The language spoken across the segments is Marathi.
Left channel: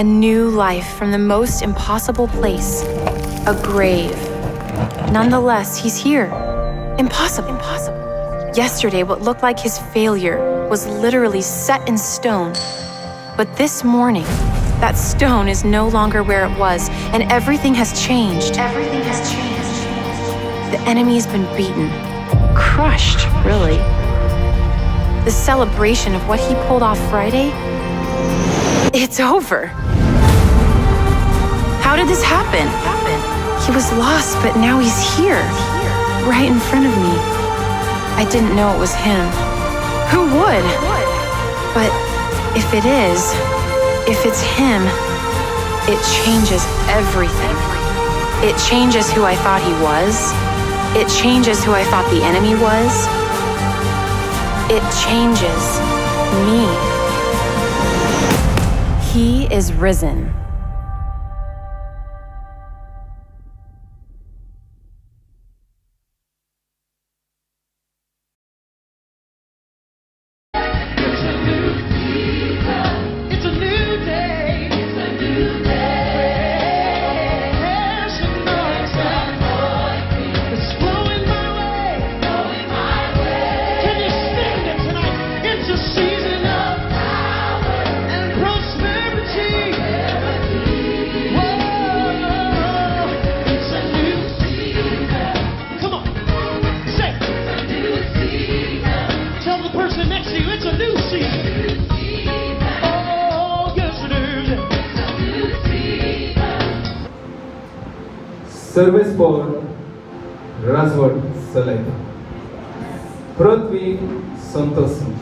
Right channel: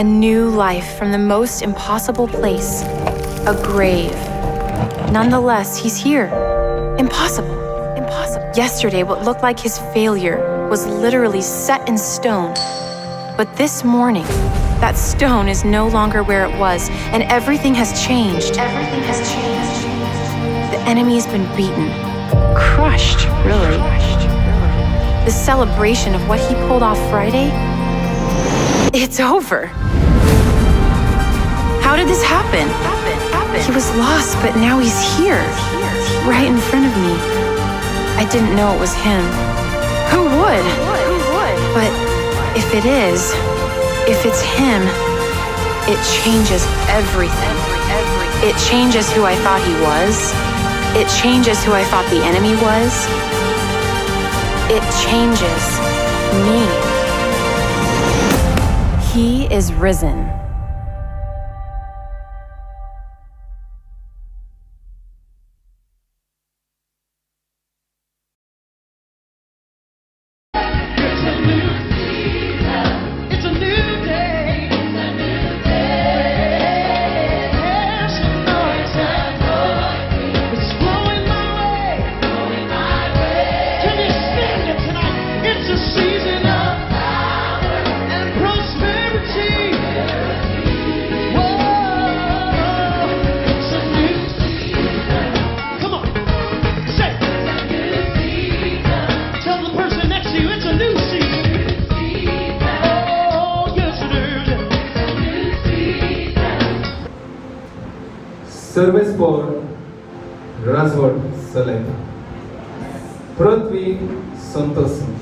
A new life from the most impossible place, a grave. Nonetheless, he's here. Impossible. Yesterday, what looked like his failure was literally set in stone. But this morning, that stone is no longer where it was, and everything has changed. Everything has changed. The enemy's been beaten, crushed, really. The celebration of what he pulled off Friday, it's over. How did this happen? He was lost, but now he's here, right in front of me. I didn't know it was him. Who would? But if it is, if it's him, it changes everything. It changes who I thought he was. It changes who I thought the enemy was. It changes me. He is risen. Service Paul, Razwar Saleh, Prithvi Santosan.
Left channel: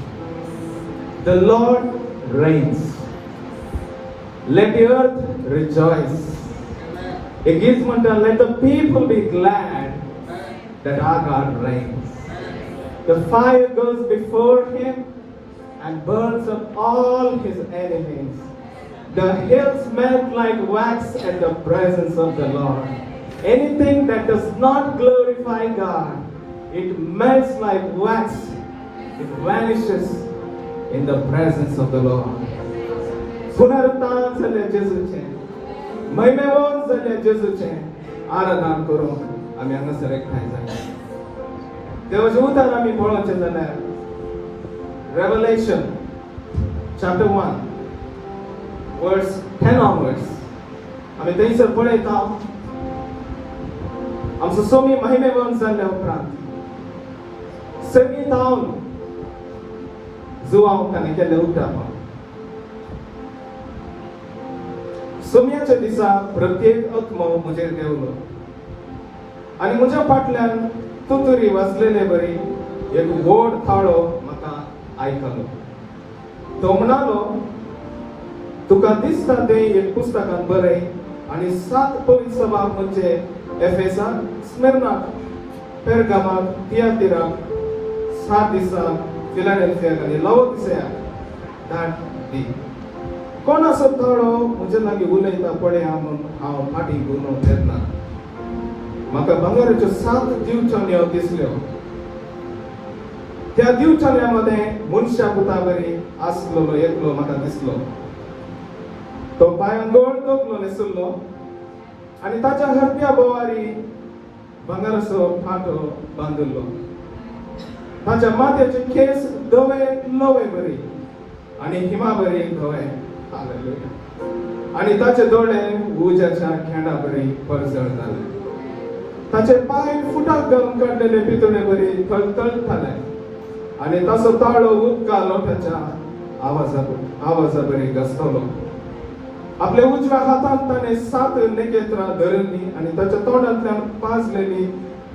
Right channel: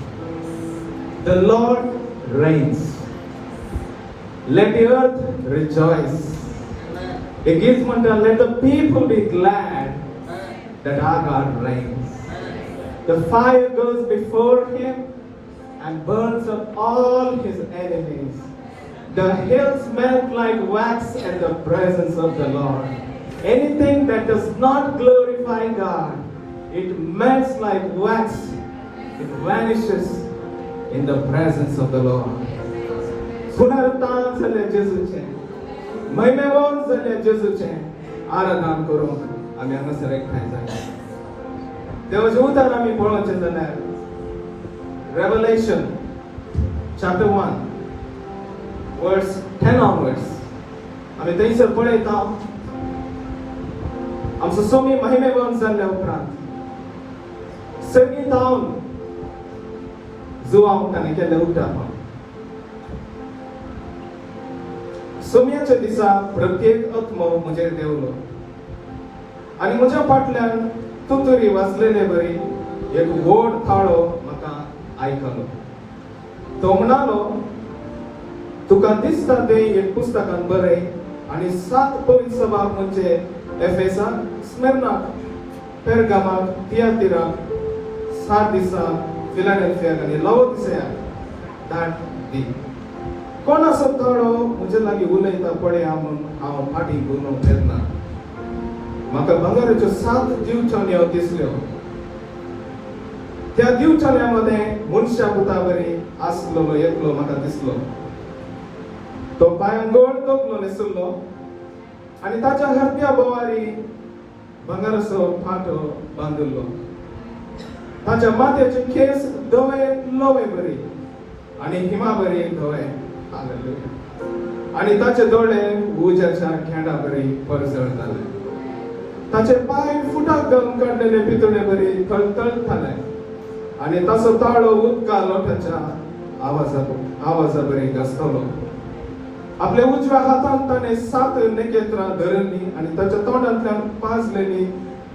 The Lord reigns. Let the earth rejoice. It gives matter, let the people be glad that our God reigns. The fire goes before him and burns up all his enemies. The hills melt like wax in the presence of the Lord. Anything that does not glorify God, it melts like wax. It vanishes in the presence of the Lord. Sunartan salya Jesuche, Maimevon salya Jesuche, Aradan koro, ami anga select hansa. Devajuta nami bolo chendana. Revelation, chapter 1, verse 10 onwards. Ami teisar pade ta. आमचं सोमी महिमेवन जाल्ले उपरांत सगळीं जावन जुवांव ताणें केल्लें उद्दाम सोमयाच्या दिसा प्रत्येक आत्मो म्हजेर देवलो आनी म्हज्या फाटल्यान तुतुरी वाजलेले बरी एक व्हड थाळो म्हाका आयकलो तो म्हणालो तुका दिसता तें एक पुस्तकांत बरय आनी 7 पवित्र सभा म्हणजे एफेसा, स्मिर्ना, पेर्गामा, थियातिरा, सार्डिसा, फिलाडेल्फिया आनी लाओदिसिया धाड दी. कोण असो थाळो म्हजे लागीं उलयता पळय हांव फाटीं घुंवून तेन्ना म्हाका भांगराच्यो 7 दिवचान्यो दिसल्यो. त्या दिवचान्या मध्ये मनशा पुतावरी आसलो एकलो म्हाका दिसलो. तो पांयांक गोड तोपलो न्हेसुल्लो आणि ताच्या हरत्या बोवारी भांगराचो फाटो बांदिल्लो. ताच्या माथ्याचे केस धवे लोवे बरी आणि हिमा बरी धवे आलेले आणि ताचे दोळे उज्याच्या खेळा बरी परसळ जाले. ताचे पाय फुटा घालून काडलेले पितुळे बरी तळतळताले आणि ताचो ताळो उदका लोटाच्या आवाजा बरी घसतलो. आपल्या उजव्या हातात ताणे 7 नखेत्रां धरली आणि ताच्या तोंडांतल्यान पाजलेली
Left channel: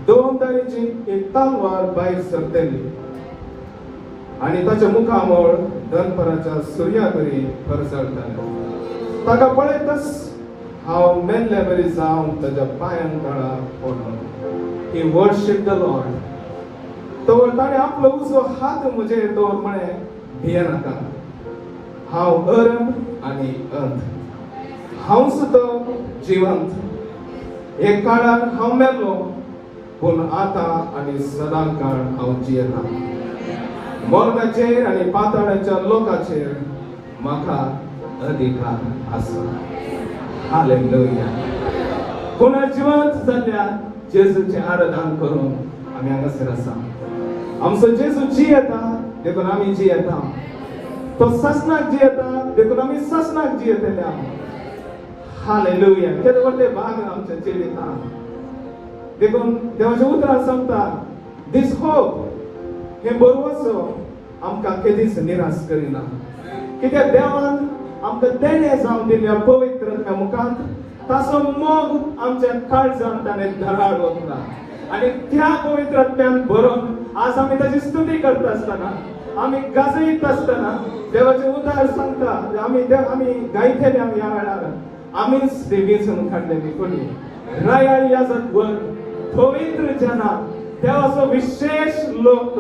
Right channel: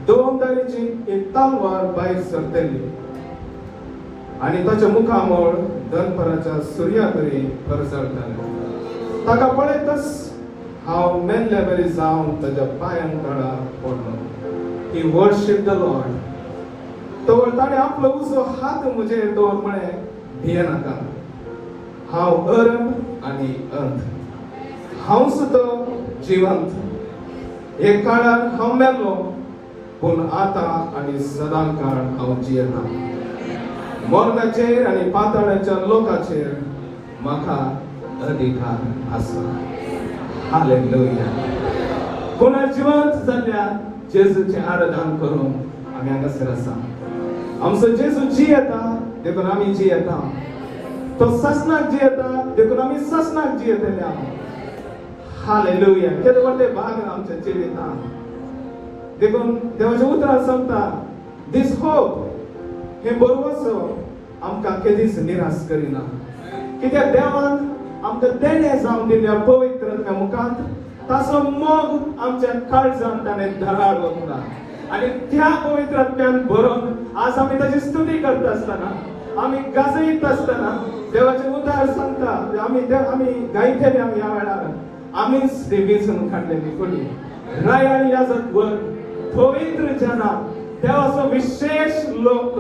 2 तरेची एक तलवार भायर सरतली आणि ताच्या मुखामोळ दनपराच्या सुर्या बरी परसळताली. ताका पळयतच हांव मेल्ले बरी जावन ताच्या पांयांक काळा पडलो. ही वर्शीप द लॉर्ड. तो ताणे आपलो उजो हात म्हजेर दवर म्हणे भिये नाका. हांव अरण आनी अंत. हांव सुद्दां जिवंत. एक काळान हांव मेलो पूण आतां आनी सदां काळ हांव जियेता. मोर्गाचेर आनी पाताळाच्या लोकाचेर म्हाका अधिकार असो. हालेलुया. कोणा जिवंत जाल्ल्या जेजूचे आराधन करून आम्ही हांगासर आसा. आमचो जेजू जियेता देखून आमी जियेता. तो ससनाक जियेता देखून आमी ससनाक जियेता. हालेलुया. केदे व्हडले भाग आमच्या जिवितांत. देखून देवाचे उतर सांगता दिस होप हे बरोवसो आमकां केदीच निराश करिना. कित्याक देवान आमकां देणे जावन दिल्या पवित्र मुखांत ताचो मोग आमच्या काळजांत ताणें धराडलो आणि त्या पवित्रत्यान भरून आज आमी ताची स्तुती करता आसतना आमी गाजयत आसतना देवाचे उदार सांगता आमी गायतले आमी ह्या वेळार आमीच देवीसून काडलेली फुली रॉयल याजक वन पवित्र जना देवाचो विशेष लोक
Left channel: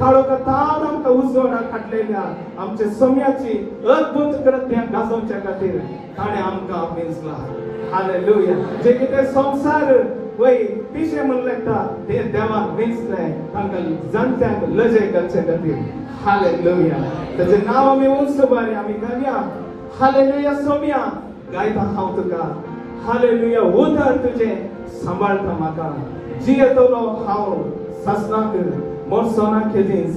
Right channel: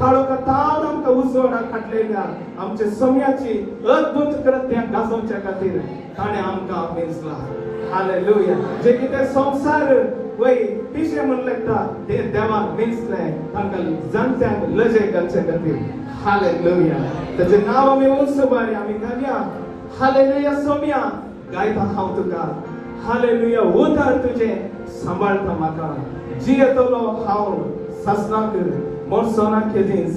काळोखांत आमकां उजवाडाक हाडलेल्या आमच्या सोम्याची अद्भुत कृत्यां गाजोवच्या खातीर ताणें आमकां आपयला. हालेलुया. जे कितें संवसार वय पिशे म्हण लागता ते देवाक मेजले तांकां जाणट्यांक लजे घालचे खातीर. हालेलुया. ताचें नांव आमी उंच बरें आमी घालया. हालेलुया. सोम्या गायता हांव तुका. हालेलुया. उदार तुजें सांबाळटा म्हाका. जियेतलो हांव ससनाक मोडसोना केदींच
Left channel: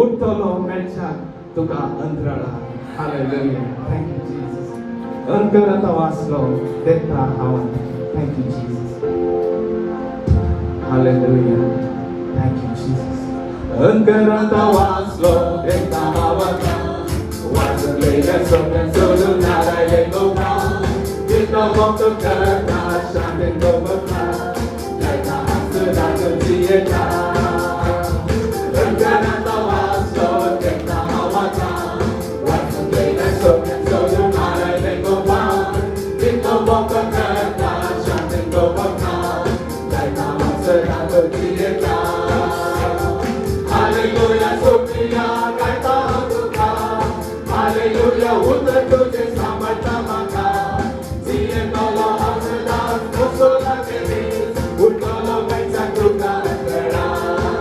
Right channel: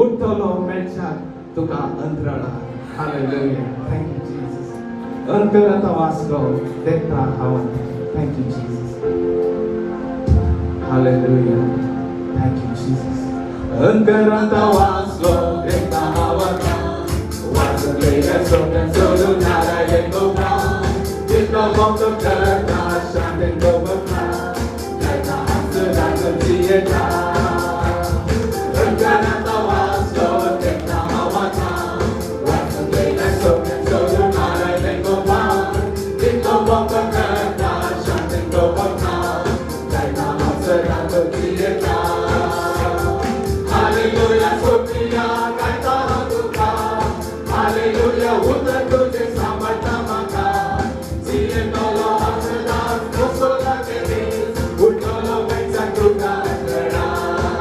उठतलो मेळच्याक तुका अंतराळा. हालेलुया. Thank you Jesus. अंतरांत वाचलो तेन्ना हांव thank you Jesus. Hallelujah. Thank you Jesus. अंतरांत वाचलो तेन्ना हांव वाचलेल्या सोन्या सोडून नारायण तुका तिका मोग करता शांतीन दोगता तेन्ना आसुराक जियेता. अंतरांत वाचलो तेन्ना हांव वाचलेल्या सोन्या सोडून नारायण तुका तिका मोग करता शांतीन दोगता तेन्ना आसुराक जियेता. हालेलुया. सोफिया गायता तुका. हालेलुया. उतर तुझे सांबाळटा म्हाका. जियेतलो हांव सदांच नसोना केदींच उठतलो मेळच्याक तुका अंतराळा.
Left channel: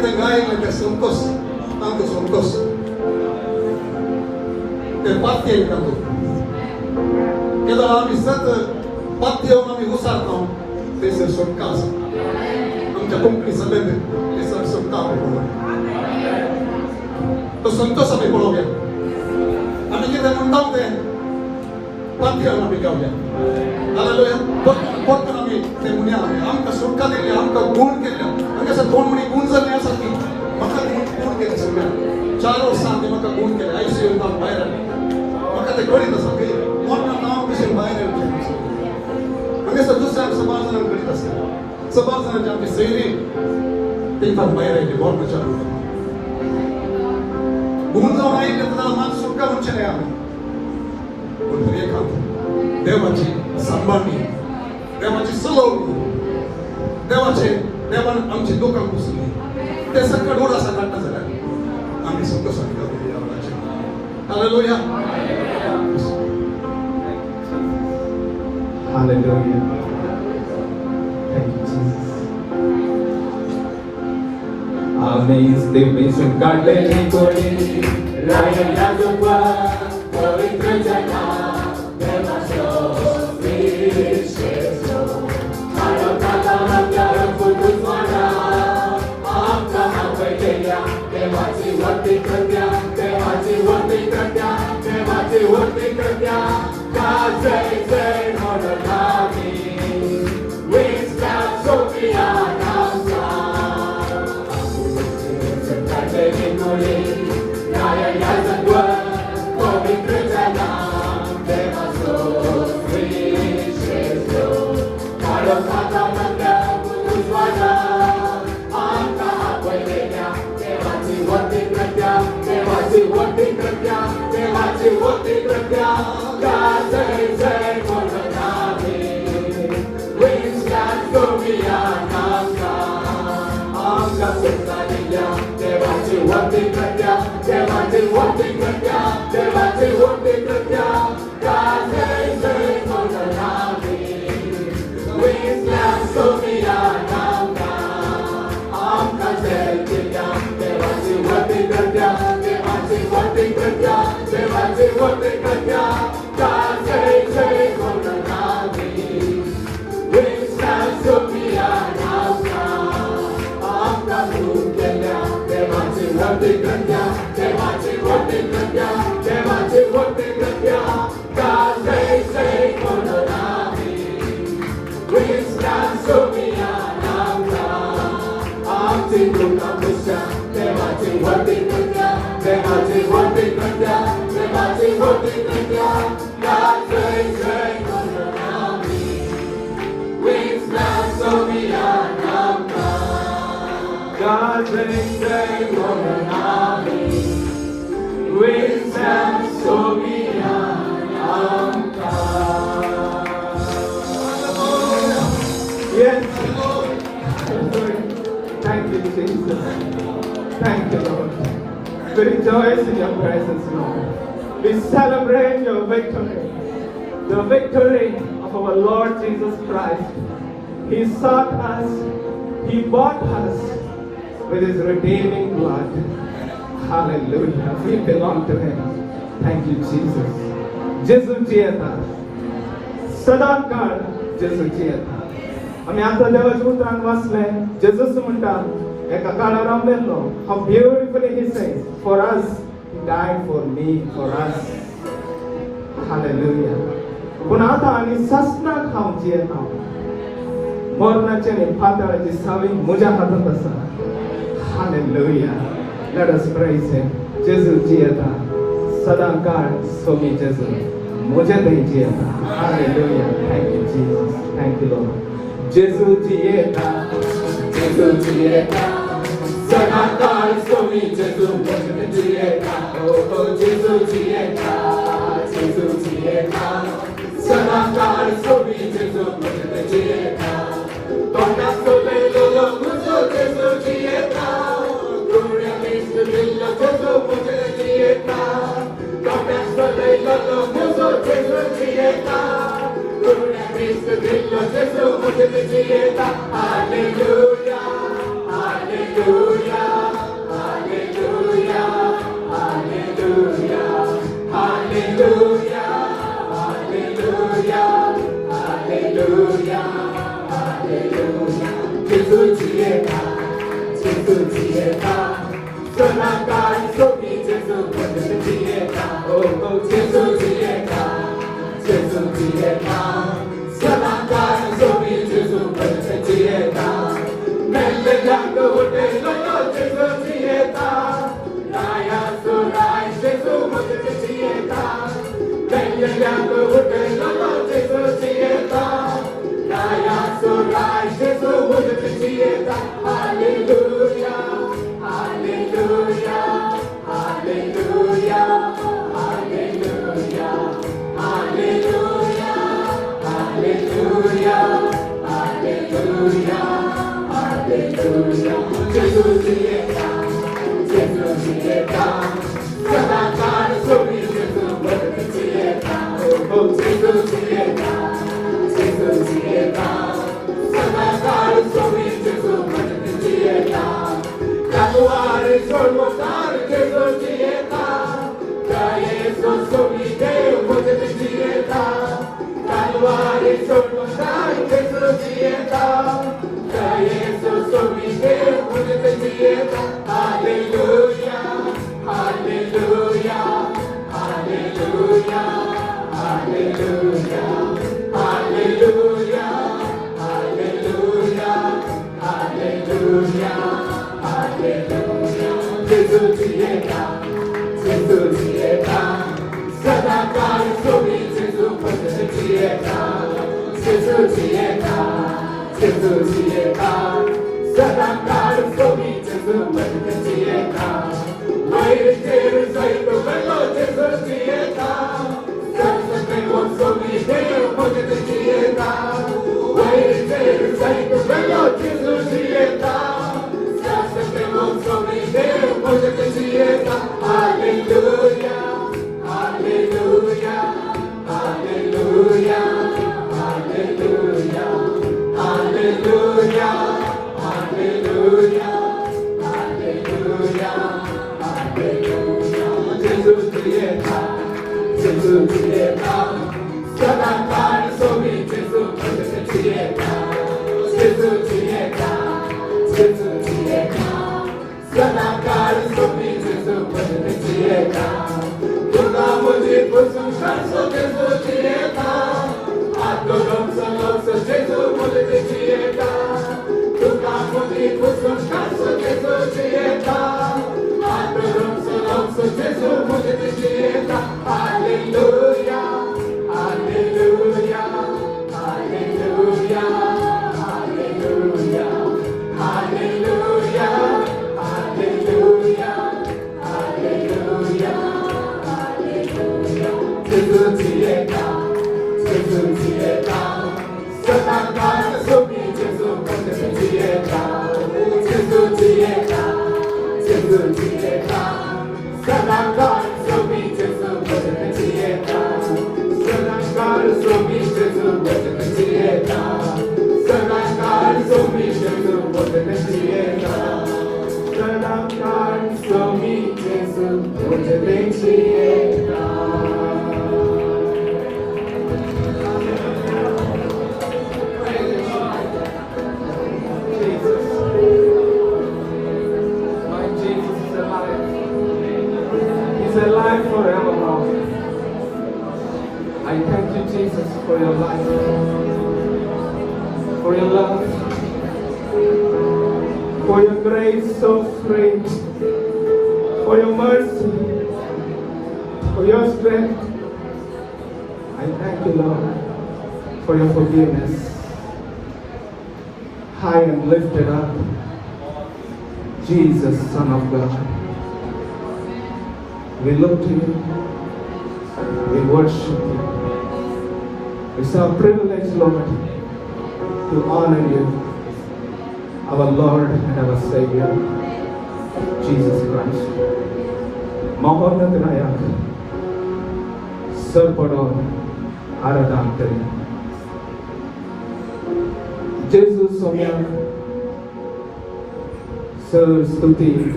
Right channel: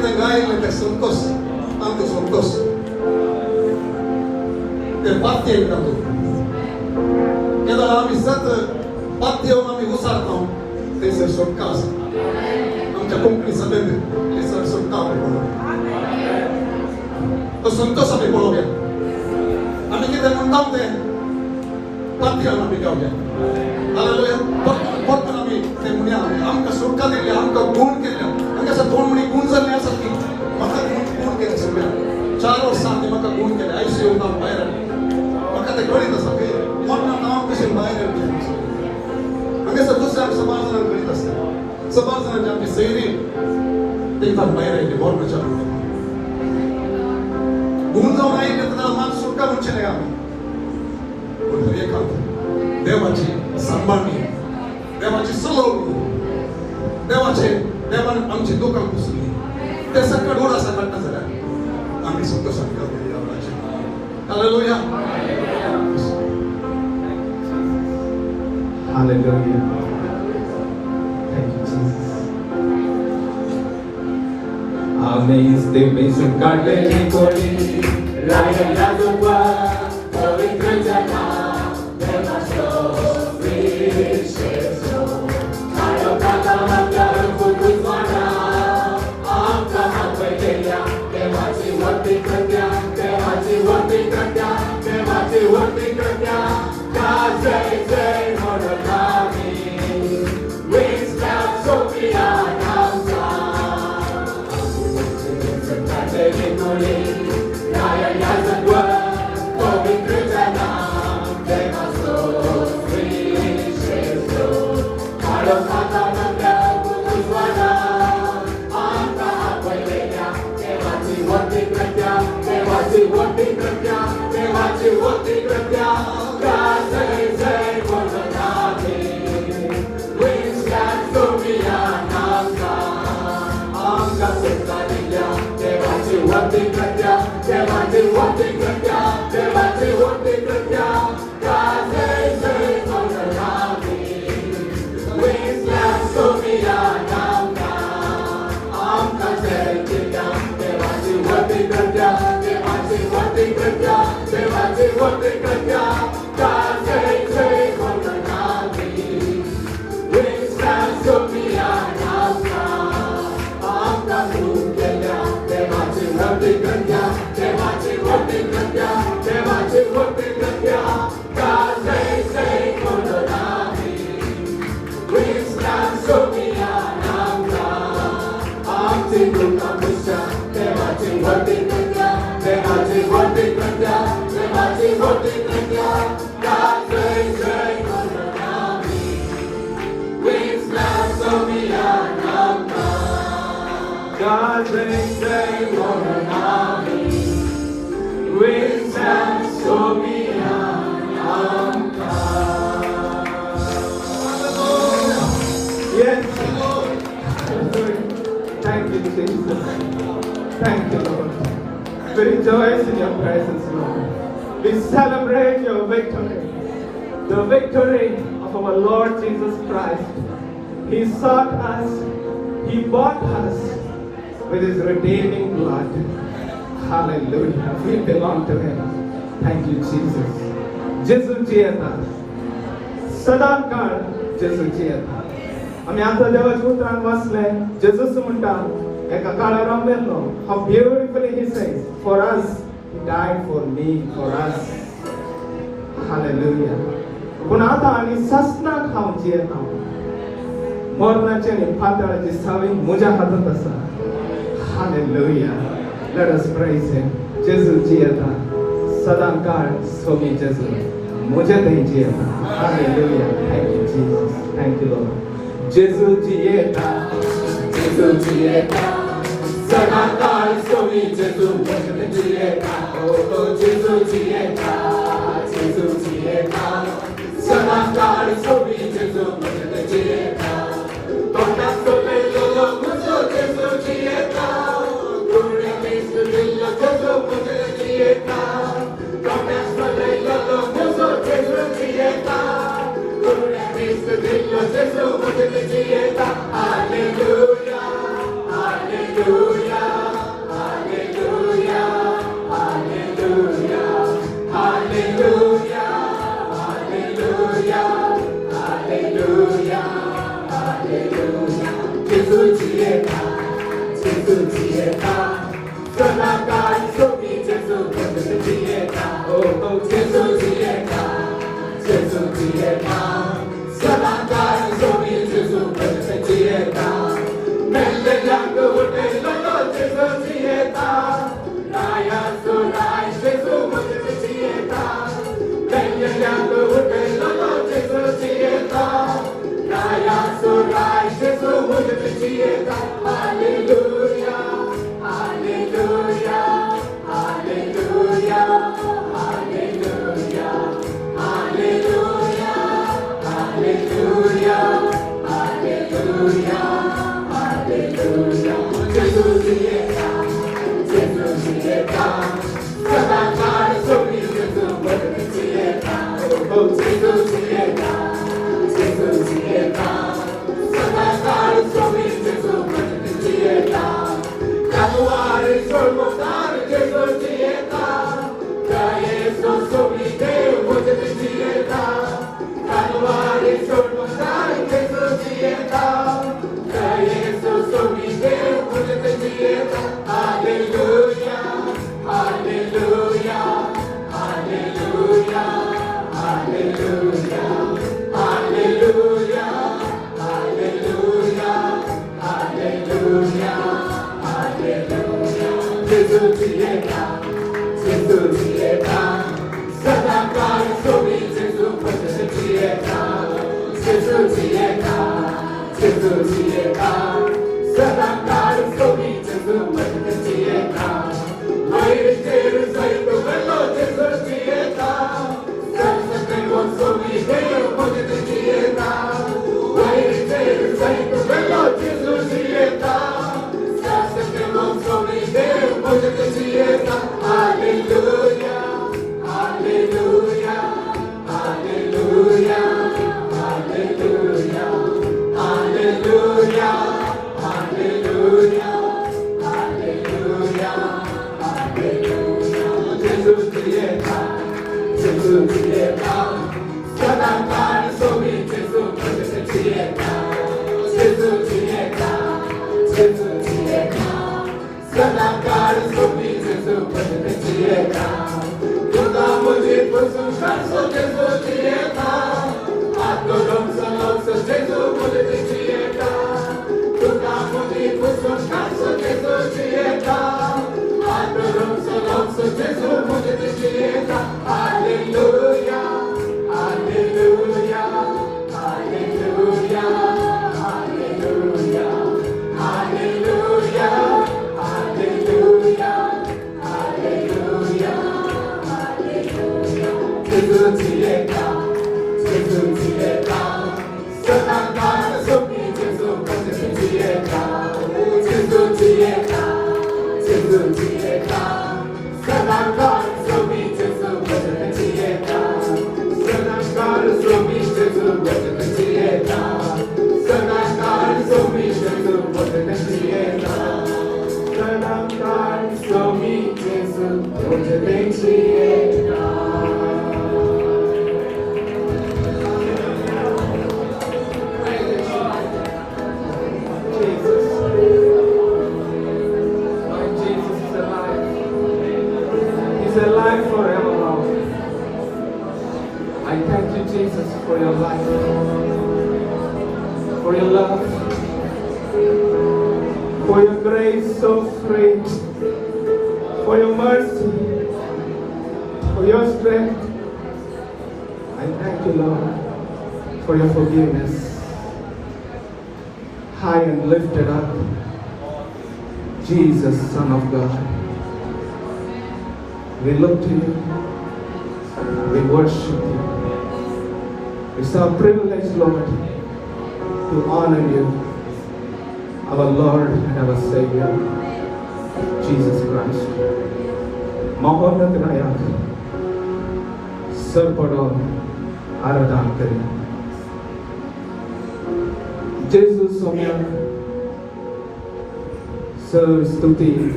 kita ngayon ang kasungkos. Ang kasungkos. Pati ay nato. Kaya kami sa pati ang kami usap ko. Kasi sungkas. Ang jakong kisabi. Isang sungkaw. Sungkas sa pipologya. Ano kita ng pati? Pati ang kami gawin. Hallelujah. Buat kami temunya kami. Ang kasungkan nila, ang kagun nila. Ang kasagun ni kunsa nila sa atin. Maka gun kita sungkan. Chalo sa atin makagun nila. Ay siyo ang bayaran. Kategori na sabi, wala na ako kasing bayan ng Diyos. Hanggang sa doon sa basa ng Balitas. Sa basa ng Diyos, sa hindi, tingkang bayan ay wala na siya. Bunta mo na ikat na naman, suka mo siya na yan. Bunta niya ikaw. Dewachi, sambami. Dewachi, sulog. Dewachi, dewan ang jindukang kusuli. Desang kadura sa lahat na sa lahat. Ang suka sa lahat. Hallelujah. Hallelujah. Thank you, Jesus. Amazing God, anybody, Ryan Yadua, Holy Krishna, never so rich. Yes. Thank you, Jesus. Thank you, Lord. We rejoice in your presence, Lord. We celebrate your victory. The victory of our Lord Jesus Christ. He sought us. He bought us with his redeeming blood. Hallelujah. We belong to him. Thank you, Jesus. Jesus Jieta. Sadakar Jesus Jieta. आम्ही आता देवाच्या उतरान वाचले जेजस म्हणटा एका काळा रामलेलो how beautifully he says for us he died for me for us hallelujah पण आता आम्ही ससनाक खावची येता मरणाचे आणि पाताळाची सावळी म्हज्या हातात आसा hallelujah let us praise him जेजूची येता सदां काळ स्वामी जेजू म्हज्या थंयची येता hallelujah thank you Jesus thank you Lord Jesus Jieta, Jesus Jieta, Sadakar Swami Jesus Jieta, oh Jesus Jieta, Jesus Jieta, Sadakar Swami Jesus Jieta, Todas sobre todo mucho Jesus Jieta, Gloria a Cristo Dillo todo mucho Jieta, Todas sobre todo mucho Jesus Jieta. Hallelujah, hallelujah.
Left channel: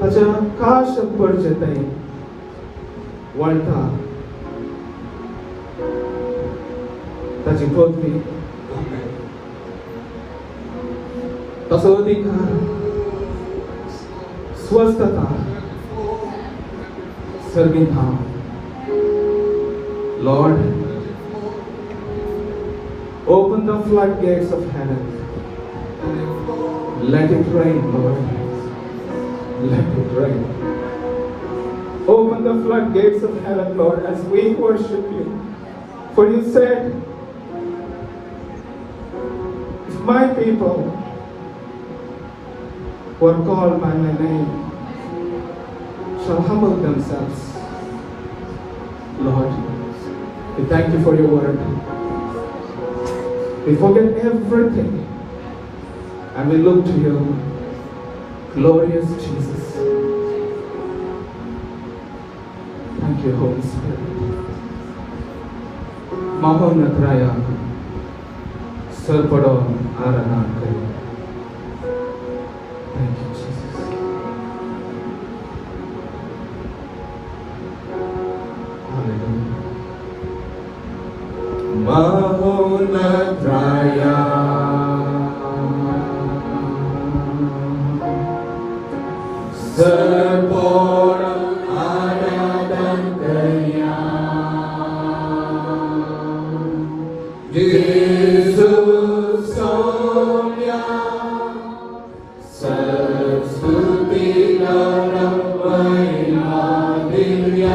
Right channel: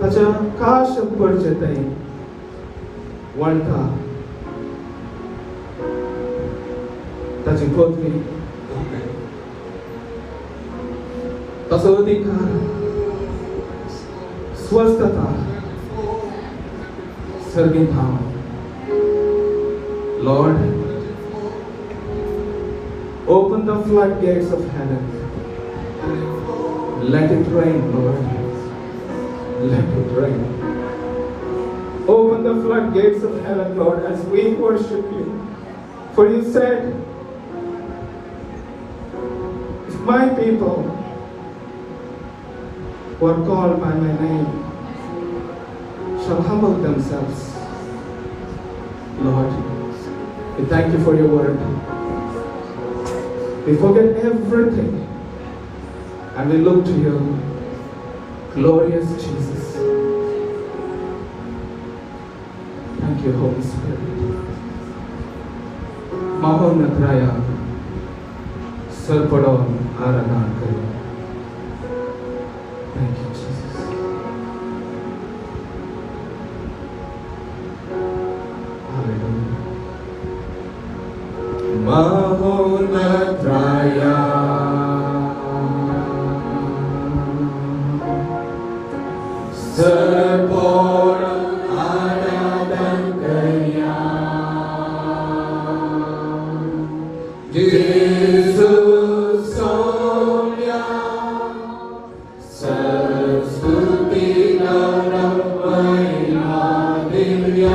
ताच्या खास परिचय वळटा ताची पत्नी ताचो अधिकार स्वस्थता सर्गीत Lord, open the floodgates of heaven. Let it rain, Lord. Let it rain. Open the floodgates of heaven, Lord, as we worship you. For you said, if my people who are called by my name shall humble themselves, Lord, we thank you for your word. We forget everything and we look to you, glorious Jesus. Thank you, Holy Spirit. Mahonatraya Sarpadon Aranataya. Thank you, Jesus. Mahonatraya Sarpadon Aranataya. Jesus Sonia Saraswati Laravaya Divya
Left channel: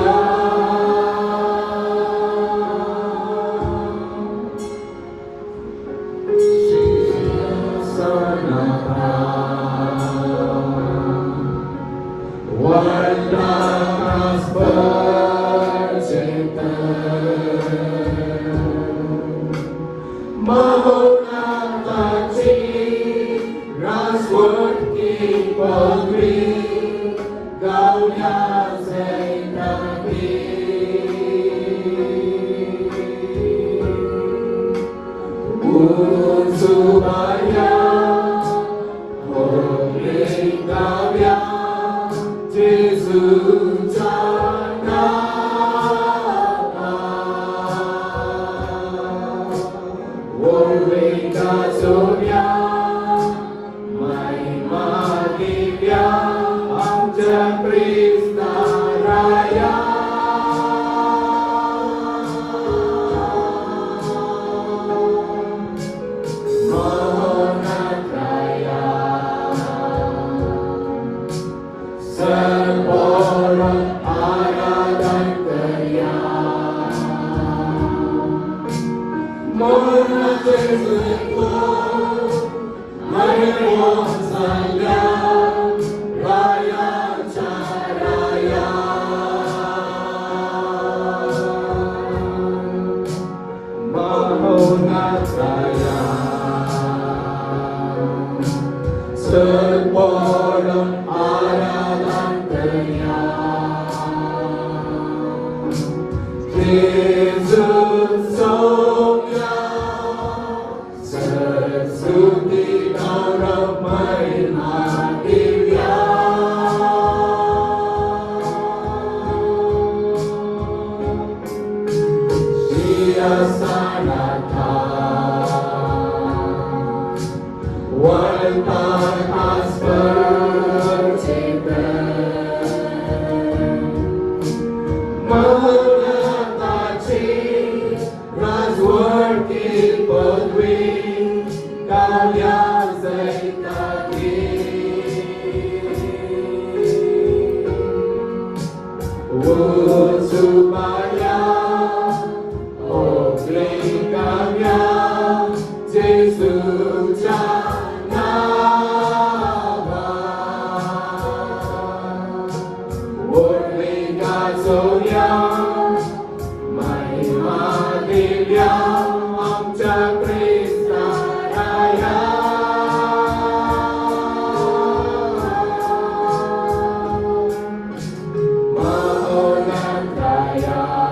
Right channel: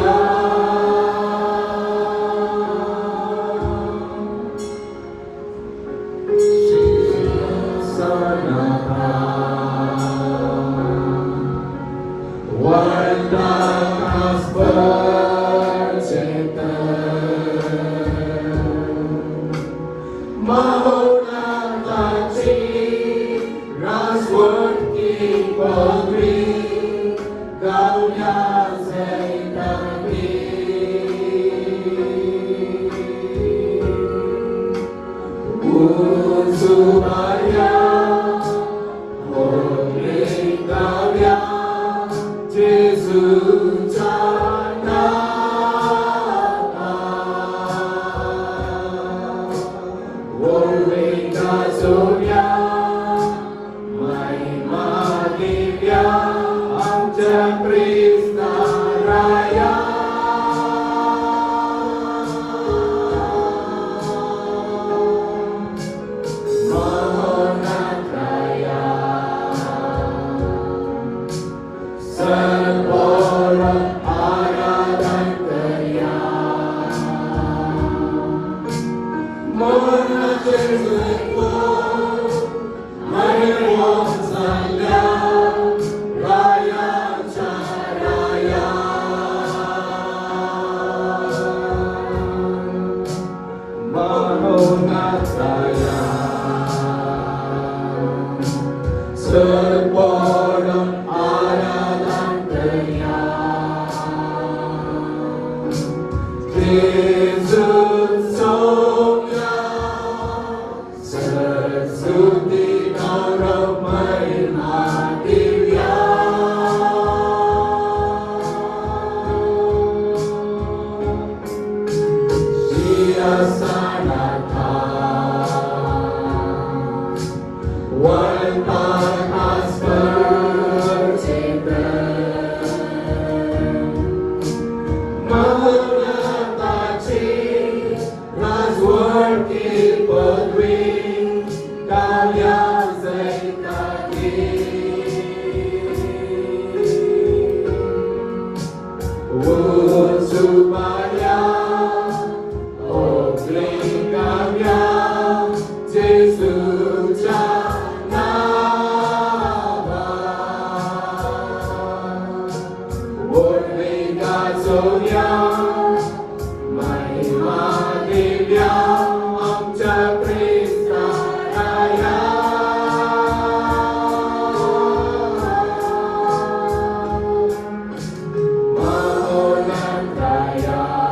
Mahonantaya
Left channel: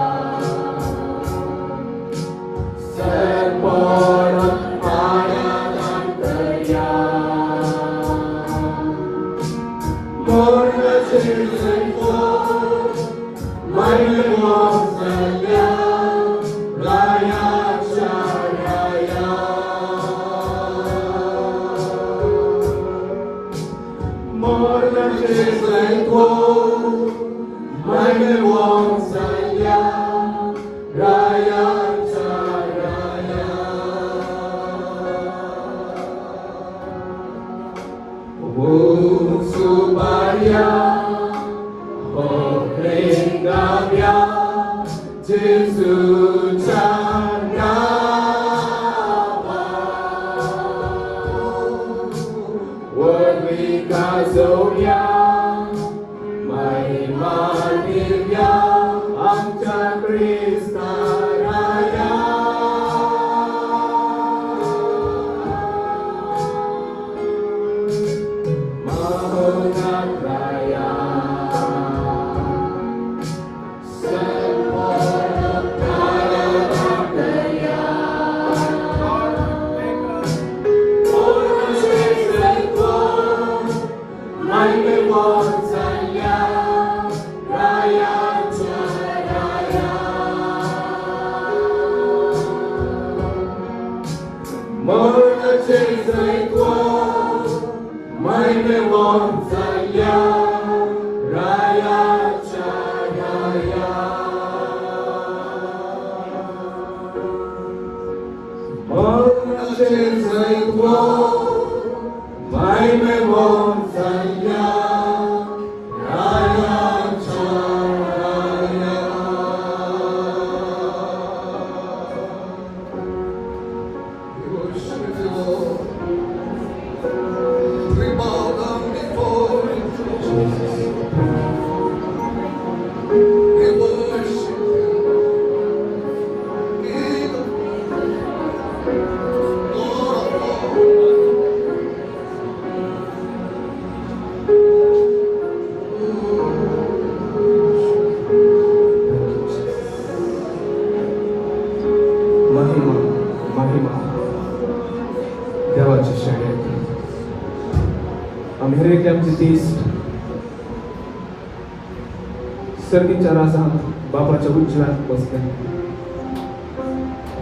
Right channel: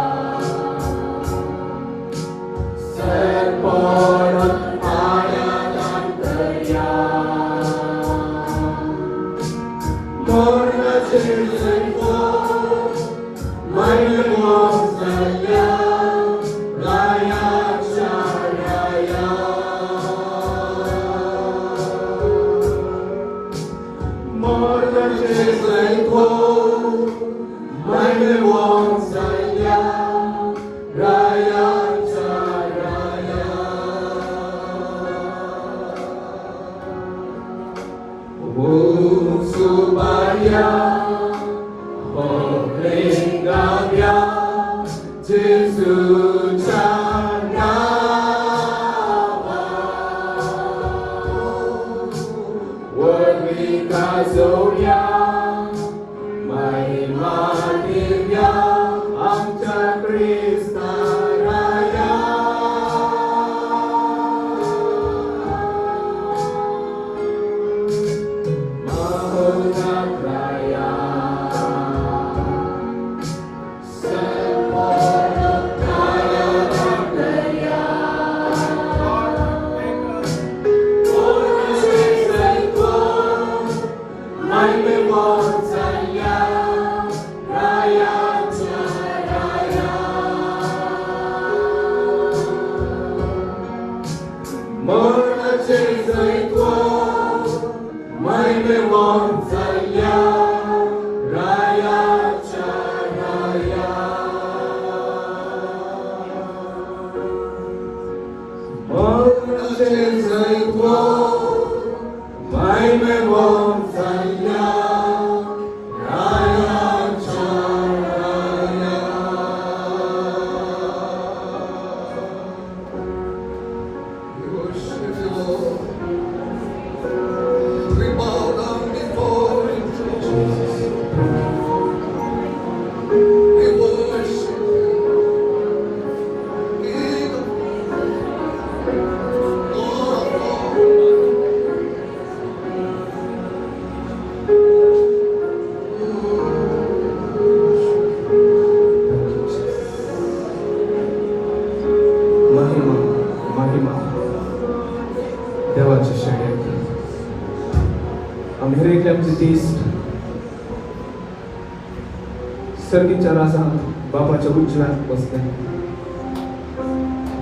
सर्गीच्या राजात बापाच्या उज्ज्वलात बसल्या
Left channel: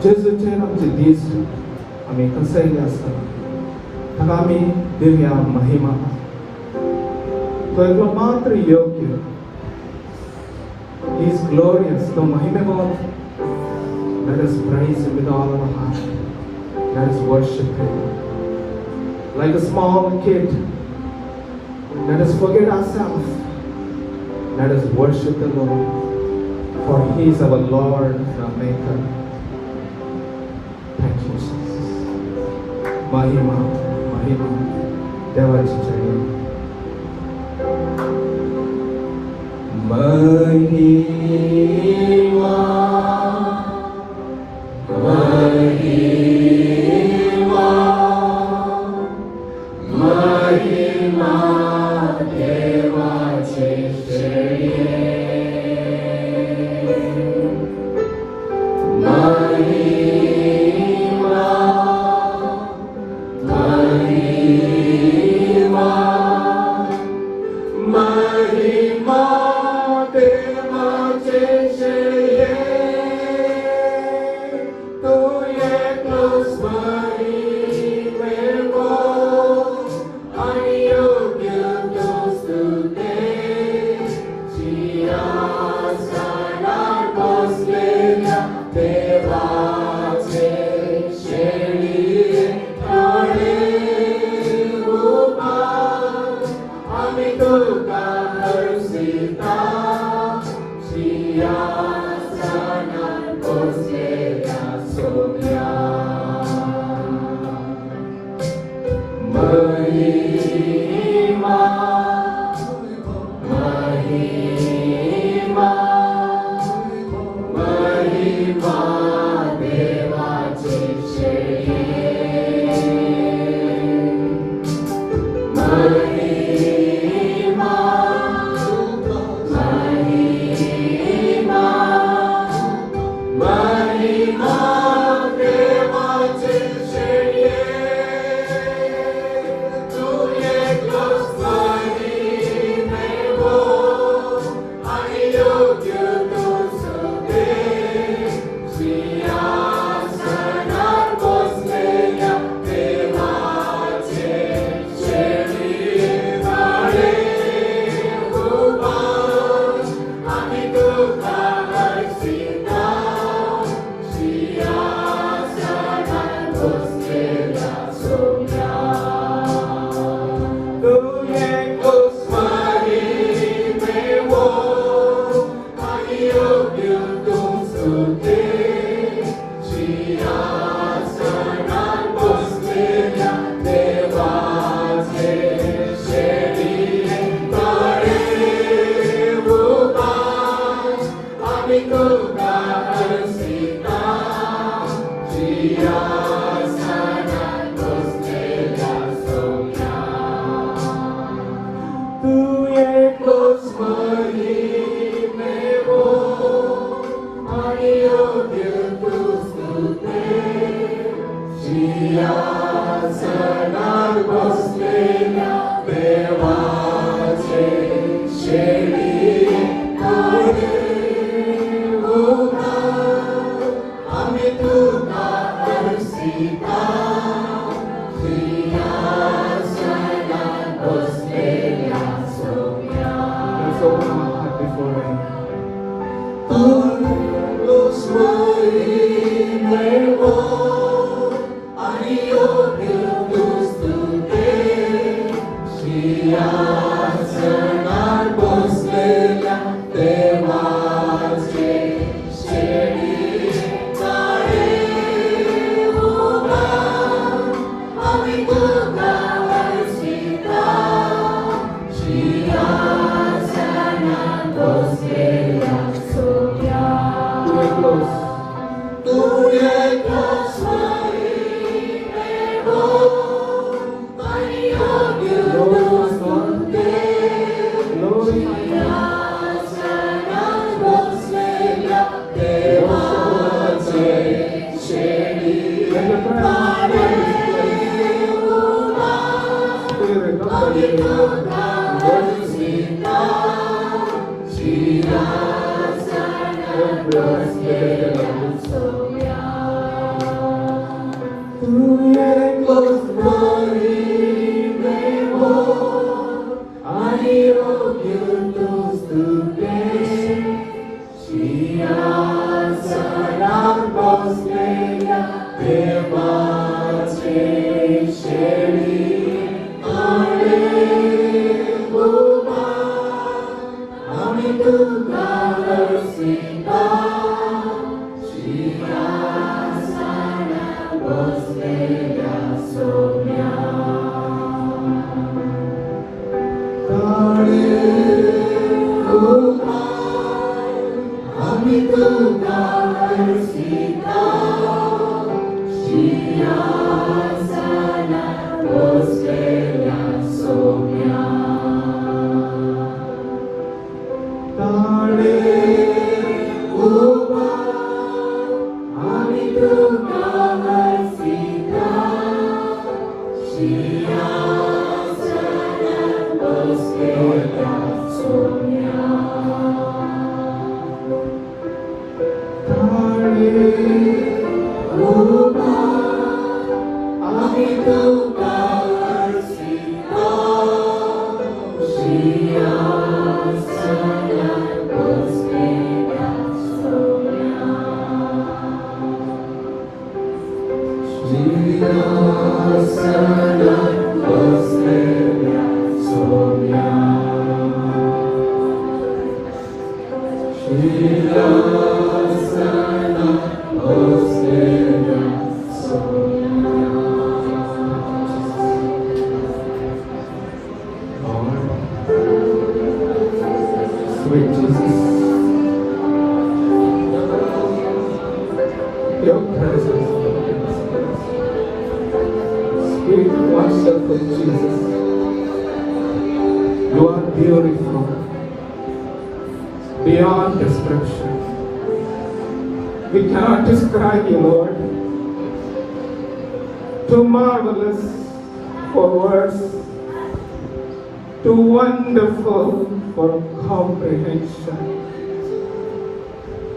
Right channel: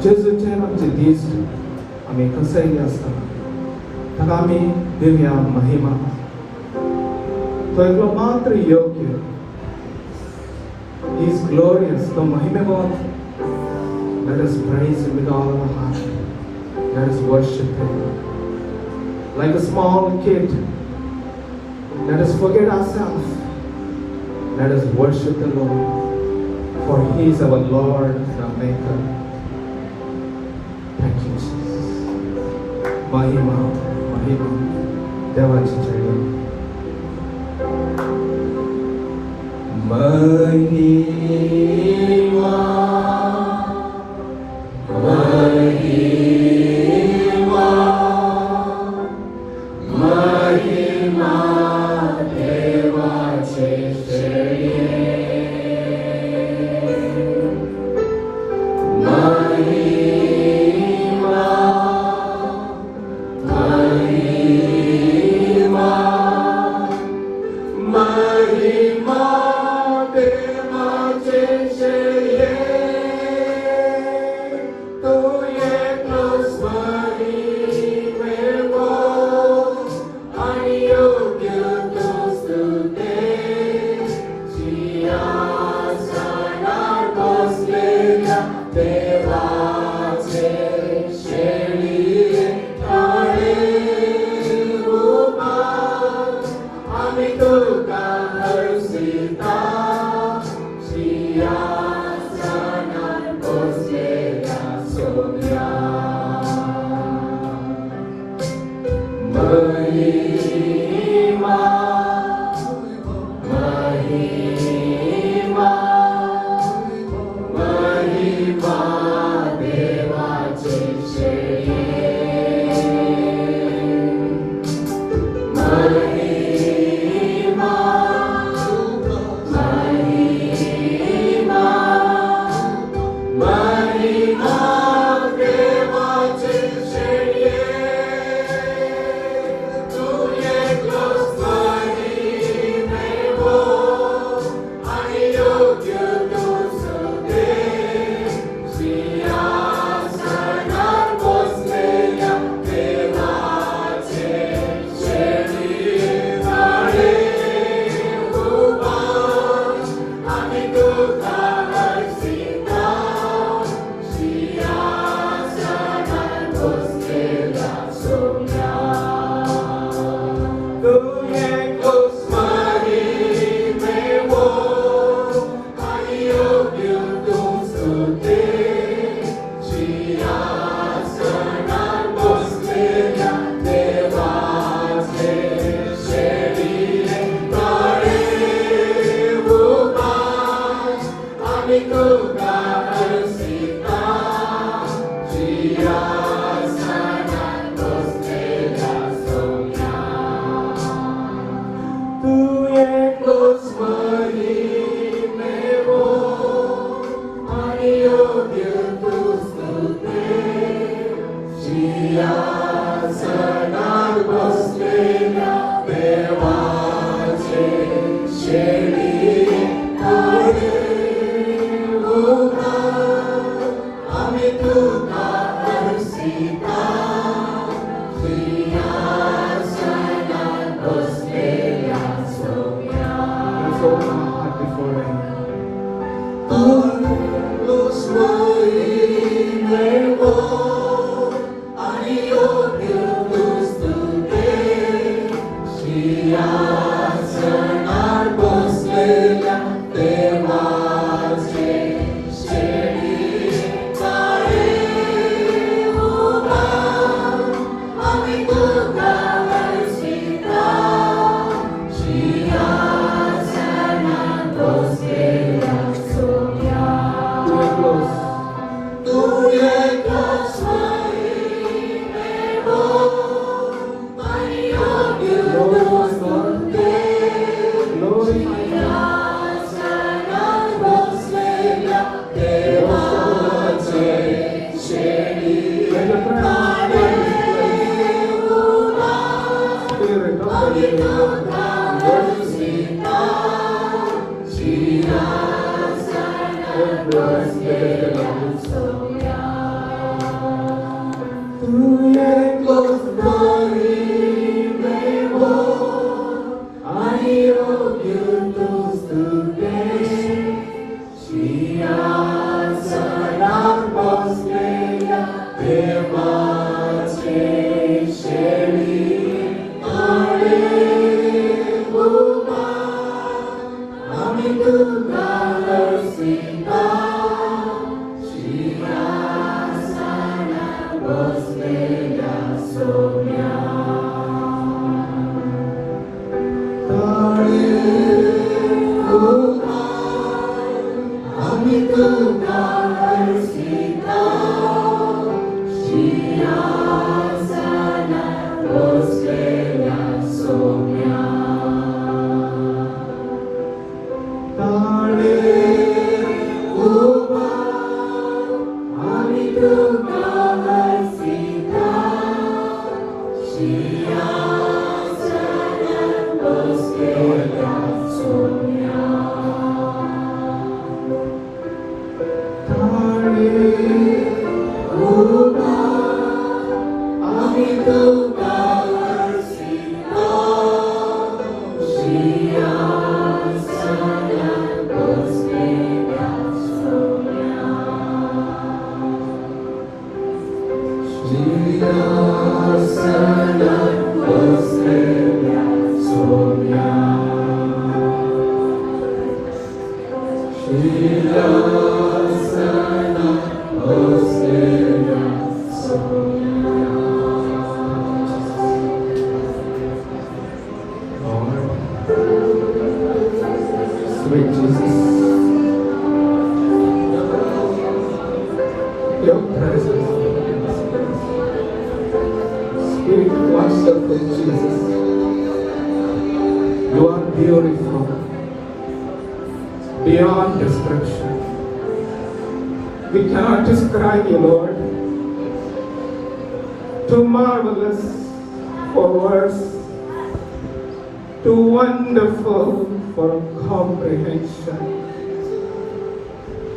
जेजूचे आमचे दीस आम्ही कसंही असतात तर आम्ही देऊया महिमा तो एकलो मात्र योग्य He is glorious तो महिमेवंत Let us praise him with all our heart. Let us worship him like a small kid. Let us forget ourselves. Let us worship the Lord, for He is our Lord and our Maker. Thank you, Jesus. Mahima, Mahima, देवाची जय. Mahima, Deva,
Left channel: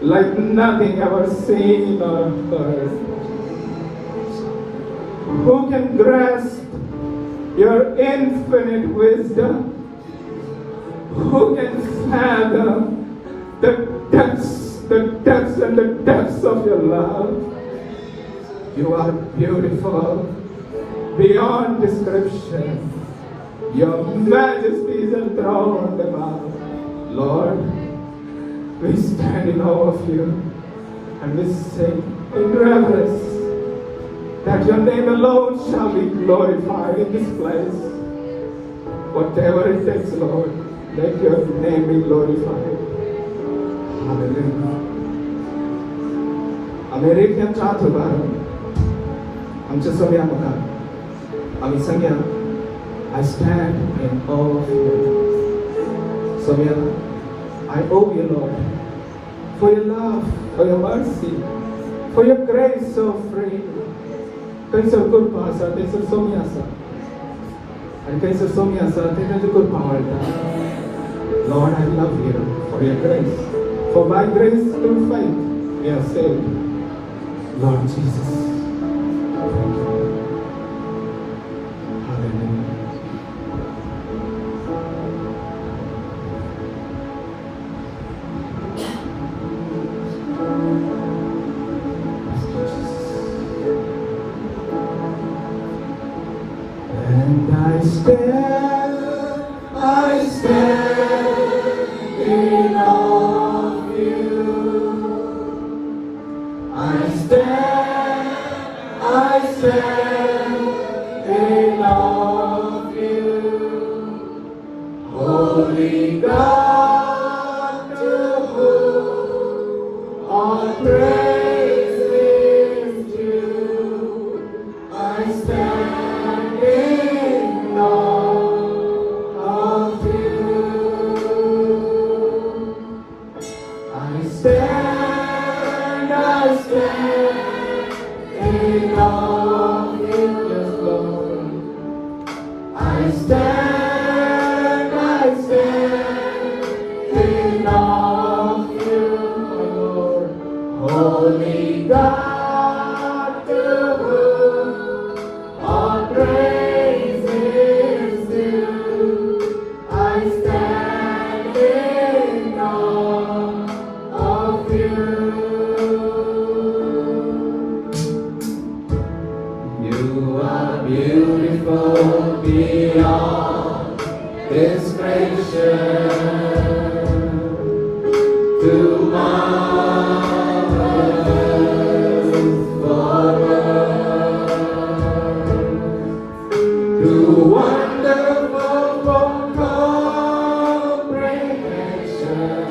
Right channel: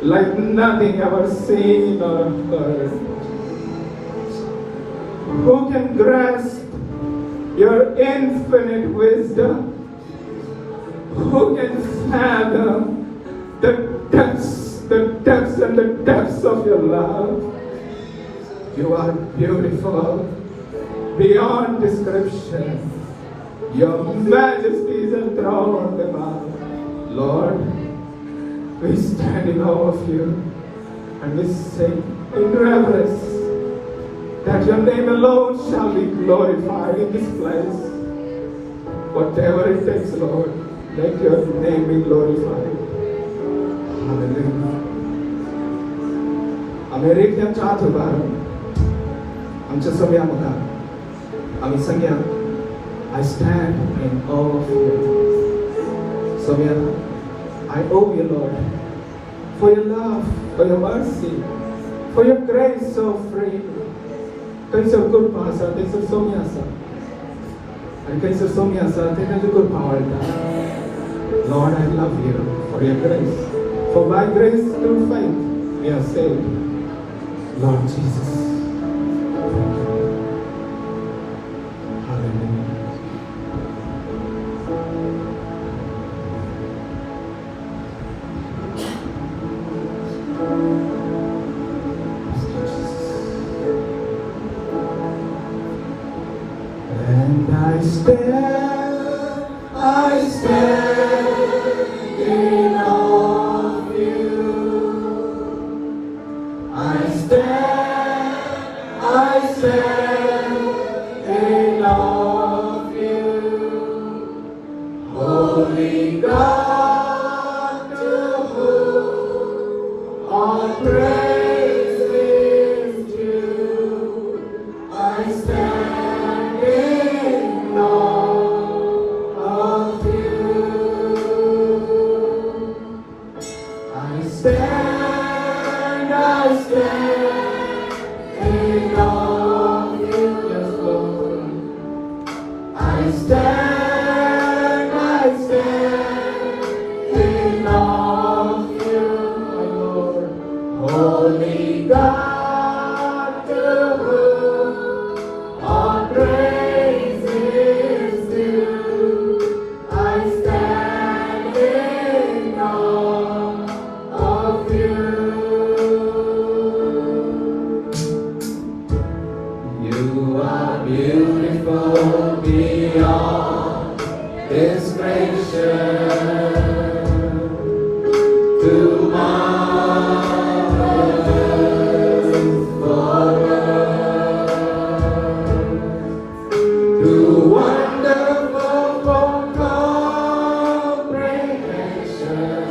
Like nothing ever seen or heard. Who can grasp your infinite wisdom? Who can fathom the depths and the depths of your love? You are beautiful beyond description. Your majesty is enthroned above. Lord, we stand in awe of you and we sing in reverence that your name alone shall be glorified in this place. Whatever it takes, Lord, let your name be glorified. Hallelujah. अमेरिकेच्या चात होता आमच्या सगळ्या मता आम्ही सगळ्या I stand in awe of you. Sogya, I owe you, Lord, for your love, for your mercy, for your grace so free. Thanks for good Pasa, thanks for Somyasa. And thanks for Somyasa, thanks for good Paharita. Lord, I love you for your grace. For by grace through faith we are saved. Lord Jesus. And I stand in awe of you. I stand in awe of you. Holy God, to whom all praise is due. I stand in awe of you. I stand in awe of you, yes, Lord. I stand in awe of you, Lord. Holy God, to whom all praise is due. I stand in awe of you. You are beautiful beyond description. Too marvelous for words. Too wonderful for comprehension.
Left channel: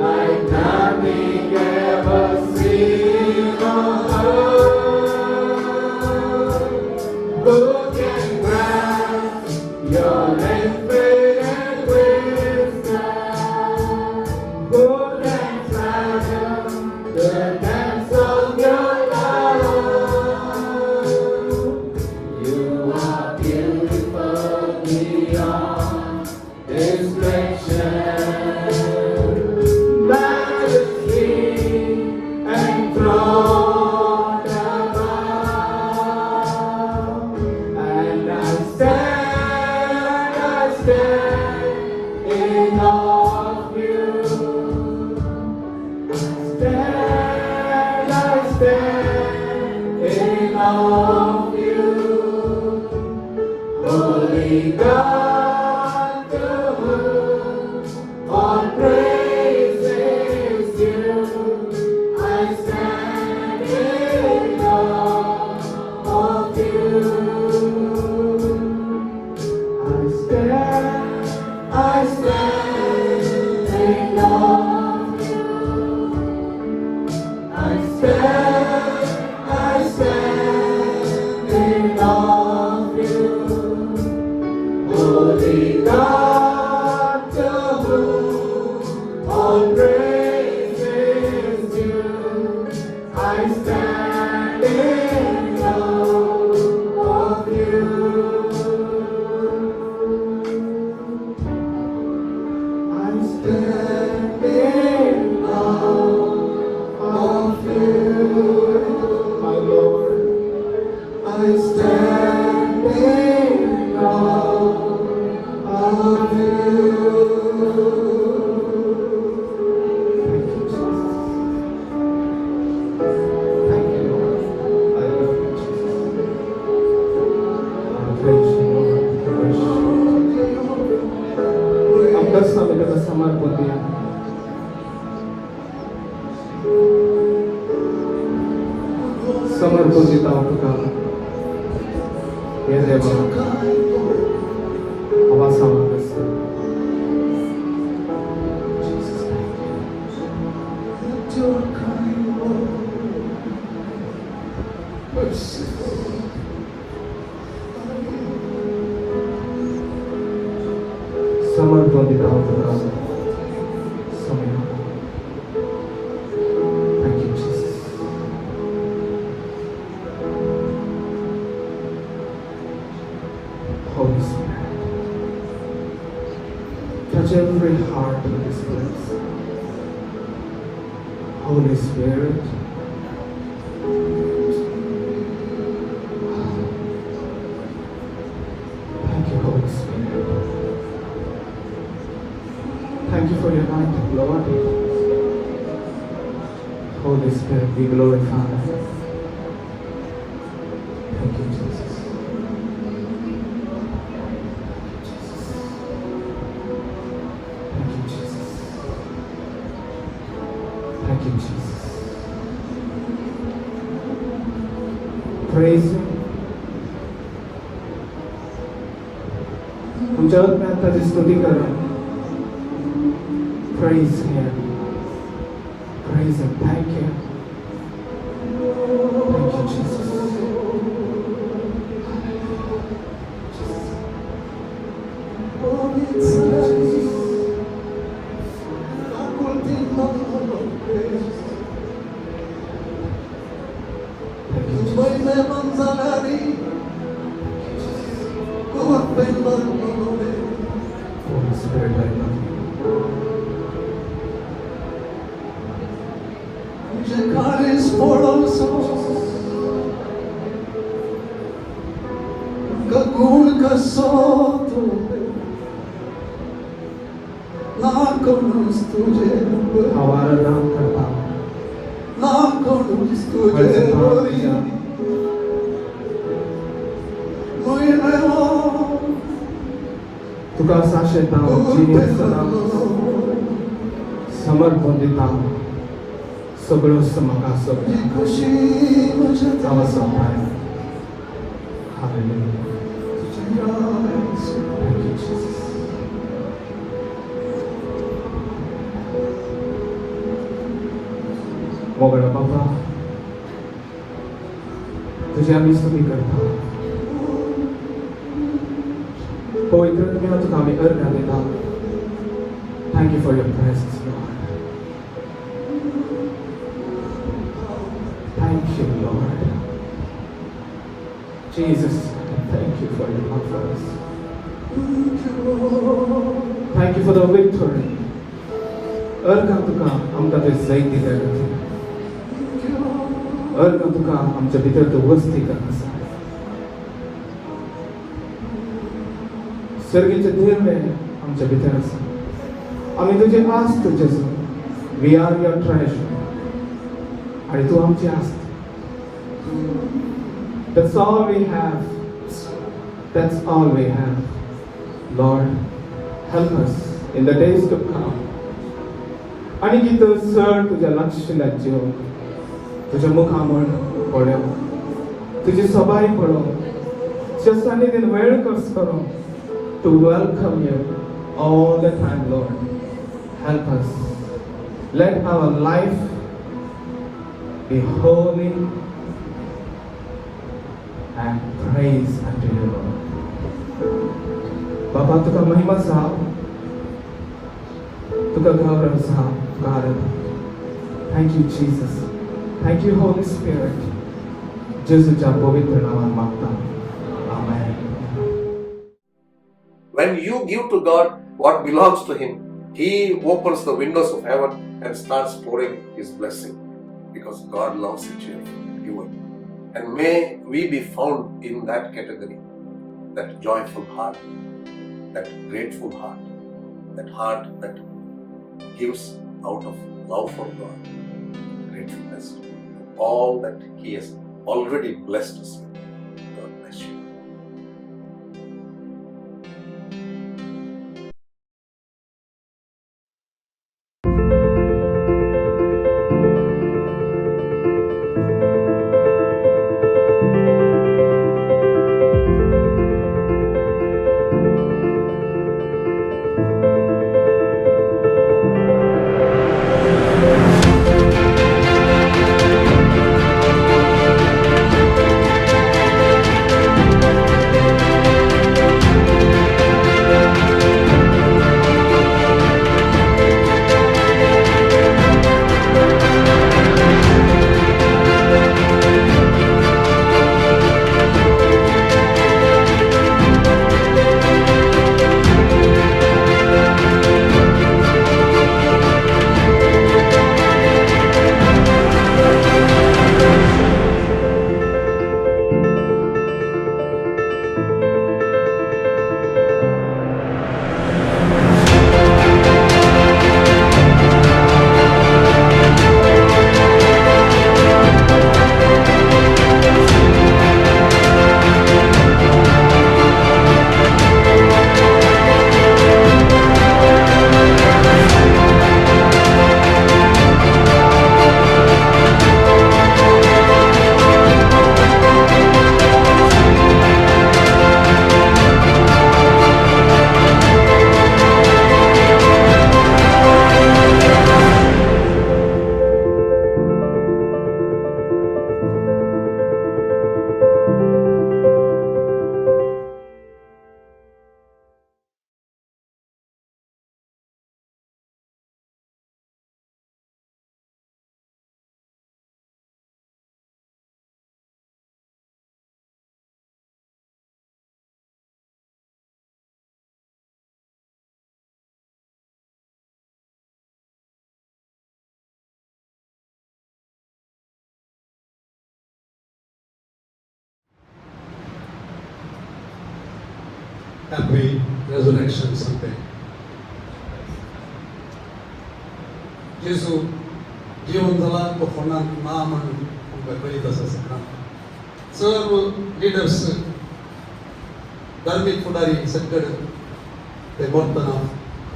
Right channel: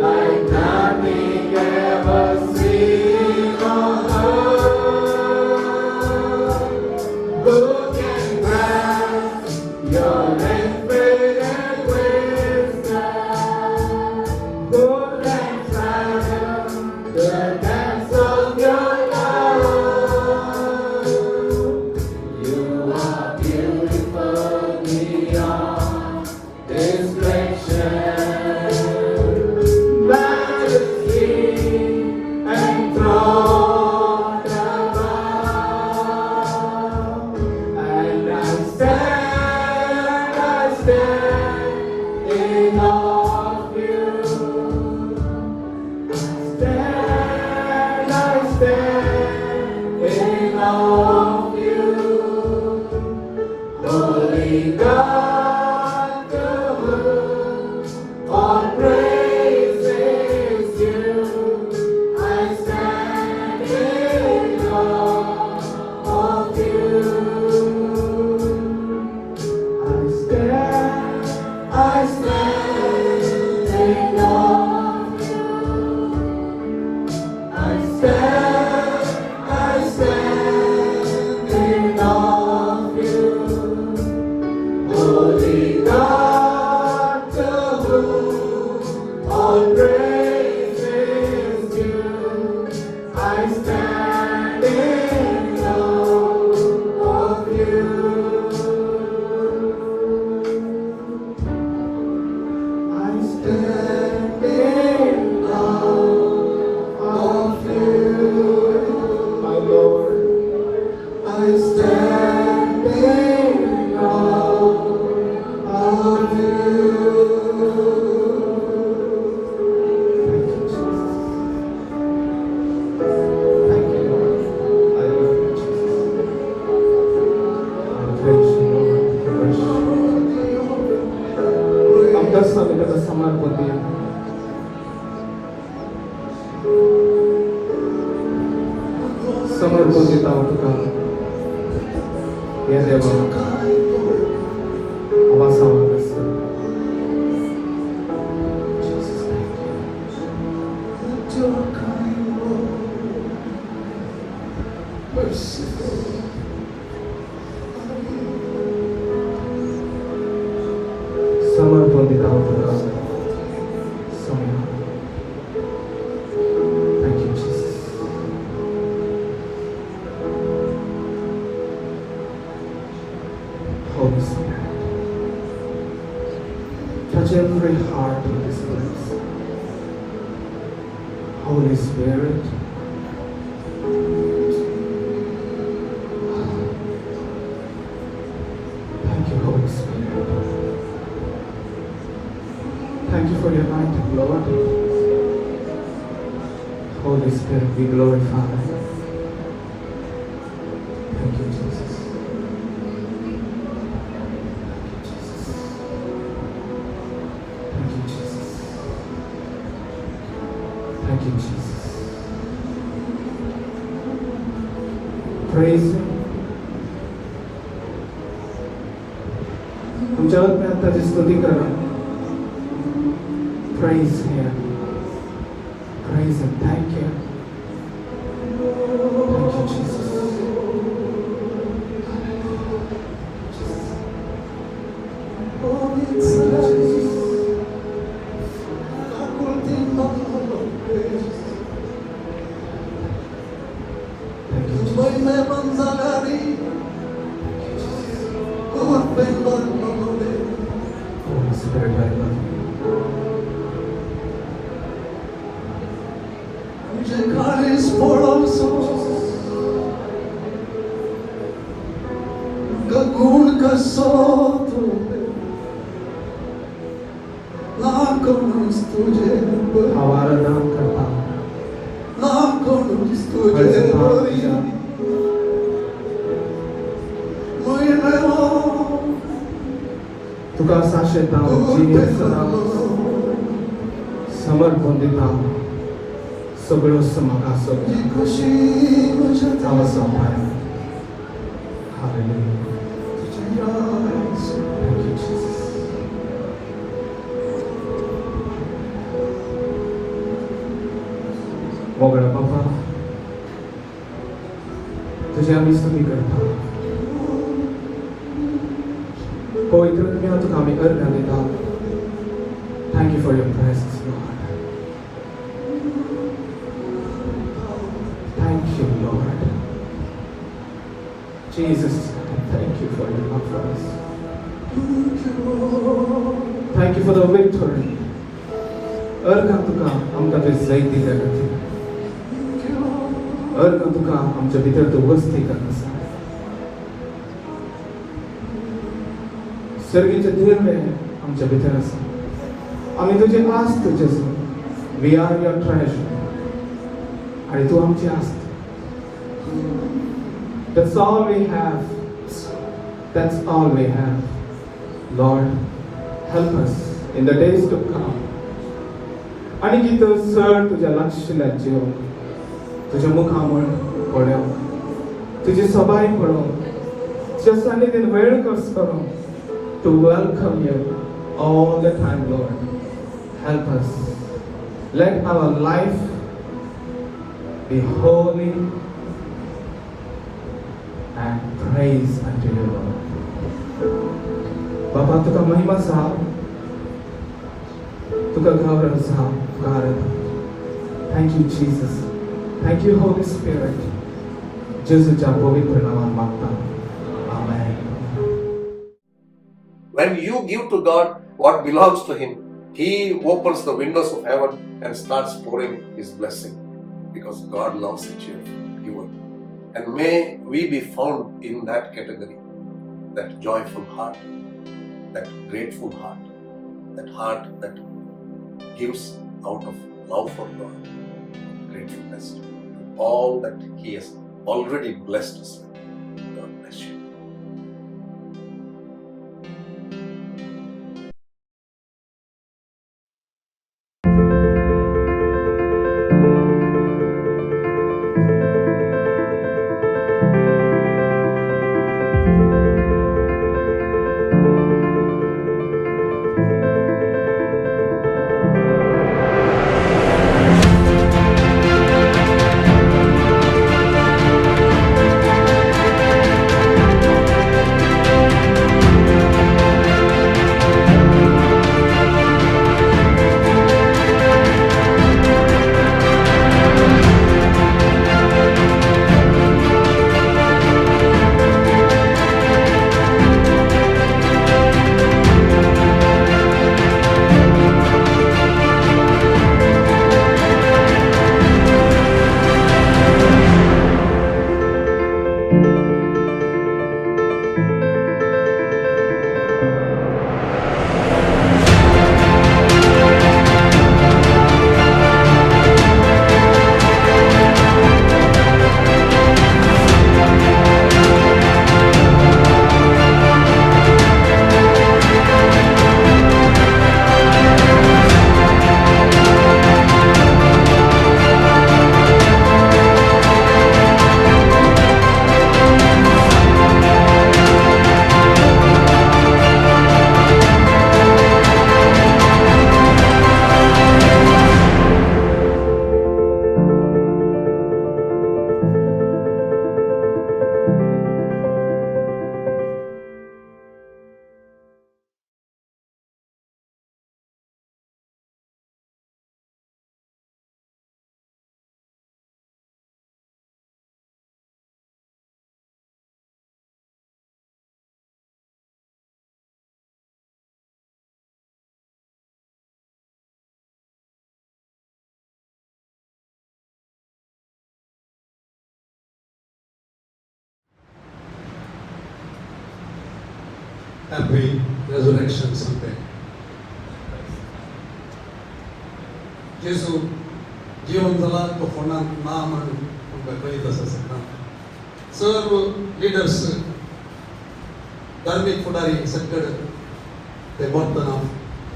Like nothing ever seen on earth. Who can grasp your infinite wisdom? Who can fathom the depths of your love? You are beautiful beyond description. Majesty enthroned above. And I stand in awe of you. I stand in awe of you. Holy God, to whom all praise is due. I stand in awe of you. I stand in awe of you. I stand in awe of you. Holy God, to whom all praise is due. I stand in awe of you. I stand in awe of you, my Lord. I stand in awe of you. Thank you, Lord. I love you, Jesus. Praise you, Lord. Ang dasal na sama kundi your kind word, merciful. Someone put it out there. Someone. Thank you, Jesus. Holy Spirit. Touch every heart in this place. Holy Spirit. Thank you, Holy Spirit. Thank you for your anointing, Lord. Holy Spirit, be glorified. Thank you, Jesus. Thank you, Jesus. Thank you, Jesus. Praise Him. तुम जगत में आपका जिस स्तुति करें. Praise Him. Praise Him. Thank you. Thank you, Jesus. Thank you, Jesus. Holy Spirit, I love you. हमारा नाम करता तुका साशेता जिनेसना समर्पण दिता सगळं समाकासर आवाज आहे. मोगळा बाबा तुझी आम्ही स्तुती करतो. पवित्र आत्म्याला तुका आम्ही अर्पण दिला. Thank you for your presence, Lord. Thank you, Lord. Jesus, thank you for your love for us. Thank you for the victory. अर्घ तुका आमकां तुवें जैत दिल्या खातीर. अर्घ तुका आमच्या भितर तूं वस्ती करता. सर्गीचे धर्म आमच्या भितर आसा. आमी तुजे आस्त तुजेच. We are your treasure. आणि तूं आमची आस्त. That's all we have. That's all we have. Lord, help us in the days to come. आणि कितें चड तुज्या लागशिल्ल्या जिवन तुज्या मुखामळ पळोवन तुजी सभाय पळोवन तुज्या सान्निध्यान वेळ कस करून to welcome you all the time, Lord. Help us. Let our life be holy and praise unto you, Lord. Bapa, तुका महिमा आसा. तुका गौरव आसा. God. Thank you, Jesus. Thank you, Holy Spirit. जेसूच्या पवित्र नावात मागता. Amen. When you give to God what belongs to Him, He opens the windows of heaven and starts pouring His blessing because God loves a cheerful giver. And may we be found in that category, that joyful heart, that grateful heart, that heart that gives out of love for God, gratefulness to all that He has already blessed us with. God bless you. Happy resurrection Sunday. जेजू जीवन झाला तो कोणाक ना म्हणून तुमकां कळीत आसा सगळ्यांक. सर्व लिडर्स धार्मीक फुडारी सगळे ते वतना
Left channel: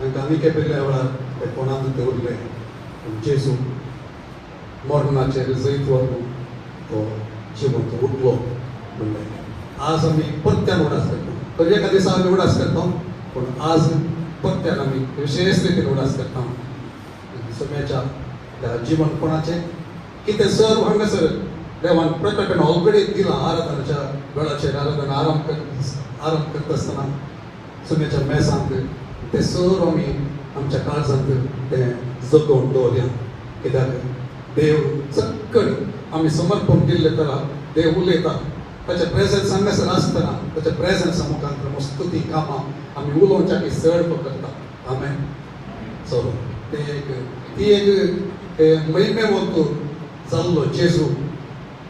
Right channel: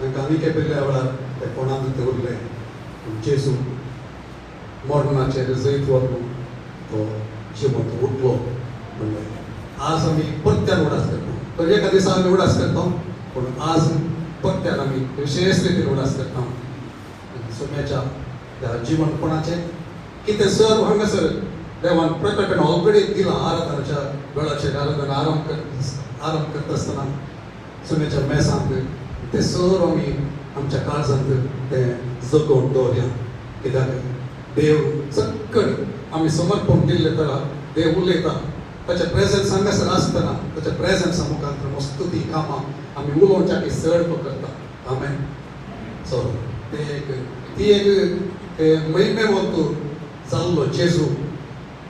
तांकां विके पेरल्या वेळार ते कोणाक ते उरले. जेजू मॉर्डनाचेर जैत व्हरून तो जिवंत उठलो म्हणलें. आज आमी परत्यान उडास करता. तर एका दिसा आमी उडास करता, पूण आज परत्यान आमी विशेष रितीन उडास करता. सोम्याच्या त्या जिवन कोणाचें कितें सर हांगासर देवान प्रकटण अवघडीत दिला. आराधनाच्या वेळाचेर आराधना आरंभ करता आसतना सोम्याच्या मेसांत ते सर आमी आमच्या काळजांत ते जतोवन दवरया. कित्याक देव चक्कड आमी समर्पण दिल्ले तरा देव उलयता. ताचे प्रेझन्स हांगासर आसतना ताचे प्रेझन्स आमकां स्तुती कामां आमी उलोवच्याची सड करता. आमेन. सो ती एक महिमे वरतून जाल्लो जेजू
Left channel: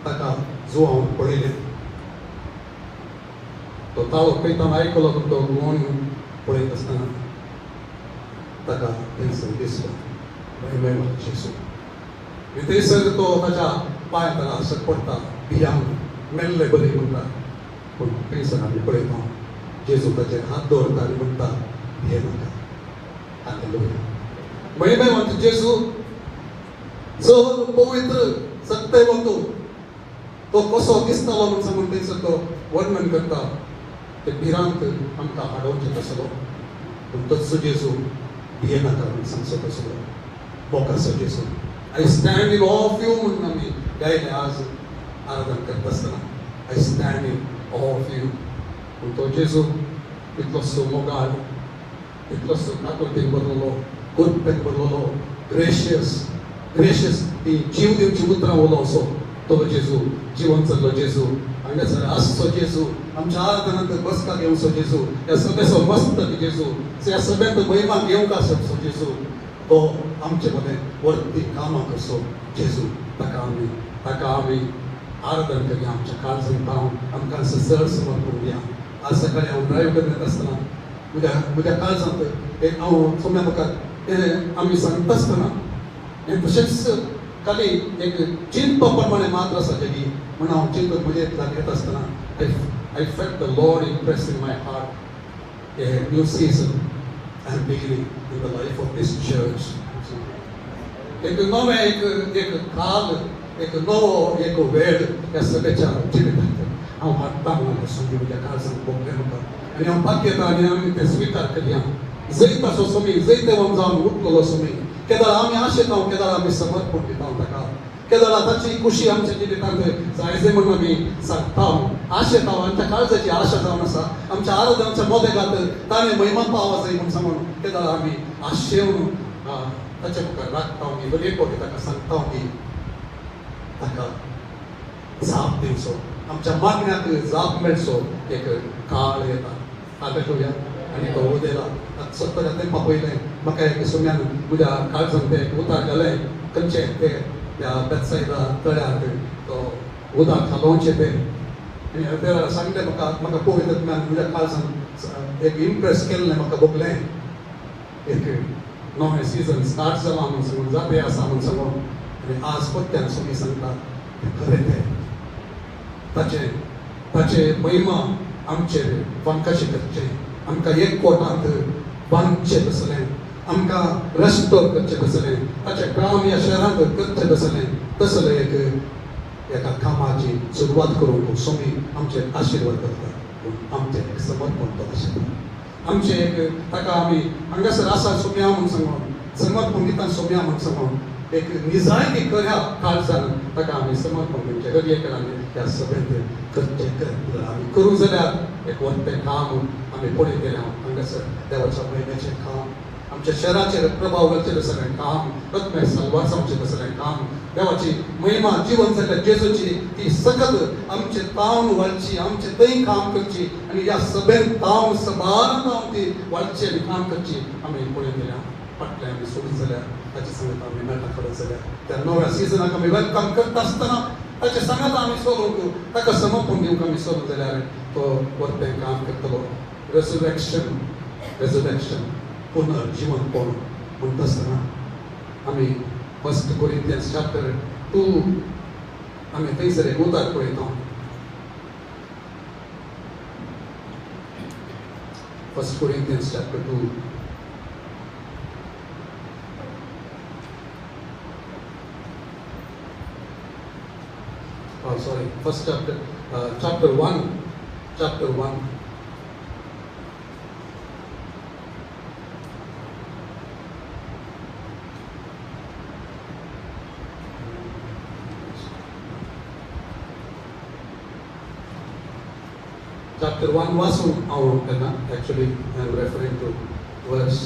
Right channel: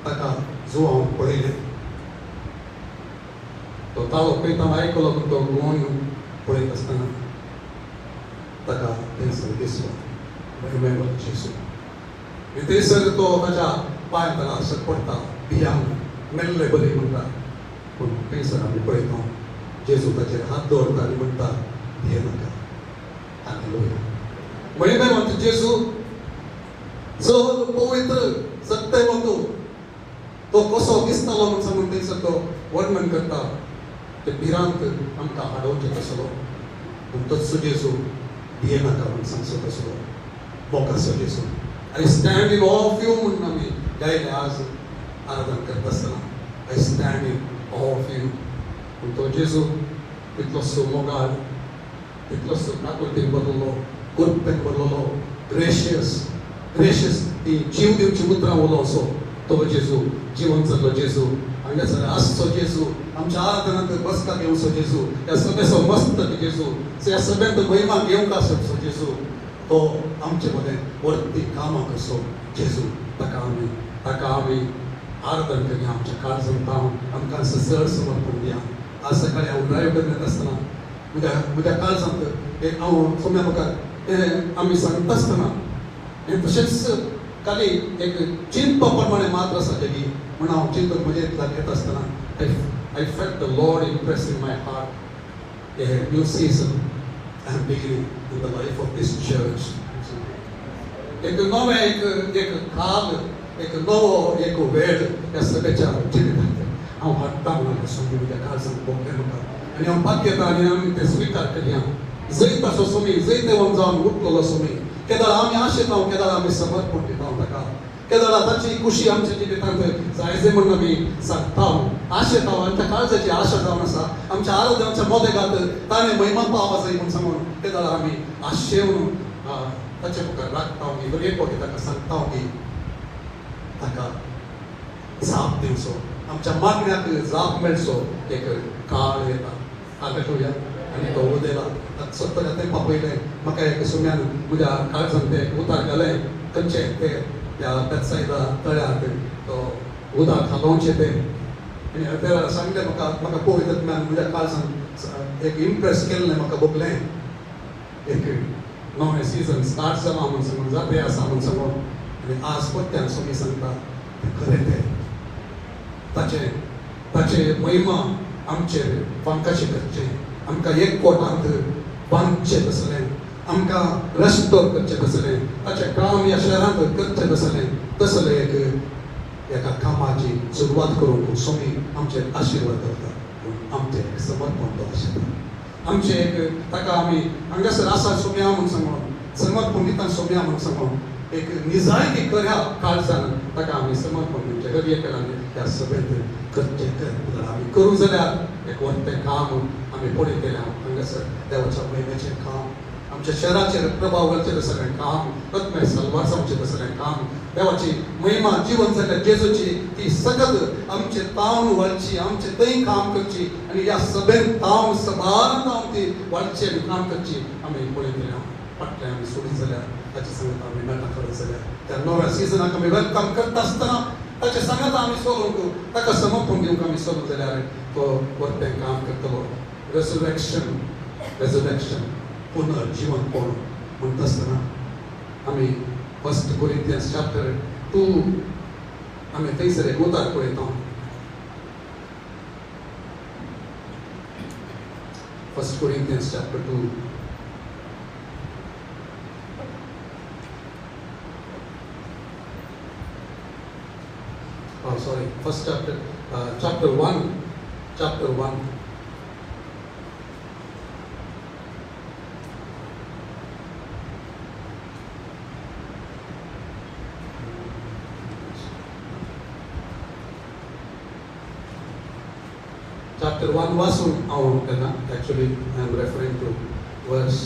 ताका जो हांव पळयलें तो ताळो पळयतना आयकलो तो गुण पळयत आसतना ताका थंयसर दिसलो महिमेलो जेजू. थंयसर तो ताच्या पांयां असर पडटा भियांक मेल्ले बरी म्हणटा. पूण थंयसर आमी पळयता जेजू ताचेर हात दवरता आनी म्हणटा हे नाका. हालेलुया. महिमेलो जेजू चड पवित्र सत्यवंत तो कसो दिसतालो म्हूण सांगून थंयसर तो वर्णन करता. ते भिरांत आमकां हाडोवचें आसलो. पूण तोच जेजू हे नाका म्हूण सांगचो आसलो. हो कसो जेजू. I stand in awe of you म्हणून आमी गायले आज आराधना करता आसतना. I stand in awe of you. पूण तो जेजू इतलोसो मोगाळ इतलोसो नाकुलतेन भरलेलो कुर्तेन भरलेलो ग्रेशियस ती जीव दिवची उतरां उलो असो तो जेजू जिवन जाल्लो जेजू हांगासर आसचो जेजू आमच्या आराधनांत बसका घेवचो जेजू ह्या सगळ्याचो मस्त जेजू ह्या सगळ्यांत महिमा घेवंक आसचो जेजू तो आमचे मदें वर्ती कामाक असो जेजू ताका आमी आराधन करया. आमच्या काळजांत आमकां सर समर्पण दिया. आज सकाळी हांव ड्रायव्ह करत आसतना म्हज्या काळजांत एक हांव सोम्या लोकांक आमी सांगता आसतना तशेंच खाली एक चिंत प्रमाणे मात आसा जेकी म्हणून हांव चिंतून म्हजे येत आसतना I felt the Lord impress in my heart a new season and beginning in the life of this church. एक नवे एक काल एक नवो एक वेळ ह्या सगळ्याच्या जिणेंत हांव हाडटा म्हणून सांगून म्हज्या काळजांत भोगलें म्हणटा. आनी हांव भाग्यता आनी आमी तें स्विकार केलें. जैत असो सोमी जैत देवून जावन उठलेलो सोमी केदार आमी आशेतां केदार आमी समर्पण दिता ताका. केदार ताची खुशी आमची कितें जायजे म्हणून आमी सांगता आशेतां आमच्या काळजाची आशा जावन आसा. आमच्या आराधनाच्या मोदेगांत ताणें महिमा पावों जाय म्हूण सांगून केदार आमी आशेवन ताचे मुखार लागता की बरे पोटी ताका सांगता की ताका जाप दिवचो आमच्या मागण्याक जाप मेळचो एक काळ येता. हालेलुया. आनी तो उदेला सत्तर तेंपा पयलें म्हाका एक सोम्यान म्हज्या काळजांत तें उदक घालें. खंयचें तें त्या बेतसायदा तळ्यांत तो उदक घालोवचें तें सांगलें म्हाका पळयतल्यान म्हज्या काळजांत एक इम्प्रेस केल्लें म्हाका भोगलें. एक नवें सीजन स्टार्ट जाला म्हणून सांगून जाते आसा म्हणून सांगून आनी आज परत्यान सोमी सांगता खरें तें ताचे महिमा आमचेर कशें करचें. आमकां एक कोटांत बांदचें आसलें. आमकां रेस्टोर करचें आसलें. ताचें काम ह्या शहरांत करचें आसलें. तसलें एका कामाची सुरवात करून सोमी आमचेर आशिर्वाद करता. आमचें समर्पण करता. आमचें एक ताका आमी हांगासर आसा सोम्या म्हणून सांगून समर्पण दिता सोम्या म्हणून सांगून एक निजाळी करया काळजान ताका आमी समर्पण दिवचें. रवी आमी त्या सगळ्यांत करचें आमी करूं जाल्यार एक व्हडलें काम आमी पळय केलें. हांगासर देवाच्या महिमेचें काम आमच्या शहराचेर प्रभाव घालचें सगळें काम रत्न वाचोवचें सगळें काम देवाची महिमा जिवन जाल्ल्या जेजूची ती सतत आमचें तावन व्हरची आमचें थंय काम करची आनी ह्या सगळ्यान तावन सदांच ती व्हरची आनी काम करची आमी पळय केल्या. फाटल्यान आमी सोडून जाल्यार ताचे सांगता आमी नाटक करत जाल्यार त्या नव्या सिजनाक आमी वेलकम करता आसतना ताचे सांगता आमी सोडून ताका समर्पण दिवंक आमी सोडून जाल्यार तो व्हडलें काम करतलो. resurrection पुनर्जीवन पावून म्हणटा आसतना आमी 1 Corinthians chapter 2 आमी थंयसर एक उदार पळयता. 1 Corinthians chapter 2. Oh, sorry. First chapter 1. Chapter 1. Chapter 1 वाचून हांव म्हणटना actually I am referring to verse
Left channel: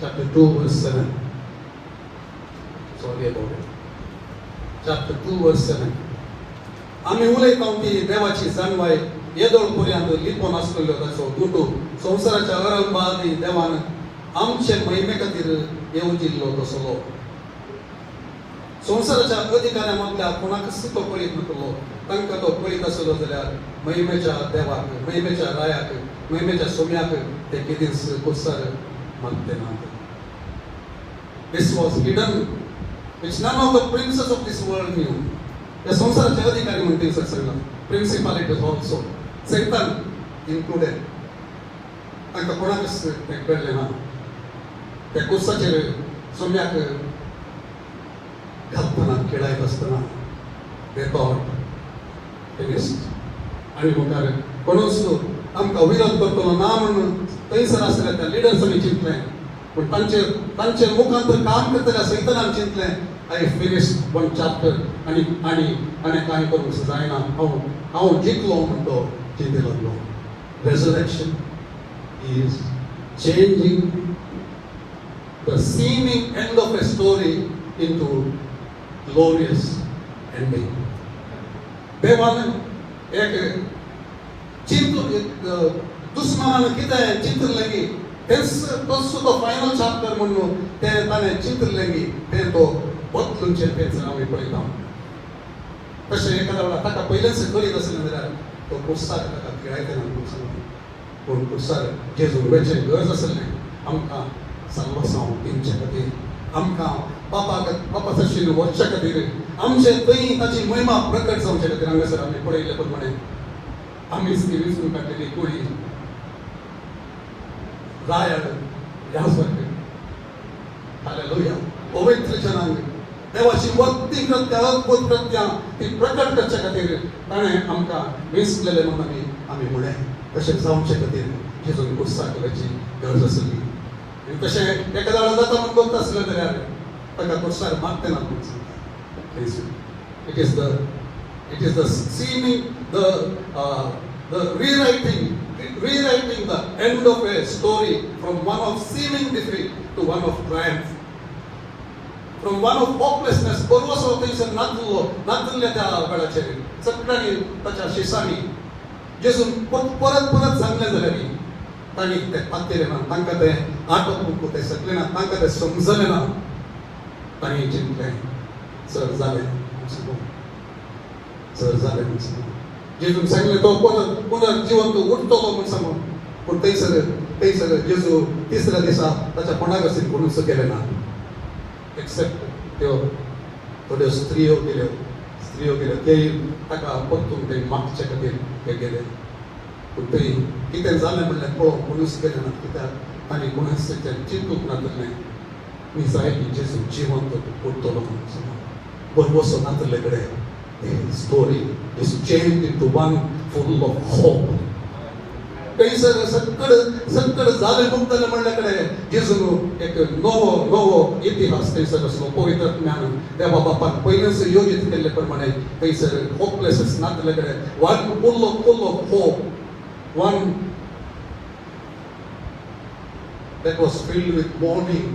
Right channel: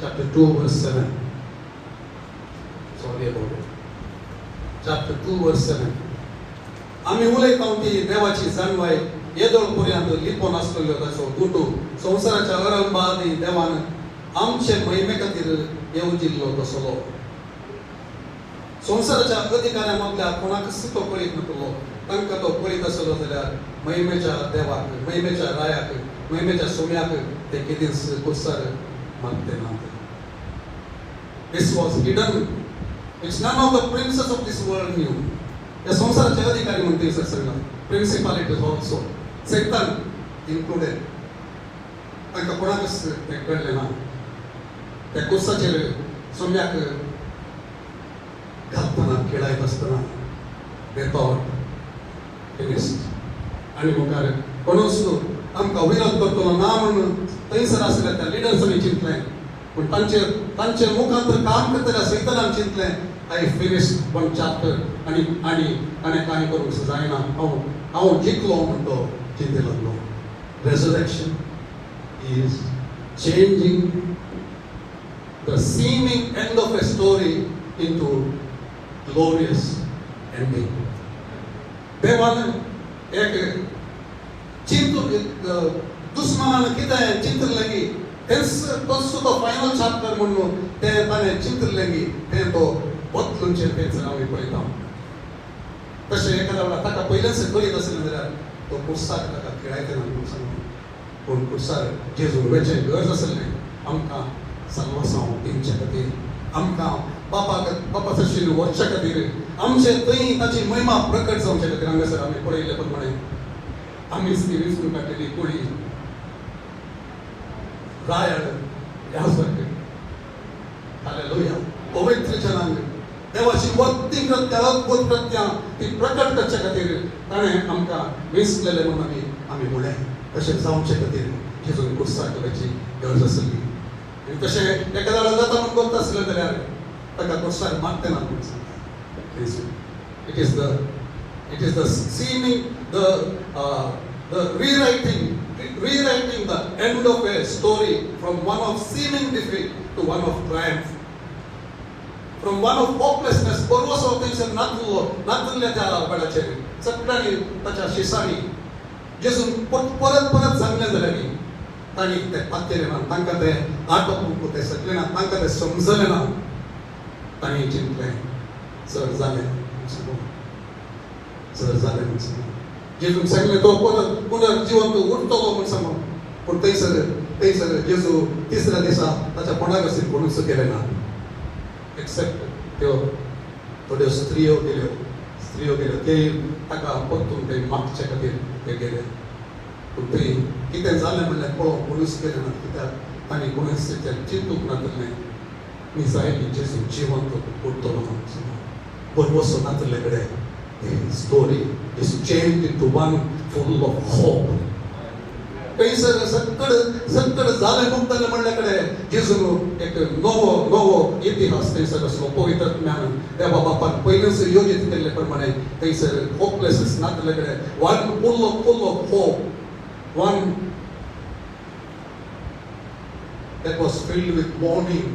chapter 2 verse 7. Sorry about it. Chapter 2 verse 7. आम्ही उलयता की देवाची जाणवाय येदोळपर्यंत लिपोन आसलेलो ताचो गुटू संवसाराच्या आरंभादी देवान आमचे महिमे खातीर येवून दिल्लो तसलो संवसाराच्या अधिकाऱ्यांमधल्या कोणाकच तो पळीत नकलो तांकां तो पळीत आसलो जाल्यार महिमेच्या देवाक महिमेच्या रायाक महिमेच्या सोम्याक ते कितेंच कुर्सार नव्हते. This was hidden which none of the princes of this world knew. त्या संवसाराचे अधिकारी म्हणतील सर सगळं प्रिन्सिपालिटीज ऑल्सो सैतान इन्क्लुडेड तांकां कोणाकच कळलें ना. त्या कुर्साचेर सोम्याक घालतना खेळायत आसतना ते थॉट आनी म्हणटार कोणूच आमकां विरोध करतलो ना म्हणून थंयसर आसले त्या लिडर्सांनी चिंतलें पूण तांचे मुखांतर काम करतना सैतानान चिंतलें आय फिनिश वन चॅप्टर आनी कांय करूंक जायना हांव जिखलो म्हूण तो चिंतेक लागलो. Resurrection is changing the seeming end of a story into glorious ending. देवान एक दुश्मनान कितें चिंतलें की तो फायनल चॅप्टर म्हणून ते ताणें चिंतलें की तें तो बदलूंचें तें आमी पळयता. तशें एखाद्या वेळार ताका पयलेंच करीत आसलें जाल्यार तो कुर्सार ताका खेळायते म्हणून सांगलें पूण कुर्सार जेजू वेचें गरज आसलें आमकां साल्वासांव दिवचे खातीर आमकां बापा तशें वचचे खातीर आमचे थंय ताची महिमा प्रकट जावचे खातीर हांगासर आमी पळयले प्रमाणे आमीच ती विसरून काडलेली कुळी रायाळ ह्या सारकें हालेलुया पवित्र जनांक देवाची वरती अद्भुत कृत्यां ती प्रकट करचे खातीर ताणें आमकां वेंचलेलें म्हणून आमी म्हळें तशें जावचे खातीर जेजून कुर्सार करपाची गरज आसली. तशें एखाद्या वेळार जाता म्हणून करता आसलें जाल्यार ताका कुर्सार मारते ना. It is the seeming, the rewriting the end of a story from one of seeming defeat to one of triumph, from one of hopelessness. परवास होतेसर नातुल्ल्या त्या वेळाचेर सगळ्यांनी ताच्या शिसांनी जेजून परत सांगलें जाल्यार तांणी तें तांतेलें ना तांकां तें आटोवूंक तें शकलें ना तांकां तें समजलें ना. तांणी चिंतलें सर जालें जेजून सांगलें तो पुनर्जीवन तूं उठतलो म्हूण सांगून पूण थंयसर जेजू तिसऱ्या दिसा ताच्या कोणाक अशें कोणूच केलें ना एक्सेप्ट त्यो थोड्यो स्त्रियो गेल्यो तेय ताका परतून तें मागचे खातीर ते गेले. पूण थंय कितें जालें म्हणल्यार पळोवंक कोणूच केलें ना कित्याक तांणी कोणूच तें चिंतूंक नासलें निसायबी जेजू जिवंत उठतलो म्हूण. परवसो नातले कडेन the story is changed into one full of hope. थंयसर सगळें जालें म्हणटलें म्हणले कडेन जेजू एक नवो इतिहास थंयसर आसलो पवित्र आत्म्यान देवा बापान पयलेंच योजीत केल्ले प्रमाणे थंयसर होपलेसनेस नातले कडेन one full of hope, one that was filled with mourning.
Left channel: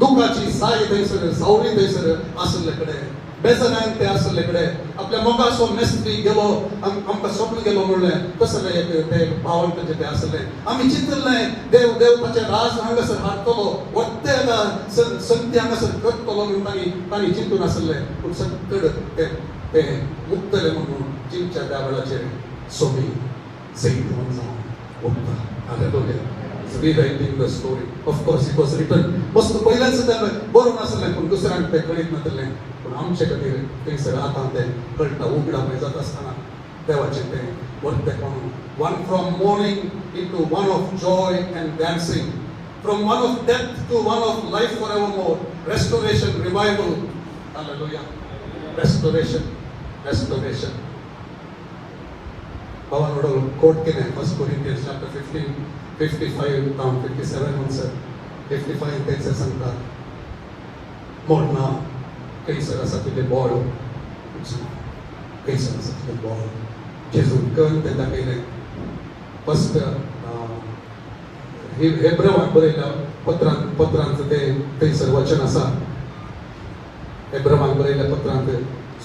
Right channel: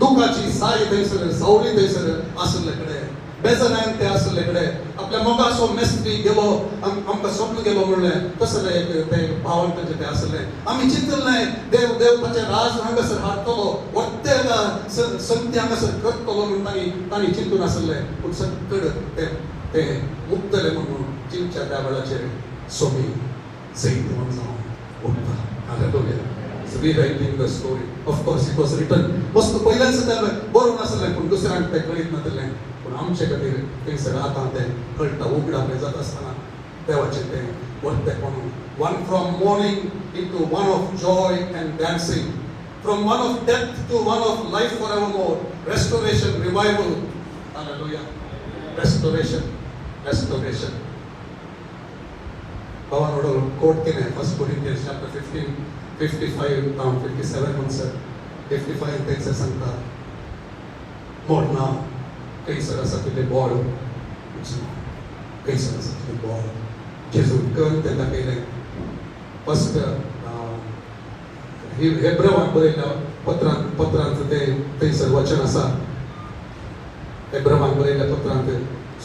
दुखाची साय थंयसर जावळी थंयसर आसले कडेन बेजारांक ते आसले कडेन आपल्या मोगाचो मेस्त्री गेलो आमकां सोडून गेलो म्हणलें तसलें ते भावांक ते आसले. आमी चिंतलें देवताचें राज हांगासर हाडटलो वरते हांगा संती हांगासर करतलो म्हणून तांणी चिंतून आसले पूण सगळें ते मुक्तले म्हणून चिंच्या त्या वेळाचेर सोबी सैत म्हणून Hallelujah. It's rewriting the story. Of course, it was written. वस्तू पहिल्यांदा त्याला बरोबर असलं पण दुसऱ्यांना ते कळत नसलं. पण आमच्या खातीर काही सगळं आता ते कळटा उघडा जात असताना देवाचे ते वरते कोण one from mourning into one of joy and dancing, from one of death to one of life forevermore, restoration, revival. Hallelujah. Restoration. Paul quote केले 1 Corinthians chapter 15, 55 down 57 answer. 55 त्याचं सांगतात मोडना कैसर असा तुझे बॉल कैसर असा तुझे बॉल जेजू करून त्याला केले फर्स्ट हेब्रेवांत बरयल्या पत्रांत ते कैसर वचन आसा हेब्रेवांत बरयल्या पत्रांत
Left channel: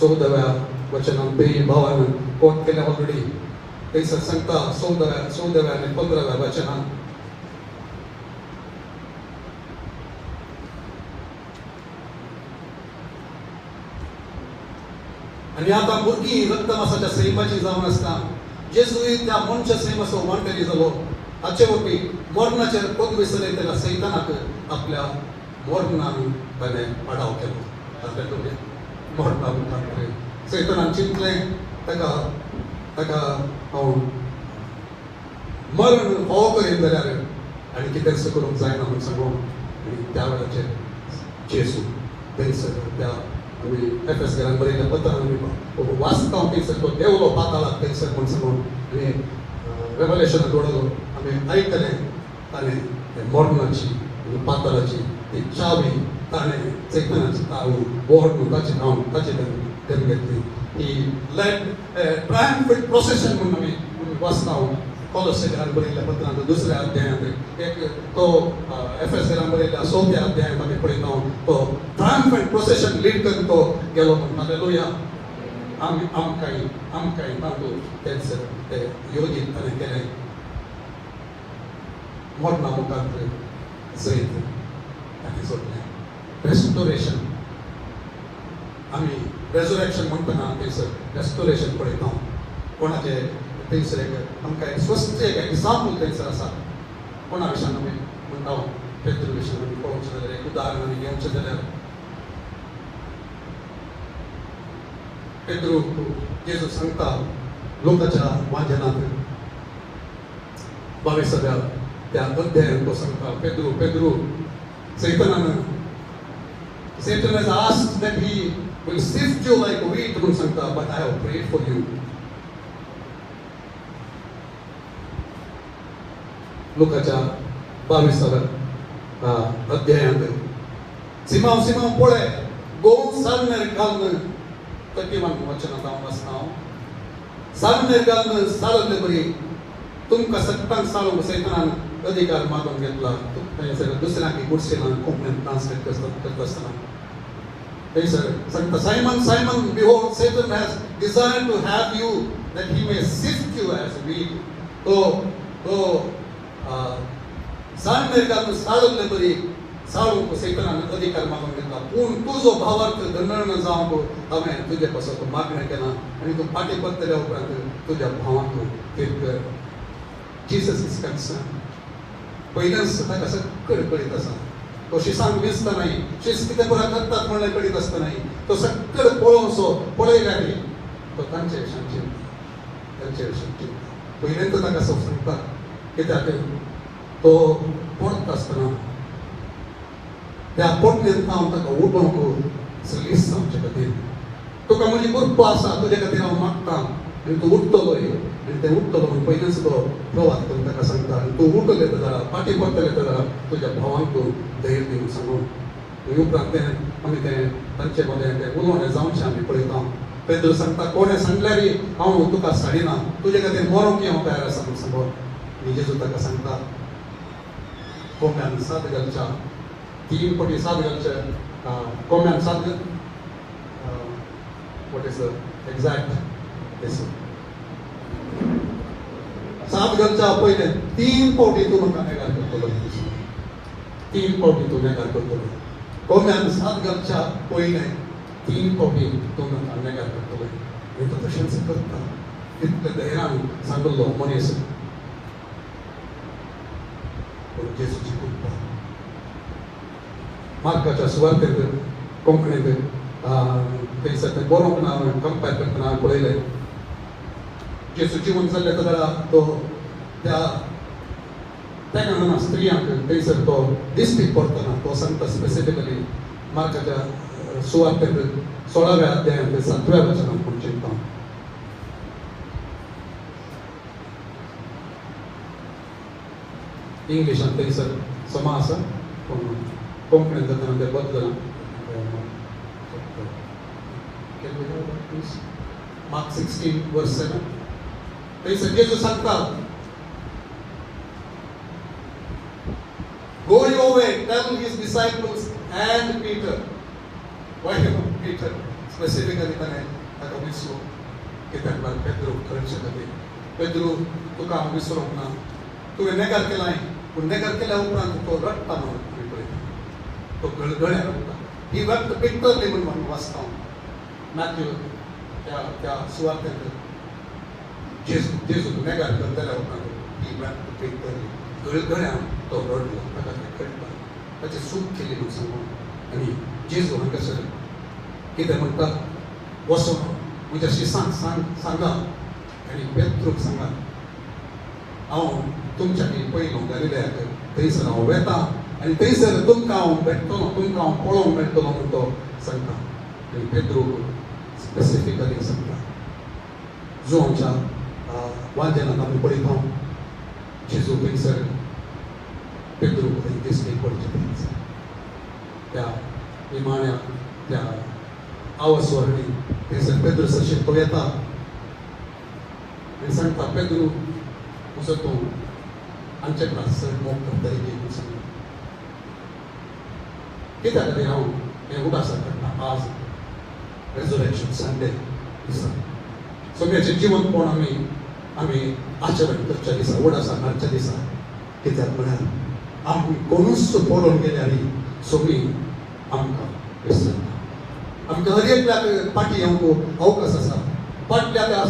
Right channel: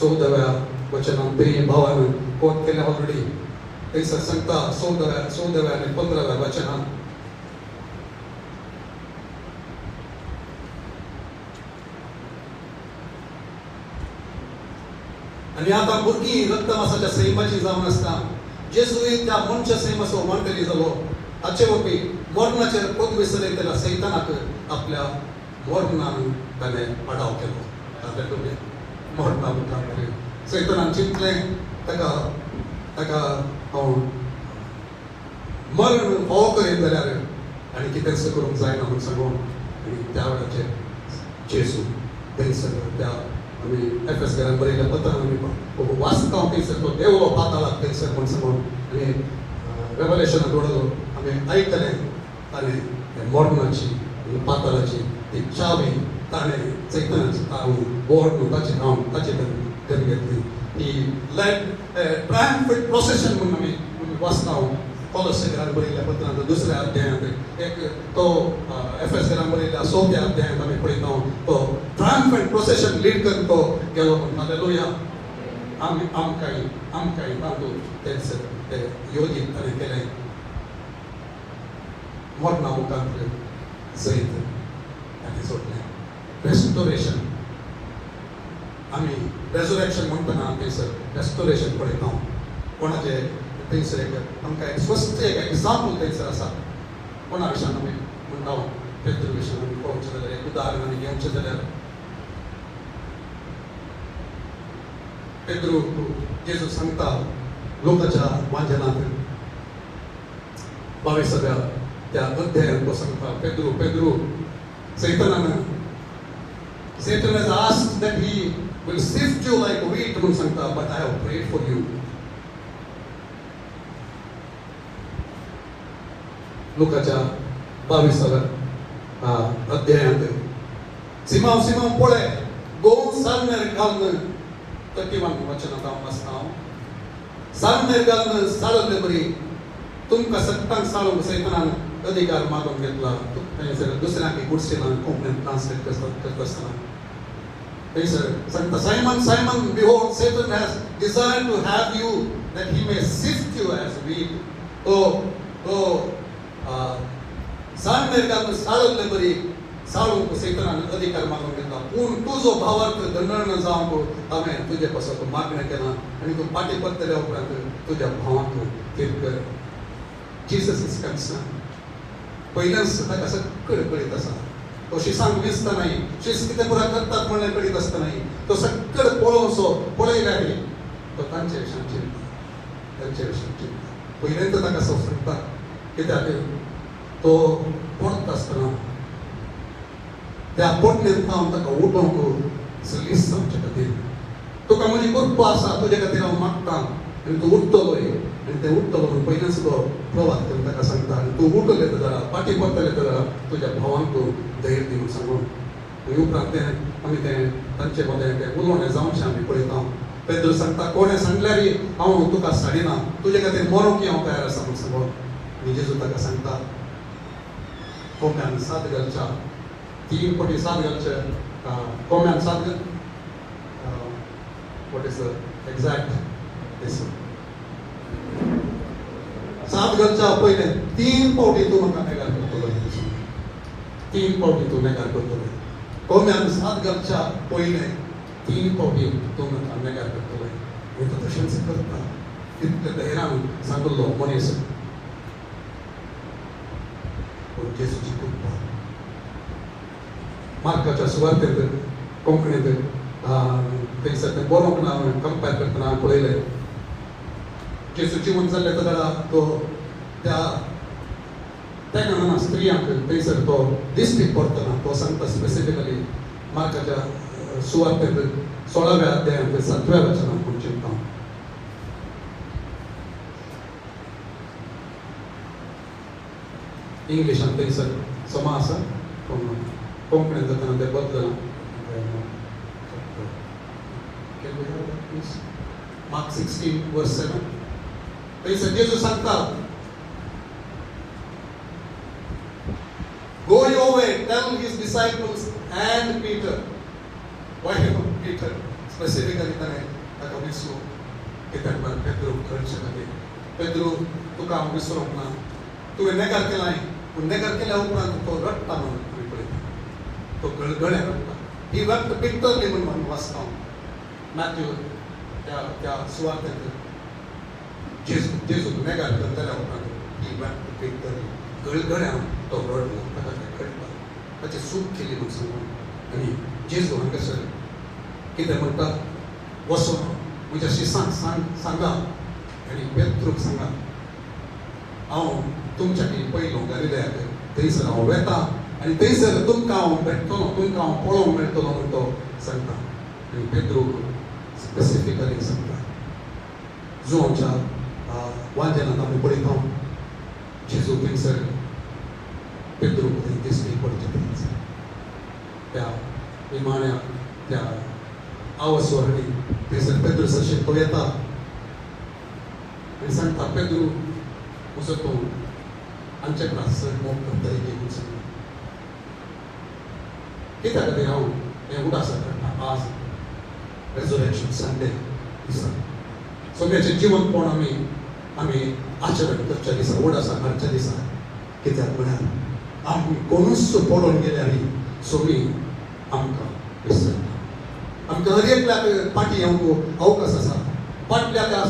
14व्या वचनांत ते भावान कोट केल्या बाबडी कैसर सांगता 14व्या आणि 15व्या वचनांत आणि आता भुरगी रक्तमासाच्या सैमाची जावन आसता जेजू त्या मनच्या सैमाचो मानकरी जालो ताचे वरवी मरणाचे पद विसरयतल्या सैतानाक आपल्या मरणान ताणे अडाव केलो ताचे मरणा म्हणटा सैतानान चिंतलें ताका मरण फावो करीत जाल्यार आनी कितें करूंक जायना म्हूण सांगून आनी त्या वेळाचेर जेजू थंयसर त्या आमी एफएसकारांक बरयल्या पत्रांत वाचता थंयसर तो देव पाताळांत थंयसर म्हूण सांगून आमी रेवलेशन पळयलो आमी आयकलें आनी मरणाची आनी पाताळाची ती चावी ताणें सैतानाची चावी बोर्ड ताचें नांव ताचें तेणें घेतली ही लेट ट्रायम्फंट प्रोसेशन म्हणून आमी वाचता कॉलोसेकारांक बरयल्या पत्रांत दुसऱ्या अध्यायांत एक तो एफएसकारांक बरयल्या 6व्या अध्यायांत आमी पळयता तो ट्रायम्फंट प्रोसेशन लीड करून तो गेलो हालेलुया आमकांय तातूंत तेंच ते योजीत ताणें केलें मरणा मुखांत सैत आनी सोडलें रेस्टोरेशन आमी रेजरेक्शन म्हणटना थंयसर रेस्टोरेशन पळयता कोणाचे थंयसर आमकां एक स्वस्थ एक एग्जाम्पल थंयसर आसा कोणा विशयान आमी म्हणटा पेद्रू विशयान आमी पळोवचें जाल्यार एक उदाहरण आमी घेवचें जाल्यार पेद्रू जेजू सांगता लोकाच्या वाचनांत 22व्या त्या अध्यायांत तो सांगता Pedro Satan has asked that he will sift you like wheat, but I have prayed for you. Lukaच्या 22व्या अध्यायांत Simon पळय 2 सालमेर घालून तकीवान वचनांत हांव वाचता सालमेर घालून सालले बरी तुमकां सत्तान साळूंक सैतानान अधिकार मागून घेतला दुसऱ्यांक गुडसेलान कोंकणींत ट्रान्सलेट करता आसतना थंयसर सांगता Simon, behold, Satan has desired to have you that he may sift you as wheat. तो सालमेर घालून साळले बरी साळूंक सैतानान अधिकार मागून घेतला पूण तुजो भावार्थ दंडण जावंक हांवें तुजे पासून मागणें केलां आनी तूं पाटी पडटल्या उपरांत तुज्या भावांक तेल कर Jesus is concerned. पहिल्याच ताका सगळें कळीत आसा तो शिसांक दिसता नाही शिस्त कितें करतात म्हणून कळीत आसता नाही तो सगळें पळोवचो पळयल्या तो तांचे विशयी पहिल्यांदा ताका सांगता कित्याक तो पडत आसतना त्या पोटलेंत हांव ताका उठोवंक सलीस आमचे खातीर तुका म्हणजे कृपा आसा तुजे खातीर हांव मागता आनी तूं उठतलोय आनी ते उठतलो म्हणून पयलींच तो प्रवास करून ताका सांगता आनी तूं उठले जाल्यार पाटी पडटले जाल्यार तुज्या भावांक तूं धैर्य दिवन सांगून उपरांत आमी तें तांचे मदें तें उलोवणें जावचें आमी पळयता पेद्रू सांगता कोणें सांगल्यार हांव तुका साडिना तुजे खातीर मरूंक हांव तयार आसा म्हूण सांगून आनी जेजू ताका सांगता कोंब्यान साद घालच्या 3 कोटी साद घालचे कोंब्यान साद what is the exact is सात घरच्या पहिले 3 कोटी तू म्हाका नेगार करतलो 3 कोटी तू नेगार करतलो कोम्यान सात घरच्या पहिले 3 कोटी तू म्हाका नेगार करतलो मी तर तशाच करता इतकं धैर्यानं सांगलो मनीस जेसूची कृपा मार्काच्या सुवार्तेत कोंकणीत थंयसर बरोवंक ना कंपेर करतना हांवें पळयलें जेसू जिवन जाल्ले तेन्ना तो त्या स्त्रियांक थंयसर तो दिश्टी पडटना तो सांगता स्पेसिफिकली मार्काच्या सुवार्तेत 16व्या अध्यायांत 7व्या वचनांत हांव चिंतता इंग्लिशान थंयसर समास कोंकणीत जातना ते बद्दल Mark 16 verse 7 थंयसर जेजू सांगता Going away, tell his disciples and Peter. Why Peter? Specifically, ताका विसरू कित्याक पेद्रू खंय शकले पेद्रू तुका हांव विसरूंक ना तुवें नेगार केलां पूण नेगार केल्या उपरांत तो रडटा म्हणून तो गळगळ्या रडटा ही व्यक्त पिक्टरली म्हणून वाचता मॅथ्यू त्या सुवार्तेंत जेजू नेगार करतल्या उपरांत ही व्यक्त पिक्टरली गळगळ्यान तो रडलो ताका कळटा ताची चूक केली म्हणून सांगून आनी जेजू हांगासर कितें म्हणटा वचून म्हज्या शिसांक सांगा आनी पेत्रूक सांगा हांव तुमच्या पयलू गलिलयाक थंयसर हांव वेता आनी थंयसर तुमकां हांव भेटतलो तुमकां हांव पळोवंक मेळटलो म्हणून तो सांगता आनी पेद्रूक स्पेसिफिकली सांगता जोच्या वाद्यानांत आमी पळयता जेजू थंयसर पेद्रूक दिश्टी पडचे त्या इमान्या त्या आवाजवरणी थंयसर पेद्रू सरशेक तो येता आनी सांगता पेद्रू तुजो तूं आमचे क्लास मोग करता एक सांगता कित्याक खातीर हांव हें उदासा पडटा आज रेजरेक्शन संडे दिसा सगळ्याचें जिवन पळोवन आमी आचरण करच्या दिसा उडासा मारच्या दिसा कित्याक म्हळ्यार आमी कोणूच पळोवन गेले आनी सगळीं आमकां विसरता आमकां हर एकल्याक पाटी येवंक अवकाश आसा फाटल्या त्या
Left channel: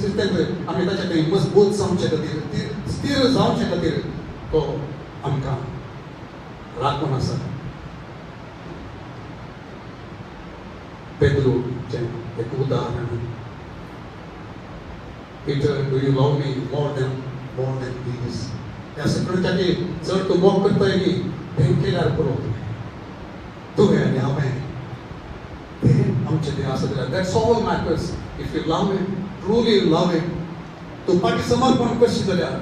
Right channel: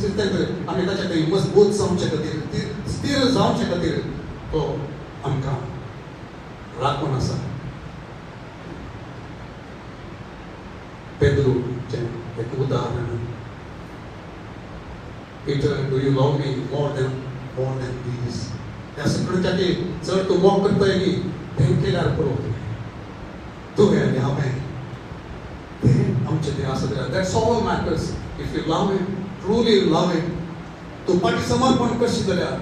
सिस्टम आमी ताचे खातीर मजबूत जावचे खातीर स्थिर जावचे खातीर तो आमकां राखून आसा पेद्रूचें एक उदाहरण Peter, do you love me more than these? ह्या सगळ्यांची चड तूं मोग करतोय न्ही हें केल्यार पळोवंक तुवें आनी हांवें हें आमचें कितें आसा जाल्यार that's all matters if you love it truly love it तूं फाटीं समर्पण करशीत जाल्यार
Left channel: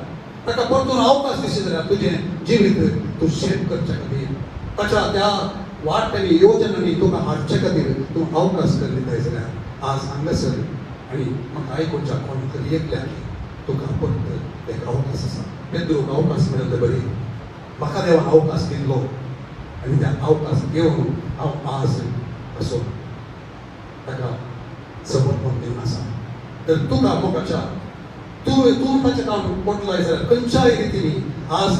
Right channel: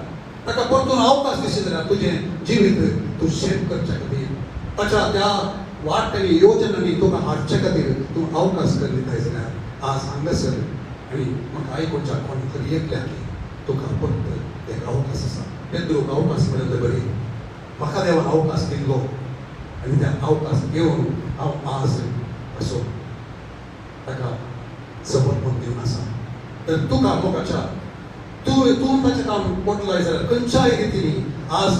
ताका परतून अवकाश दिशीत जाल्यार तुजें जिवीत तूं शेत करचे खातीर ताच्या त्या वाटेनी योजनांनी तुका हाडचे खातीर तूं अवकाश करीत जाल्यार आज हांगासर आनी म्हाका आयकुच्या कोण तरी एकल्याक तुका फक्त एक अवकाश आसा पेद्रूक अवकाश मेळिल्ले बरी म्हाका देवान अवकाश दिल्लो आनी त्या अवकाश घेवन हांव आज असो ताका समर्पण दिवन आसा तर तुका मोगाच्या तूं ताचें काम पोटलाय जाल्यार खंयच्याय रितीनी आज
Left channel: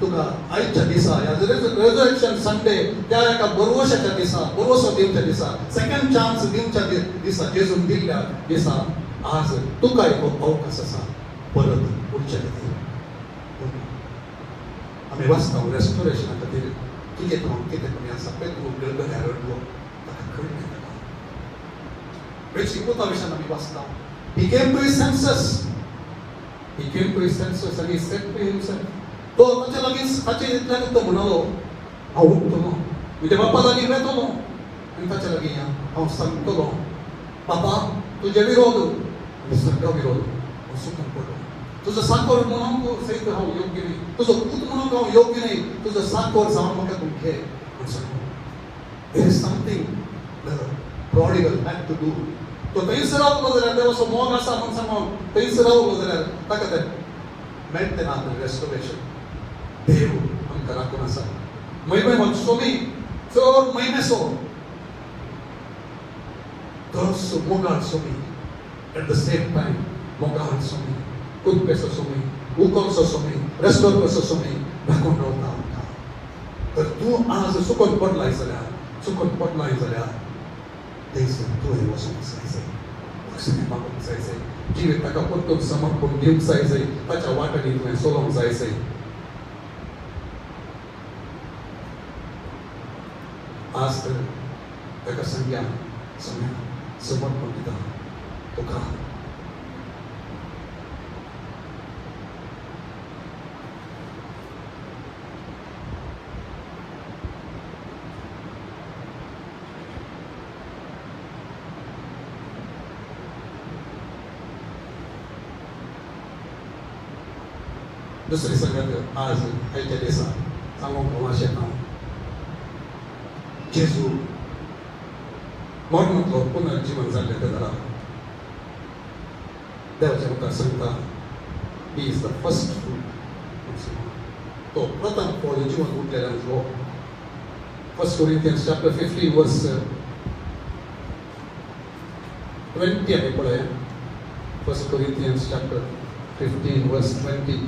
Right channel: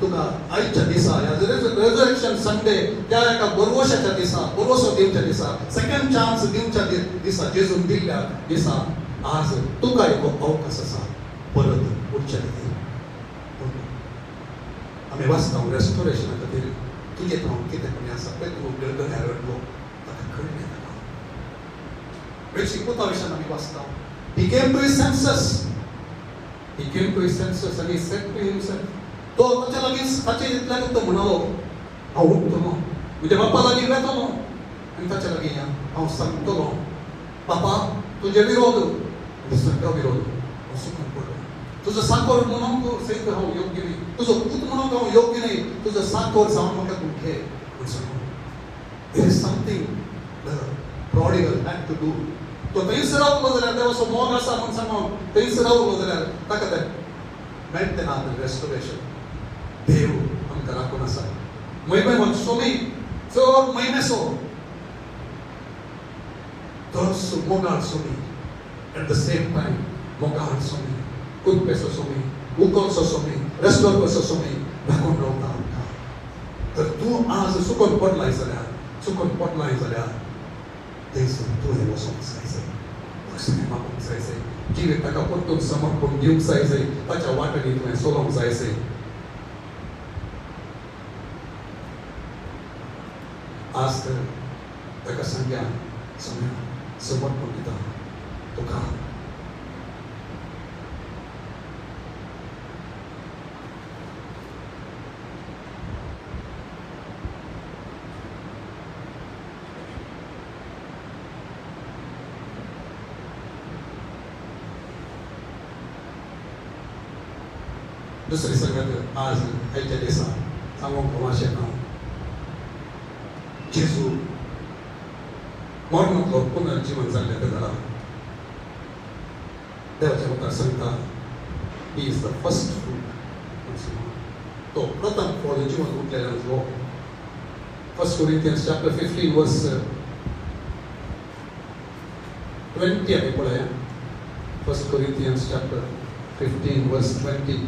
तुका आयच्या दिसा रेजरेक्शन संडे त्या एका बरोवशाच्या दिसा बरोवसो दिवच्या दिसा सेकंड चान्स दिवच्या दिसा जेजून दिल्ल्या दिसा आज तुका एक अवकाश आसा परत उठच्या खातीर आमी वाचता रेस्टोरेशना खातीर तुजें काम कितें कमी आसा पळय तूं गळगळ्या रडलो ताका कळना शिकोवता विशयान आमी वाचता He came to his senses. He came to his senses and he said to himself, तो ताच्या लागीं ताचे इतल्यान तो म्हणलो हांव उठतलो म्हज्या बापा लागीं वयतलो आनी ताच्या लागीं हांव सांगतलो बापा तुजे विरोध सगळो विरोध तुजो साकोर म्हणून तूं सैत हांव योग्य न्ही तुजो पूत म्हणून हांव योग्य न्ही तुजो साकोर जावन म्हाका तूं घे There is something the prodigal had to do. तो थंयसर रावलो जाल्यार देवाचो मोग आसा म्हणून सांगून थंयसर रावलो जाल्यार ताका तें मेळटलें ना रेस्टोरेशन देव आमकां राखून आसा म्हयने सोमी चड म्हयनेसो तोच मोगाळ सोमी एट द सेम टायम मोगाळ सोमी तुमपेसो सोमी उतोसो सोमी रेस्टोरंटसो सोमी राखून रावता तर तूं आज चुकोन पडलाय जाल्यार थंयसर तुवें वचूंक जाय सिनेमाकडून जायचंय, जिवीत ताका परतून समोर कोण घेऊन जायचंय, ताच्या वाटेने थंय सोडून जायचंय. आज तर ताका सांगया समर्पण दिता तुका. दुसरी सगळ्यात आज ह्याच्या दिसा सांगूंक वाशें ना, जेजू मरणांतलो पुनर्जीवन जाल्ले तेन्ना देवाच्या मुखार सांगता, he is the first fruit. तो प्रथम फळ जिवन उरलेल्यांचो. 1 Corinthians chapter 15 verse 20 आमी पळय. 1 Corinthians chapter 15 verse 20.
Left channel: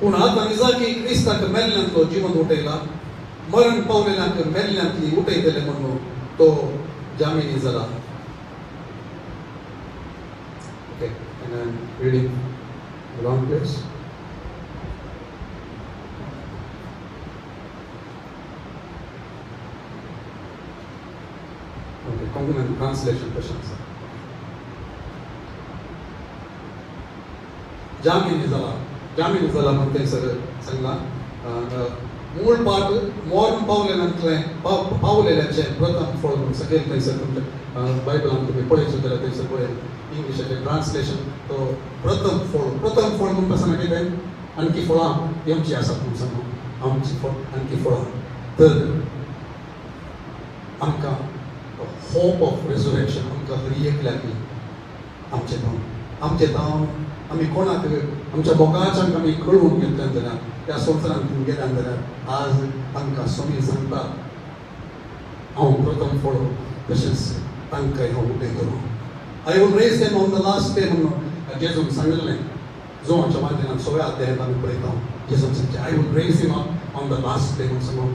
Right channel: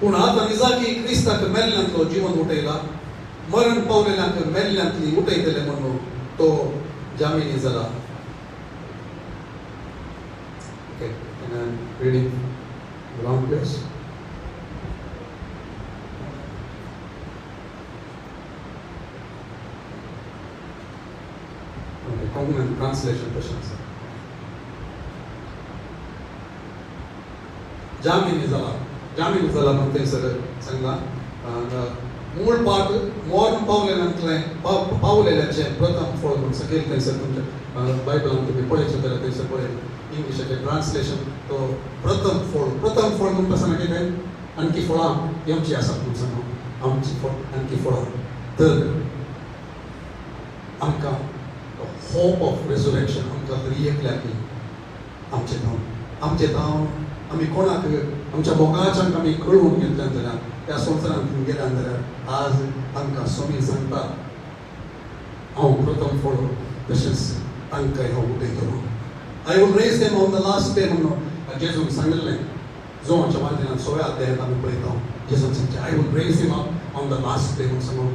पूण आता निजाकी क्रिस्ताक मेल्ल्यांतलो जिवन उठयला, मरण पावलेल्यांक मेल्ल्यांतली उठयतले म्हणून तो जामिनी जाला. Okay, and I'm reading one place. Okay, common translation questions. जामिनी जाला म्हणते सर सांगा. मूळ पाठ मॉर्न पावलेल्याचे प्रथम फळ म्हणून सगळे थंयसर तुमच्या बायबलान तुम्ही पळयचो जाल्यार थंयसर पळय इंग्लिशाचे ट्रान्सलेशन. तो प्रथम फळ म्हणटा सांगा कितें, आणखी फळां आमची आसात म्हणून सांगा, आमची आणखी फळां. तर आमकां होप ऑफ रेजरेक्शन आमकां तरी एकल्याक आमचें दाव आमी कोणाक आमच्या बोकाच्यान आमी कळून घेतल्यान जाल्यार त्या संवसारांत गेल्यान जाल्यार आज आमकां स्वामी सांगता, हांव प्रथम फळ तशेंच तांकांय हांव उठयतलो. I will raise them on the last day म्हणून जेजून सांगिल्लें. जोमाच्या वाचनांत 16 अध्यायांत आमी पळयता जेजून सांगता, I will raise him up on the last day म्हणून सांगून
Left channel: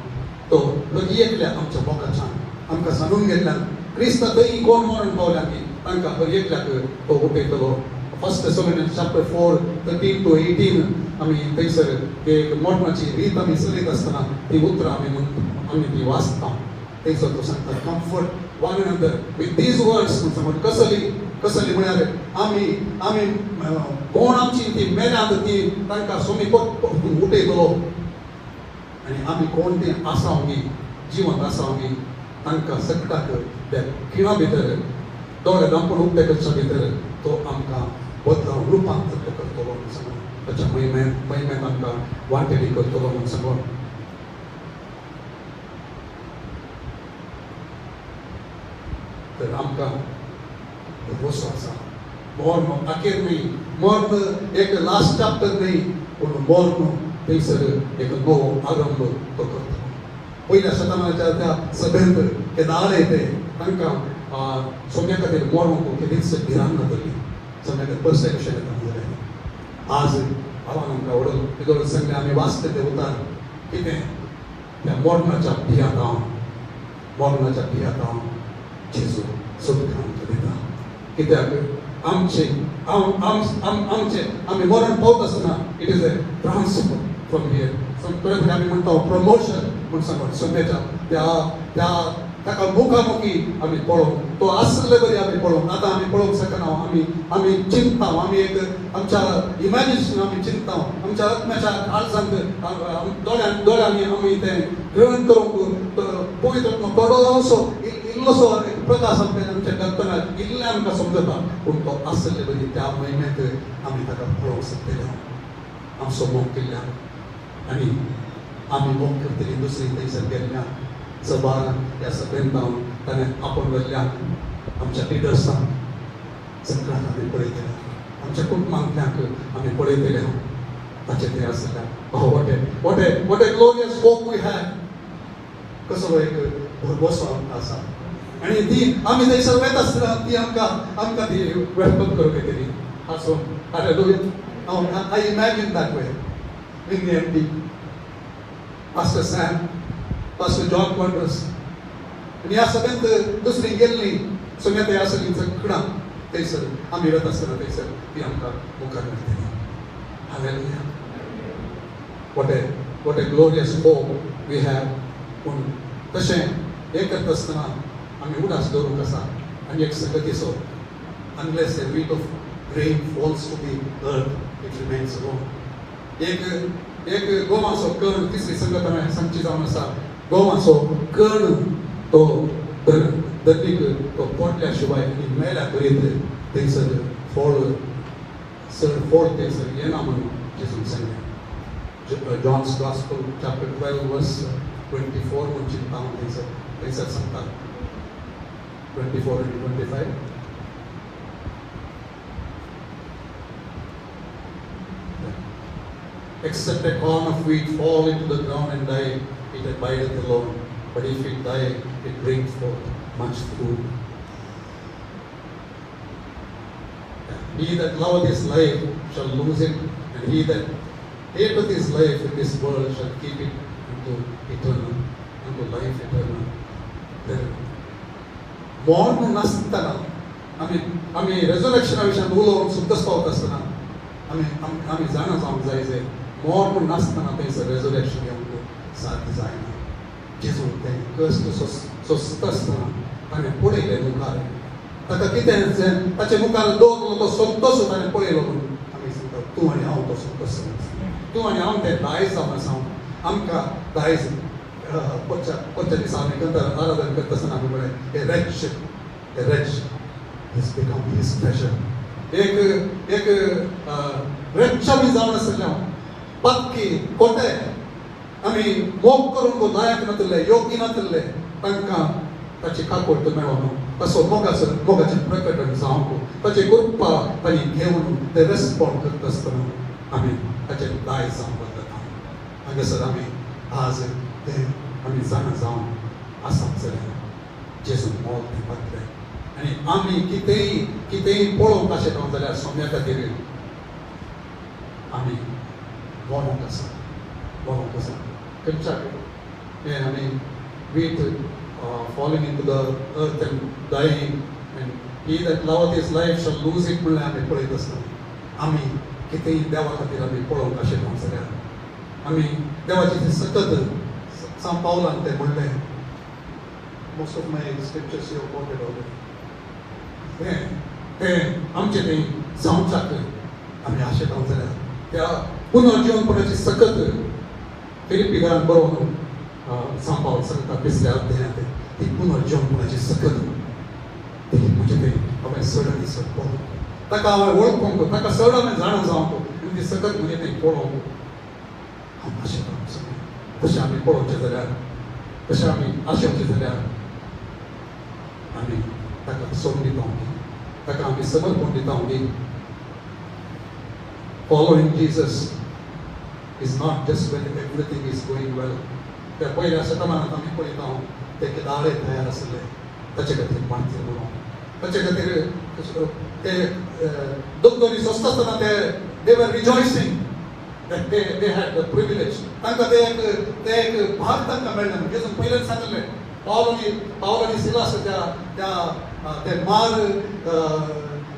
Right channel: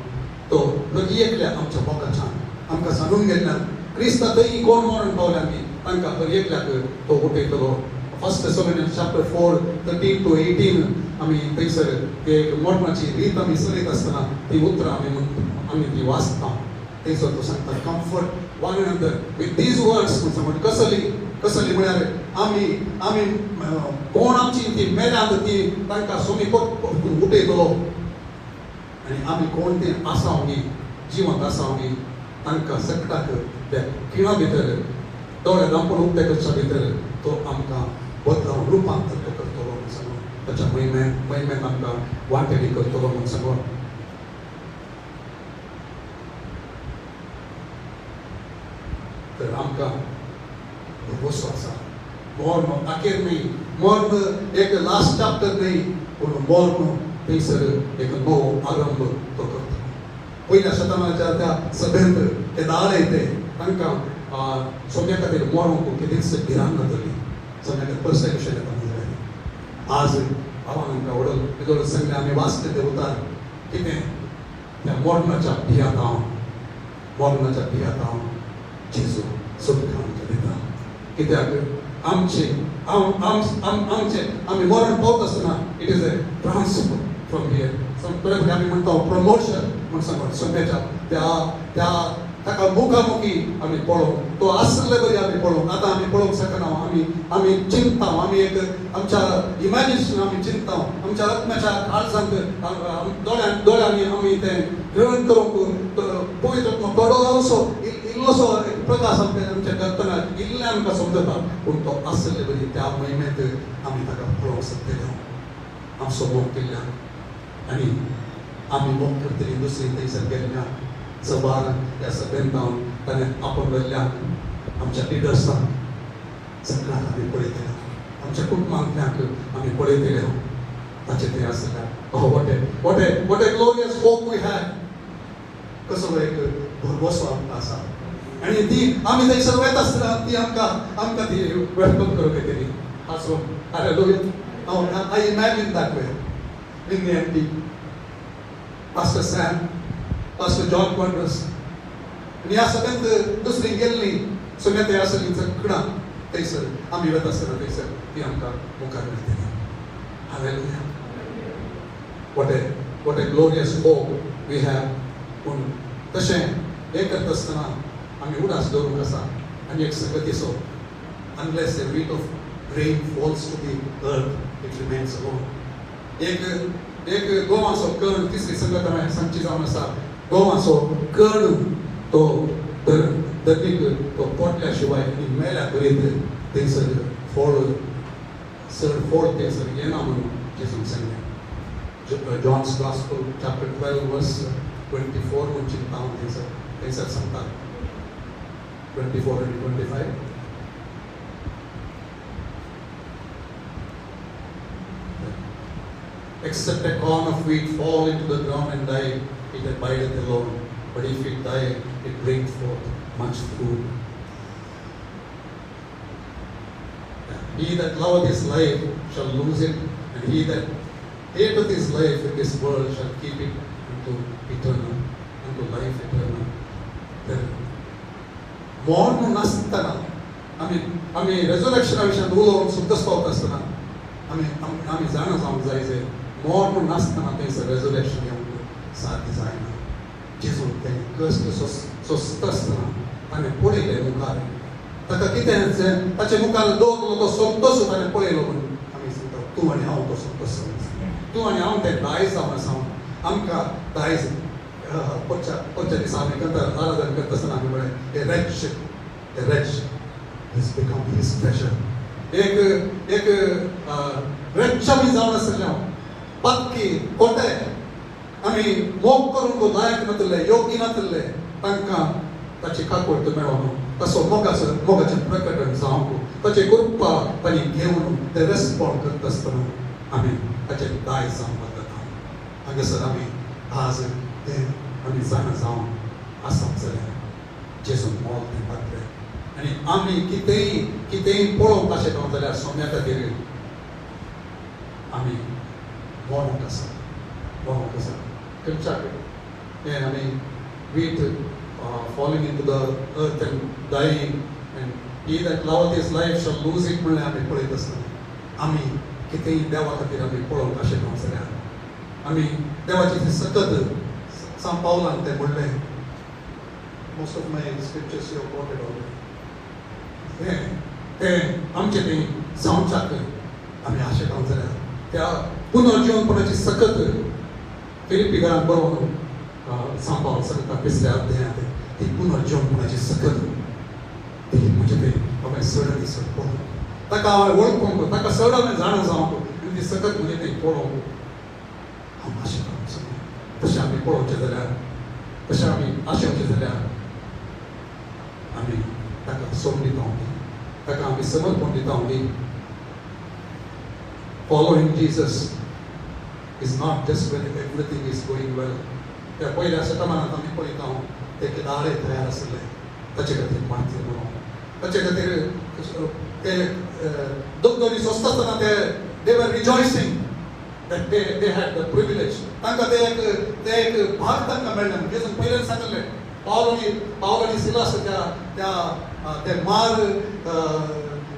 तो कधी एकल्या आमच्या बोकाच्यान आमकां सांगून गेल्ल्यान क्रिस्ता थंय कोण मरण पावल्या की तांकां खंय एकल्याक तो उठयतलो. 1 Thessalonians chapter 4 13 to 18 आमी थंयसर मरणाची रीत आमी चलयत आसतना ती उतरां आमी ती वाचता. थंयसर तो सांगता, comfort one another with these words म्हणून कसली म्हळ्यार आमी कोण आमची ती मेल्यांत ती तांकां सोमी उठयतलो आनी आमी कोण ती आसांगी जिवंत आसांगी तांकां सगळ्याक त्या खिणा भितर दोळे दांपून उठ्याच्या भितर तो आमकां बदलाव रुपांतर करतलो म्हणून सांगून ताच्या महिम्यान आमकां वांटेली करतलो म्हणून सांगून तर आमकां भरोसो आसा. मॉर्न दाखयत न्ही, मॉर्न एक लास्ट चॅप्टर न्ही, पूण मॉर्न थंयसर एक नवो आरंभ तो करता. पयल्या शतकाच्या त्या सभेंत ते दाळे ते तांकां सोम्या खातीर मॉर्न कितेंच भिरांत जातली. सोम्या पर्सेप्शन येता. आज आमकां वडोवन तेजो सांगलें आमी वाचले ते उतार कितें त्या मॉर्नाच्या भियांत हांव जेजू सोदून आमकां दिता. कित्याक आमचे आमी मरण पावता आसतना it is a transfer from here. आमी म्हणटा प्रमोशन म्हणून सांगून सोम्याच्या ताका मुखामुखी आमी पळोवंक तो आसले बरी आमी पळोवंक. आतां आमी पळोवंक शकना. आमी चिंतता, आमी एक आमच्या इमॅजिनेशन आमी चिंतता, आमच्या आत्म्याच्या काळजांत दोळ्यांनी आमी तें ग्रहण करूंक पळयता. थोडोसो इल्लोसो एक प्रकाश आमच्या करतना इल्लें आमकां समजता, पूण तो आसले बरी त्या महिन्यांत आमी ताका पळोवंक शकतले. आमचो मोग केल्ल्यान आनी आमी मोग करतली दुसरी थंयसर गेल्ल्या सवार त्या सगळ्यांत जावन ताणें आपण वल्ल्या आमच्या लिडर्सांक सगळ्यांक आमी पळयतले, आमच्या कुटुंबांतल्यांक आमी पळयतले. ताचे ते आसल्या what a glorious hope we have. कसो एक भरवसो आमकां आसा आनी ती आमी थंयसर वयता आसतना ती आमकां ती वेलकम करप केली. Hallelujah. I imagine that way. In the end, Pastor Sam, Pastor John Congress. आणि या सगळ्यांत दुसरी गेल्ली सुम्या ते असेल सगळा थंयसर आमी वता आसतना थंयसर ती आमकां मुखार दिली. Hallelujah. What a glorious hope we have. पूण तशें हें करता आसतना आमी उडास दवरूंक आसा आनी एक संगतीचो unless a week of rain falls to the earth, it remains alone. एक गोवाचो कण तिसरी संघटना सांगची जावन आसा. गोवाचो कण तो धरतीक तो पोटल्या शिवाय मेल्या पर्यंत थंयसर फोड ते येना म्हणून जेजून सांगलें. John's Gospel, chapter 12, verse 24, म्हणची हांव थंयसर सांगता. 24 and 25. Except a corn of wheat fall into the ground and die, it abideth alone. But if it die, it brings forth much fruit. He that loveth his life shall lose it, and he that hateth his life in this world shall keep it unto life eternal. Then, born nashtana. आम्ही resurrection विषयात बोलून सुद्दाच पावत असताना आम्ही जाणून जायचे मोर म्हणून नासतना थंयसर resurrection येवन सारकी जायना. जेजू तें कश्ट सोंसता आसतना आमी पळयलें मुखार. ताका कितें ताचे मुखार दवरलो तो सोंपतोच ताणें पळयलो म्हणून आमी सांगता तूं आनी हांव तो सोंपतोच. तूं आनी हांव तें दायज जावन आसा आमकां दायज पयच्या दिसा आमी करता आराधना करता आसतना आमी म्हळें a wretch is become his pleasure. एक wretch आमी जावन आसले बाकी कोटे आमी मोग करूंक लायक नासले योग्य नासले तांकां ताची काकोट मेळोना. तसो मोगाचें प्रकटण जावंक ताची कृपा तांणी घेवन ते रेस्पॉन्ड करता आसतना आमी ताचे दायज जावंक लागता. हांगासर आमी आज तें आमी जावन आसात जाल्यार जेजून मोग दिवपाक आनी आमी कितेंय पळोवंक अशें करूं जाल्यार सोम्या खातीर आमी बोमोक आसा. And I mean, wheat falling into the earth and dying, and he that loveth his life shall lose it. म्हणून आमी पळयत आसतना आमी कितेंय देवा खातीर आमी पळोवंक अशें करूं जाल्यार आमी देवाचें सतत सांत पावलान तें म्हणलें. Most of my scriptures here quoted already. तें आमचें तें संवसाक आमी अशें करूं जाल्यार त्या पुनर्जीवनपणाची सतत फिलिपिकांत बरोवन सांत पावल सांगता पिसल्या अध्यायांत ती पुनर्जीवनपणाची सतत ती म्हणजे तें म्हाका सडन दिसत पळोवंक ताका हांव वळखूंक ताका सडन जाण जावंक ती सतत म्हणजे तें पळोवंक अशें करूंक तशें आमी पळोवचें जाल्यार तशें आमी आशेवचें जाल्यार आमी ताका सोडून दिता ताका आमी समर्पण दिता. Following Jesus is not just when everything is going well. त्या पहिल्या शतमानात आमी पळयता ते दाडे तयार आसले ताचे खातीर माती ताचे खातीर ते दोनी सोंसता आसतना they were rejoicing that they had the privilege. तांकां ते एक भाग तांकां मेळ्ळें. जेजून पयलें सांगलें पावलोनी सिलास ते मार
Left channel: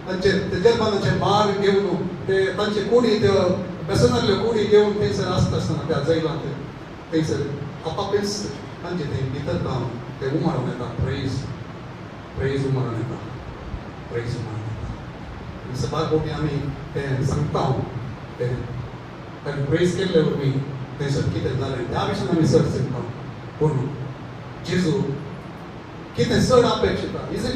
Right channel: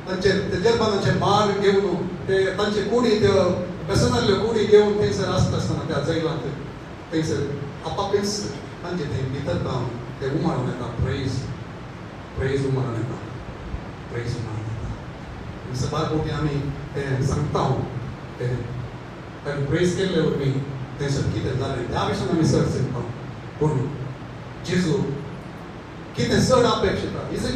तांचे जर्मनाचे मार घेवन ते तांचे कुडी ते व्यसनातल्यो कुडी घेवन थंयसर आसता आसतना त्या जैलांत थंयसर आपापीस तांचे ते भितर जावन ते उमाळून येता. प्रेज उमाळून येता. सदां कोटी आमी तें सांगता तें प्रेज केल्ले वरवीं थंयसर कितें जालें त्या विशीं आमी चड सांगता. पूण जेजू कितें चड अपेक्षिता is it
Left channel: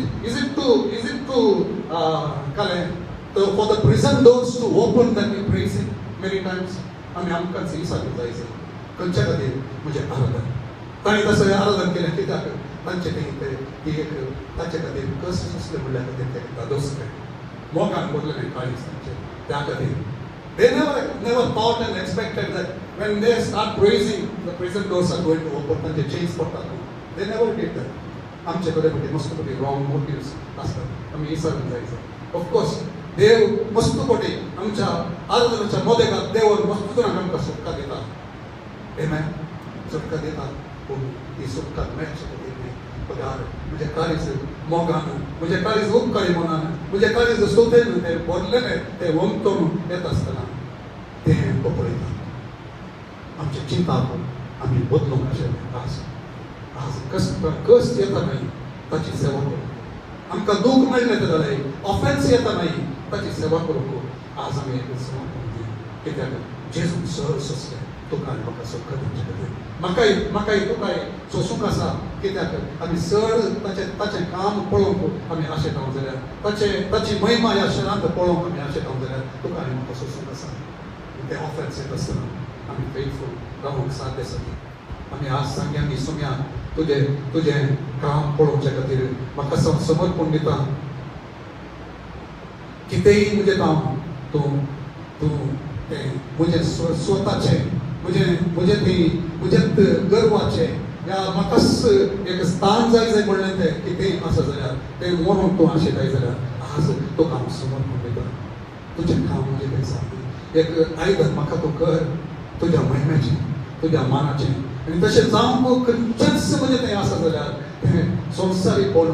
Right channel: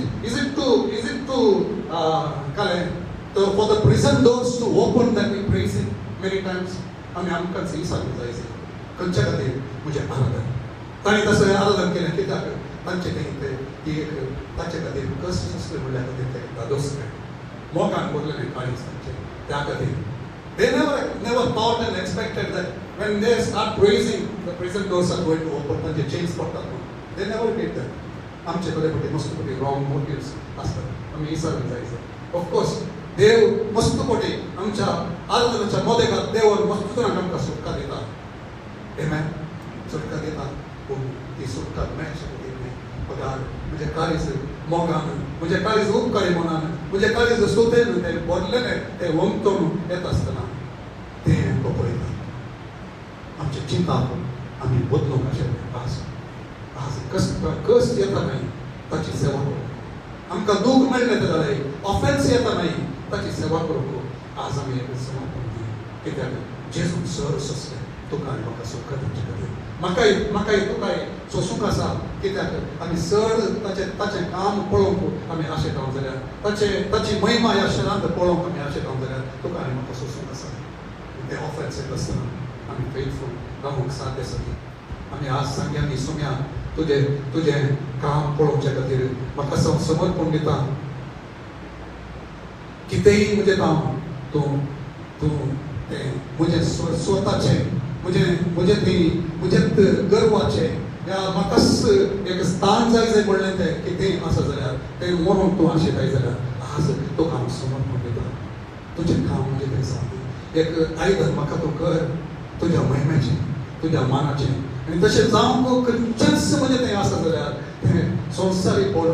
to for the prison doors to open that we praise him many times. आमी आमकांच विचारूंक जाय खंयच्या खातीर म्हणजे आराधन ताणें तसो आराधन केलें कित्याक तांचे ताचे खातीर कश्ट सोंसले म्हणल्या खातीर ते दोसले मोगान भोगलेलें काळीज त्या खातीर they never thought and expected that when they start praising the prison doors are going to open and the chains पडटात. They never did that. आमचे कडेन मस्तपटी रॉंग मोटिव्स आसतात आमी विचारूंक जाय. ऑफकोर्स देव मस्तपटी आमच्या आराधनाच्या मोदेगाक देव मस्तून आमकां सुटका दिता. Amen. सुटका दिता ती सुटका मेळची खातीर पगार म्हणजे काळीज मोगान म्हणजे काळीज उपकारी म्हणान म्हणजे काळीज सुतेन ते बोरलेले ते वंतून येत असताना ते पळयता आमची चिंता आम्ही बदलूंक अशें कस येता नाही ताची सेवा करूंक आमकां दूख मेळ्ळें जाल्यार ऑफेन्स येता नाही ताची सेवा करूंक आज आमी कित्याक जेजू सोंसलें तुका आनी म्हाका सुटका दिवचे खातीर म्हाकाय तुकाय सोंसूंक आसा कित्याक आमी चड ताचें काम पळोवंक आमी आशे रावंक जाल्यार ताची महिमा ह्या शहरांत पळोवंक आमी आशे रावंक जाल्यार तुका आनी म्हाका सोंसूंक आसा ते ऑफेन्स येता आसतना आमी फेथफूल रावूंक साध्य आसा आमी आज सांग्यांनी सुण्या तुझे काम पळोवचे खातीर म्हाका समर्पण दिता कितेंय म्हणजे काम तूं म्हजे स्वताचे म्हजे गर्वाचे या म्हाकाच एक स्थान जाय म्हणलें तें कितेंय आसा जाल्यार तें व्हरून तूं आशिल्लें जाल्यार आज तुका हांव समर्पण दिता तुजें काम म्हणजे तें एक आयदन म्हाका तूं कर तुज्या महिम्याचें तुज्या मानाचें आनी तशें जावंक खंयचेंच म्हणजे तें आसा जाल्यार संवसारीकपण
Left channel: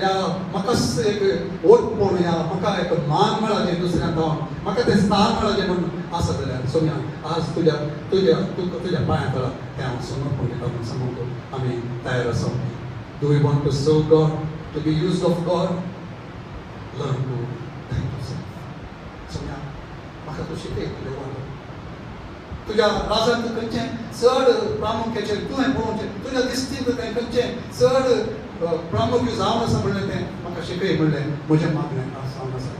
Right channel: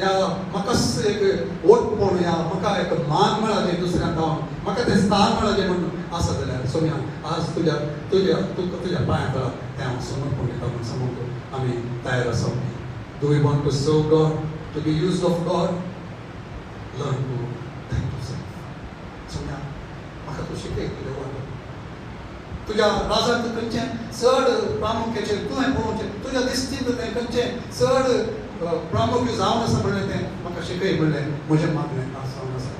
या म्हाकाच एक ओळखपण या म्हाका एक मान मेळा जें दुसऱ्यांक म्हाका तें स्थान मेळा जें म्हणून आसा जाल्यार सोन्या आज तुज्या पांयां तळा तें हांव समर्पण दिता म्हूण सांगूंक आमी तयार आसा do we want to serve God to be used of God learn to thank you sir सोन्या म्हाका तूं शिकय तुझ्या राजांत खंयचें चड प्रामुख्याचें तुवें पळोवचें तुज्या दिसतीन तें खंयचें चड प्रामुख्य जावन आसा म्हणलें तें म्हाका शिकय म्हणलें म्हजें मागणें जावन आसा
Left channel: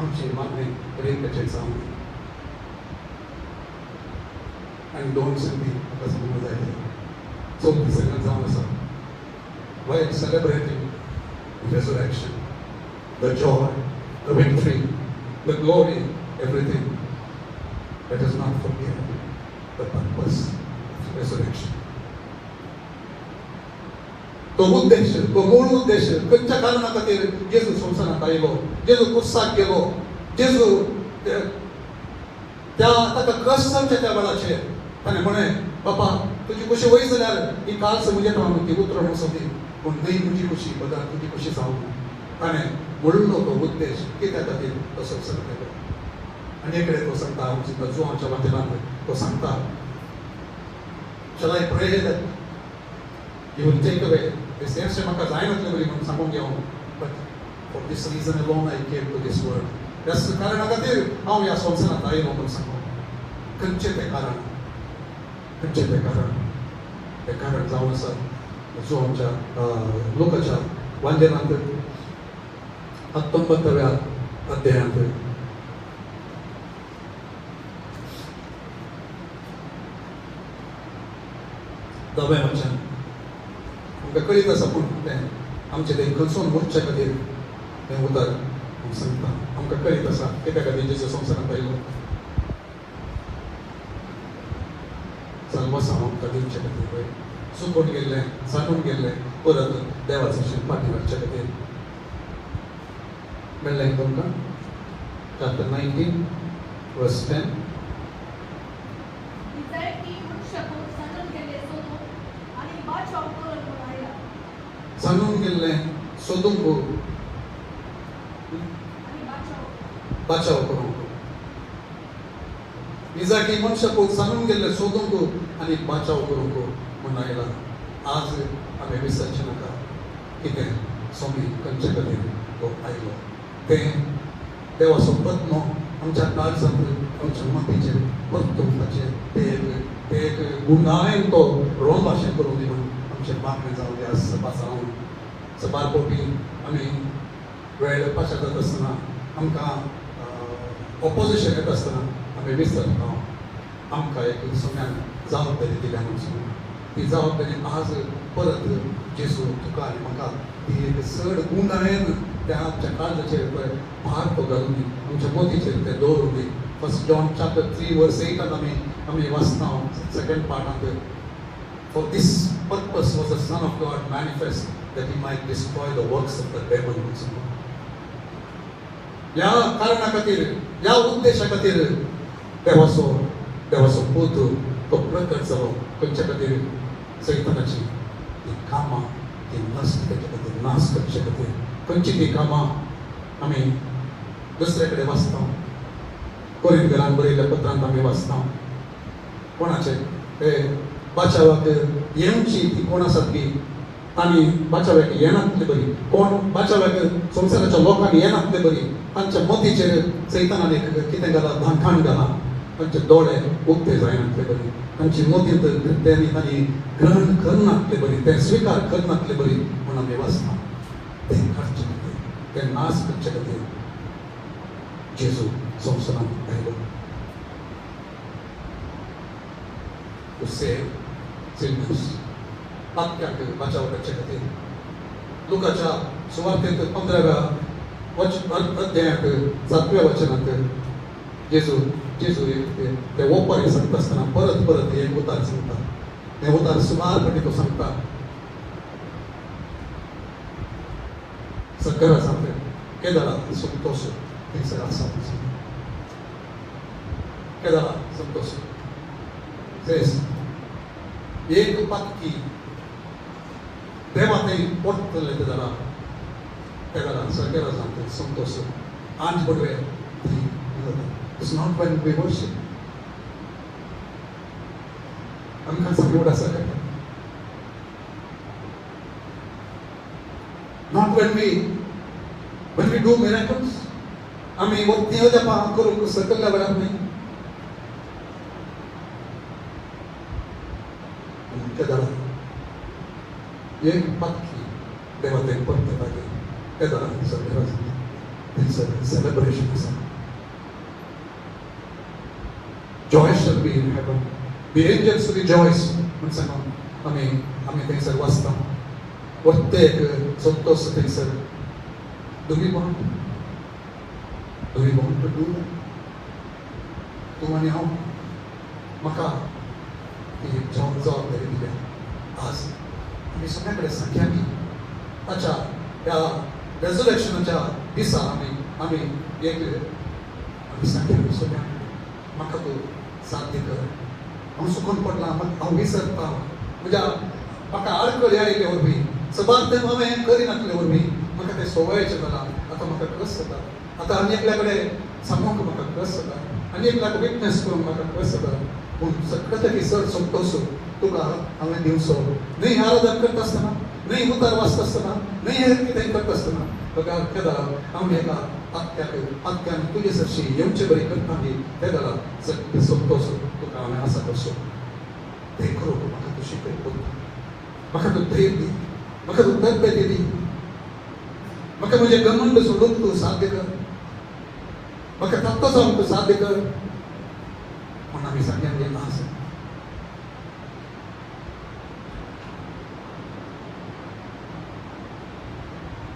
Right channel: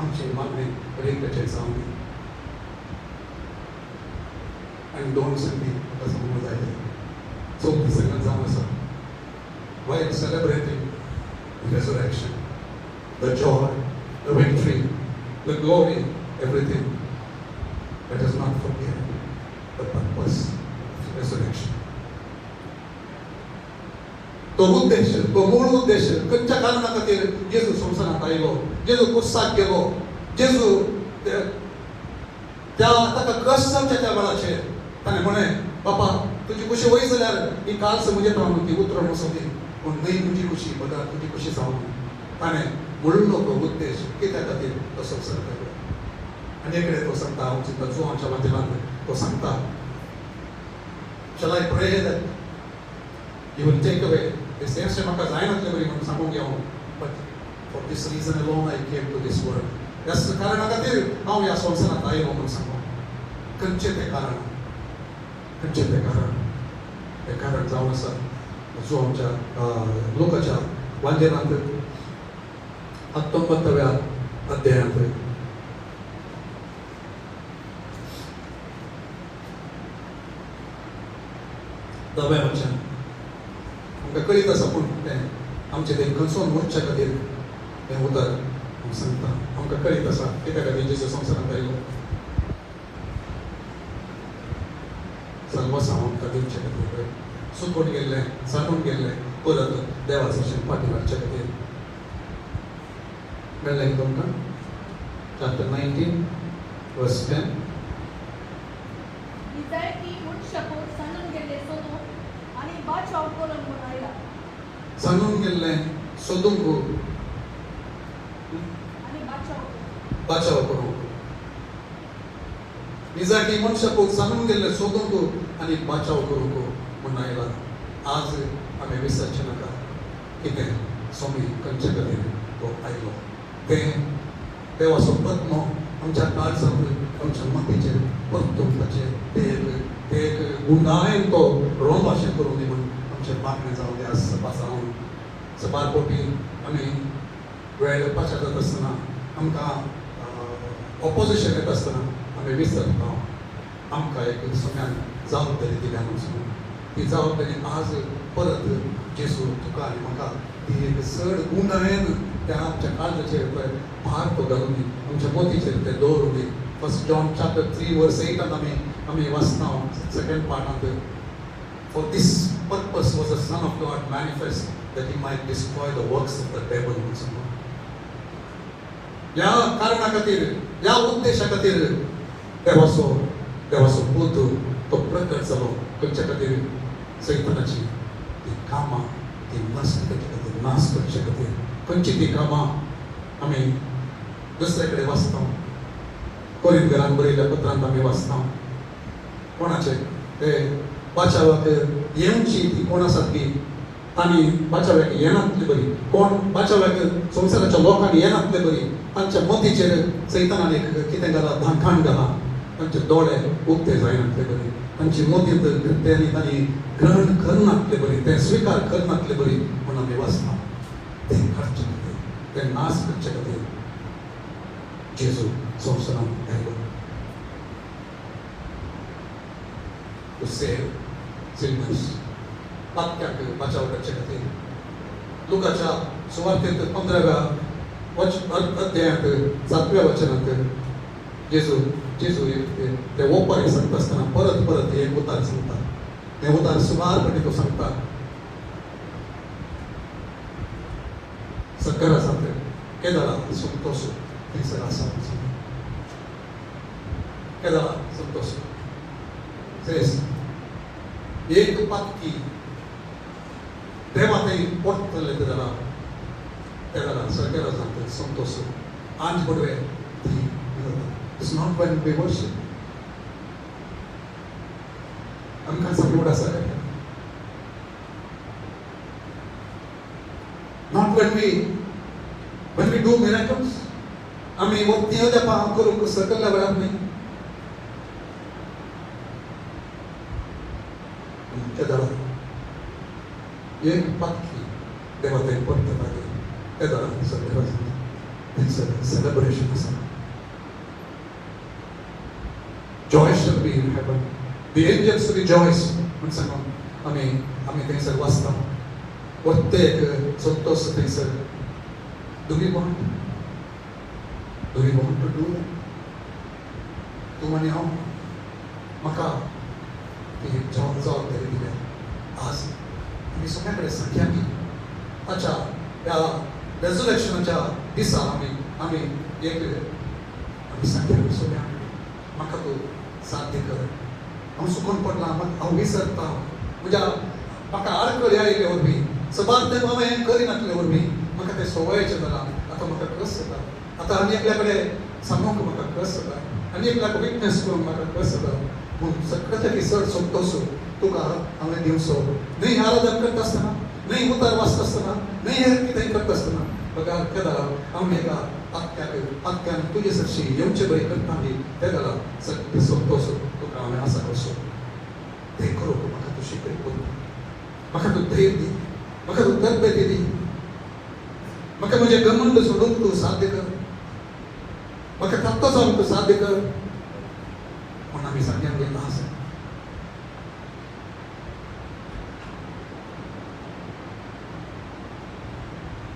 आमचें मागणें रित्याचें जावन आनी दोन संदी म्हाका सांगूंक जाय चवथी सगळ्यांत जावन आसा while celebrating the resurrection, the joy, the victory, the glory, everything, let us not forget the purpose of the resurrection. तो मूळ उद्देश खंयच्या कारणा खातीर जेजू संवसारांत आयलो जेजू कुर्साक गेलो जेजू ताका कश्ट जावचे त्या वेळाचेर ताणें म्हळें बाबा तुजी कुशी वय जाल्यार ही काल्स म्हणजे रावन ती उतरण वचोदी पूण न्हय म्हजी कुशी बघा तुजी कुशी जावं ताणें म्हणलो तो उद्देश कित्या खातीर तो संवसारांत आयलो आनी एक कडेन तो सांगता हांव चिंता जो आमच्या वाटेल्यान तो सांगता Shall I pray that you will take away this extra म्हाका जाय म्हटलें तरी पूण सांगूंक गेलो but for this reason alone I came to this world. ह्या कारणा खातीर हांव ह्या संवसारांत आयलो म्हणून सांगूं खंयचें तें कारण जावन आसा जो आमच्या लोकाच्या वांगेनांत 19व्या अध्यायांत दव्या वचन म्हाका कळीत आसा पूण तें आमचें तें खंयसून मोडच्या खातीर तें उतर सांगता म्हाका कळीत आसा कित्या खातीर जेजू संवसारांत आयलो चालू आसा आमकां दिवचे खातीर सुकून गेल्लें साठून गेल्लें परत देवाचो फाटी घालचे खातीर मेळ्ळें तुमकां chapter 19 verse 10 सांगून गेल्लें सोदूंक बचाव करूंक इजाकी मनशाक सांगून गेल्लें सोदूंक आनी बचाव करूंक म्हूण आयला आज आमी विसरचे नाका कितें स्वामी खंयचे खातीर तो आयलो तें देवाचो आत्मो आमच्या काळजांत आमच्या मातीचेर परतून ताचेर ते एक गुणायन तो रोम भाशेन करून दिलो आमचे मागणें जावन ते सांगून सबारपोटी आनी वेळ येवपाचें जाता आसतना आमकां ऑपोजिशन येता आसतना आमी विसरता आमकां एक सोन्यान जबाबदारी दिल्या म्हणून सांगून ती जबाबदारी आज परत जेजू तुका आनी म्हाका ती एक चड गुणायन त्या आमच्या काळजाचेर पळय भार तो घालून आमच्या मोतीचेर ते दवरून फर्स्ट जॉन chapter 3 verse 8 आमी वाचता second पार्टांत For this purpose was the Son of God manifest that he might destroy the works of the devil. या कारणा खातीर या उद्देशा खातीर देवाचो पूत तो प्रकट जालो तुमच्या खातीर सैतानाची ती कामां ती नष्ट करता नाश करू शकते खंयची ती कामां आमी दुसरे कडेन वाचता कोरिंथीयांक बरयल्ल्या पत्रांत आमी वाचता कोणाचे ते बाचावाक येवची ती कोण आसात की तांणी बाचाव्याक येनातली बरी कोण बाचाव्याक संवसाराच्या लोकांक येनातली बरी तांच्या मोतीचेर सैतानान कितें घाला धांकाण घाला तांचे दोळे उक्ते जायनातले बरी तांची मोती तांणी ग्रहण करनातले बरी ते स्विकार करनातले बरी म्हूण आमी वाचता ते करचे खातीर ते नाश करचे खातीर जेजू संवसारांत आयलो to save sinners. आपल्याक बचाव करचे खातीर लुकाच्या सुवार्थेंत 15व्या अध्यायात 7व्या वचनांत जेजू ते ओपारी सांगता आसतना परत एक उतार सांगता ते उतार सुमारपणे तो सांगता सकरा सांगता केदारा संतोष थंयसर आसा केदारा संतोष says एक पक्की देवाकई पोर्तले कदला केदारा सकरा सांगता संतोष आंज बरे It's not when we worship. आमकां सगळ्यो आसा Not when we do miracles. आमी वक्ती येता पान करून सकल्या वेळार न्ही केदारा एक पक्की देवाकई पोर्तले Kedaara Sakra It's a celebration of something. Joy shall be in heaven. The angels rejoice. Amen. Things are lost. What they those things are. Do we want to do that? Do we know? Maka. The jobs are very good. As we surrender संख्या की. अच्छा या resurrection चा दिशा हमें एक संख्या में सुने मका तो साध्य कर हम सुकून पडला हम विसरता मुझा मका आडकळ यायले हो मी सबात हमें करी नाटले हो मी मका ते सवयचे झाला आता मका कस जाता आता आम्ही एकल्याकडे सांगून मका कस जाता आणि एकल्याकडे विटनेस करून मका कस जाता सगळं की सर संतोष तुला हमें दिवसो नाही आराधना करत असताना नाही उतार वाचत असताना नाही हे किती करत असताना बघा केदा आम्ही एका आत्याने तुझे सरशी येऊचे बरी करताना केदाला सत्य संतोष तुका आम्ही असा करसो ते करू मका तू शिकवतो मका तू धैर्य दी मका तू तब्येत दी मका तुझे घमंड सोडून तू साध्य कर मका फक्त जाऊन तू साध्य कर म्हणून आम्ही सांगेन गेला असं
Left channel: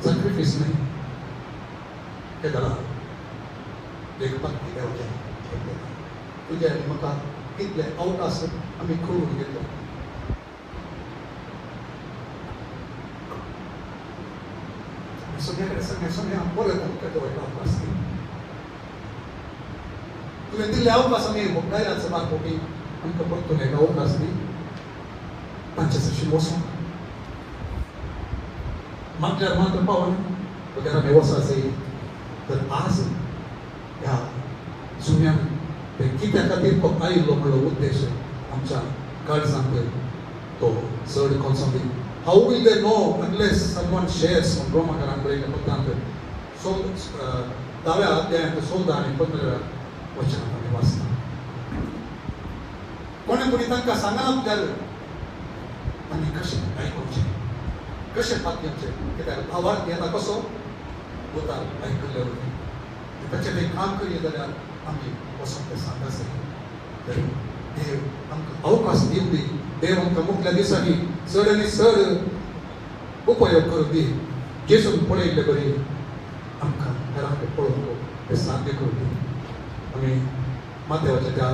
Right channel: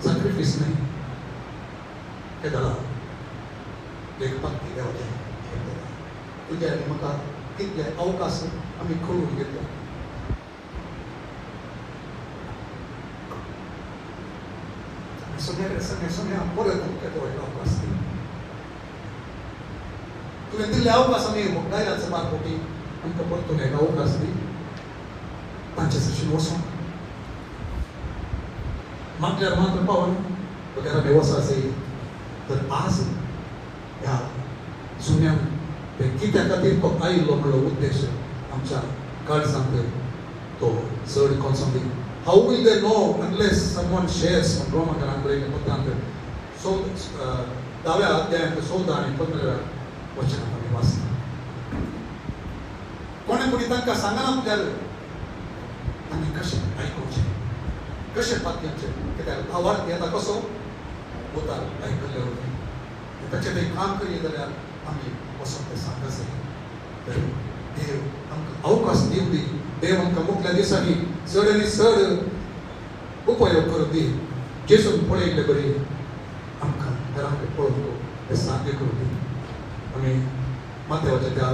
sacrifice नहीं केदाला एक भक्ती देवाच्या तुझ्या मका कितले अवकाश आम्ही खोलून घेतले सोन्या पोरे अवकाश तुम्ही दिले अवकाश आम्ही गायराचं बाग होती आमच्या बघतो एक अवकाश नाही तांच्याशी बसून मात्र पाहून वगैरे व्यवस्था असेल तर आज या जुन्या कित्या खातीर तो आयिल्लो म्हणलो उद्देश आमच्या काळजांत तो चड concentrate how will they know unless someone shares ब्रह्मकारान बरयल्ल्या पत्रांत दाव्या अध्यायात 16 आनी 15 वचनांत वाचता कोणी तांकां सांगनात जाल्यार आनी कशें आयकुचें कशें पातयेचें कित्याक भावार्थ येता कसो उतार आयकल्लो ताचें तें काम करीत जाल्यार आमी वसंत सांगता देव आमकां अवकाश दिवन दी देव आमकां मुख्य दिसांनी चड आनी चड उपयोग करून दी जेजून पळयल्ले बरी आमकां घरांक पळोवंक हें साध्य करून दी आमी माथ्याच्या त्या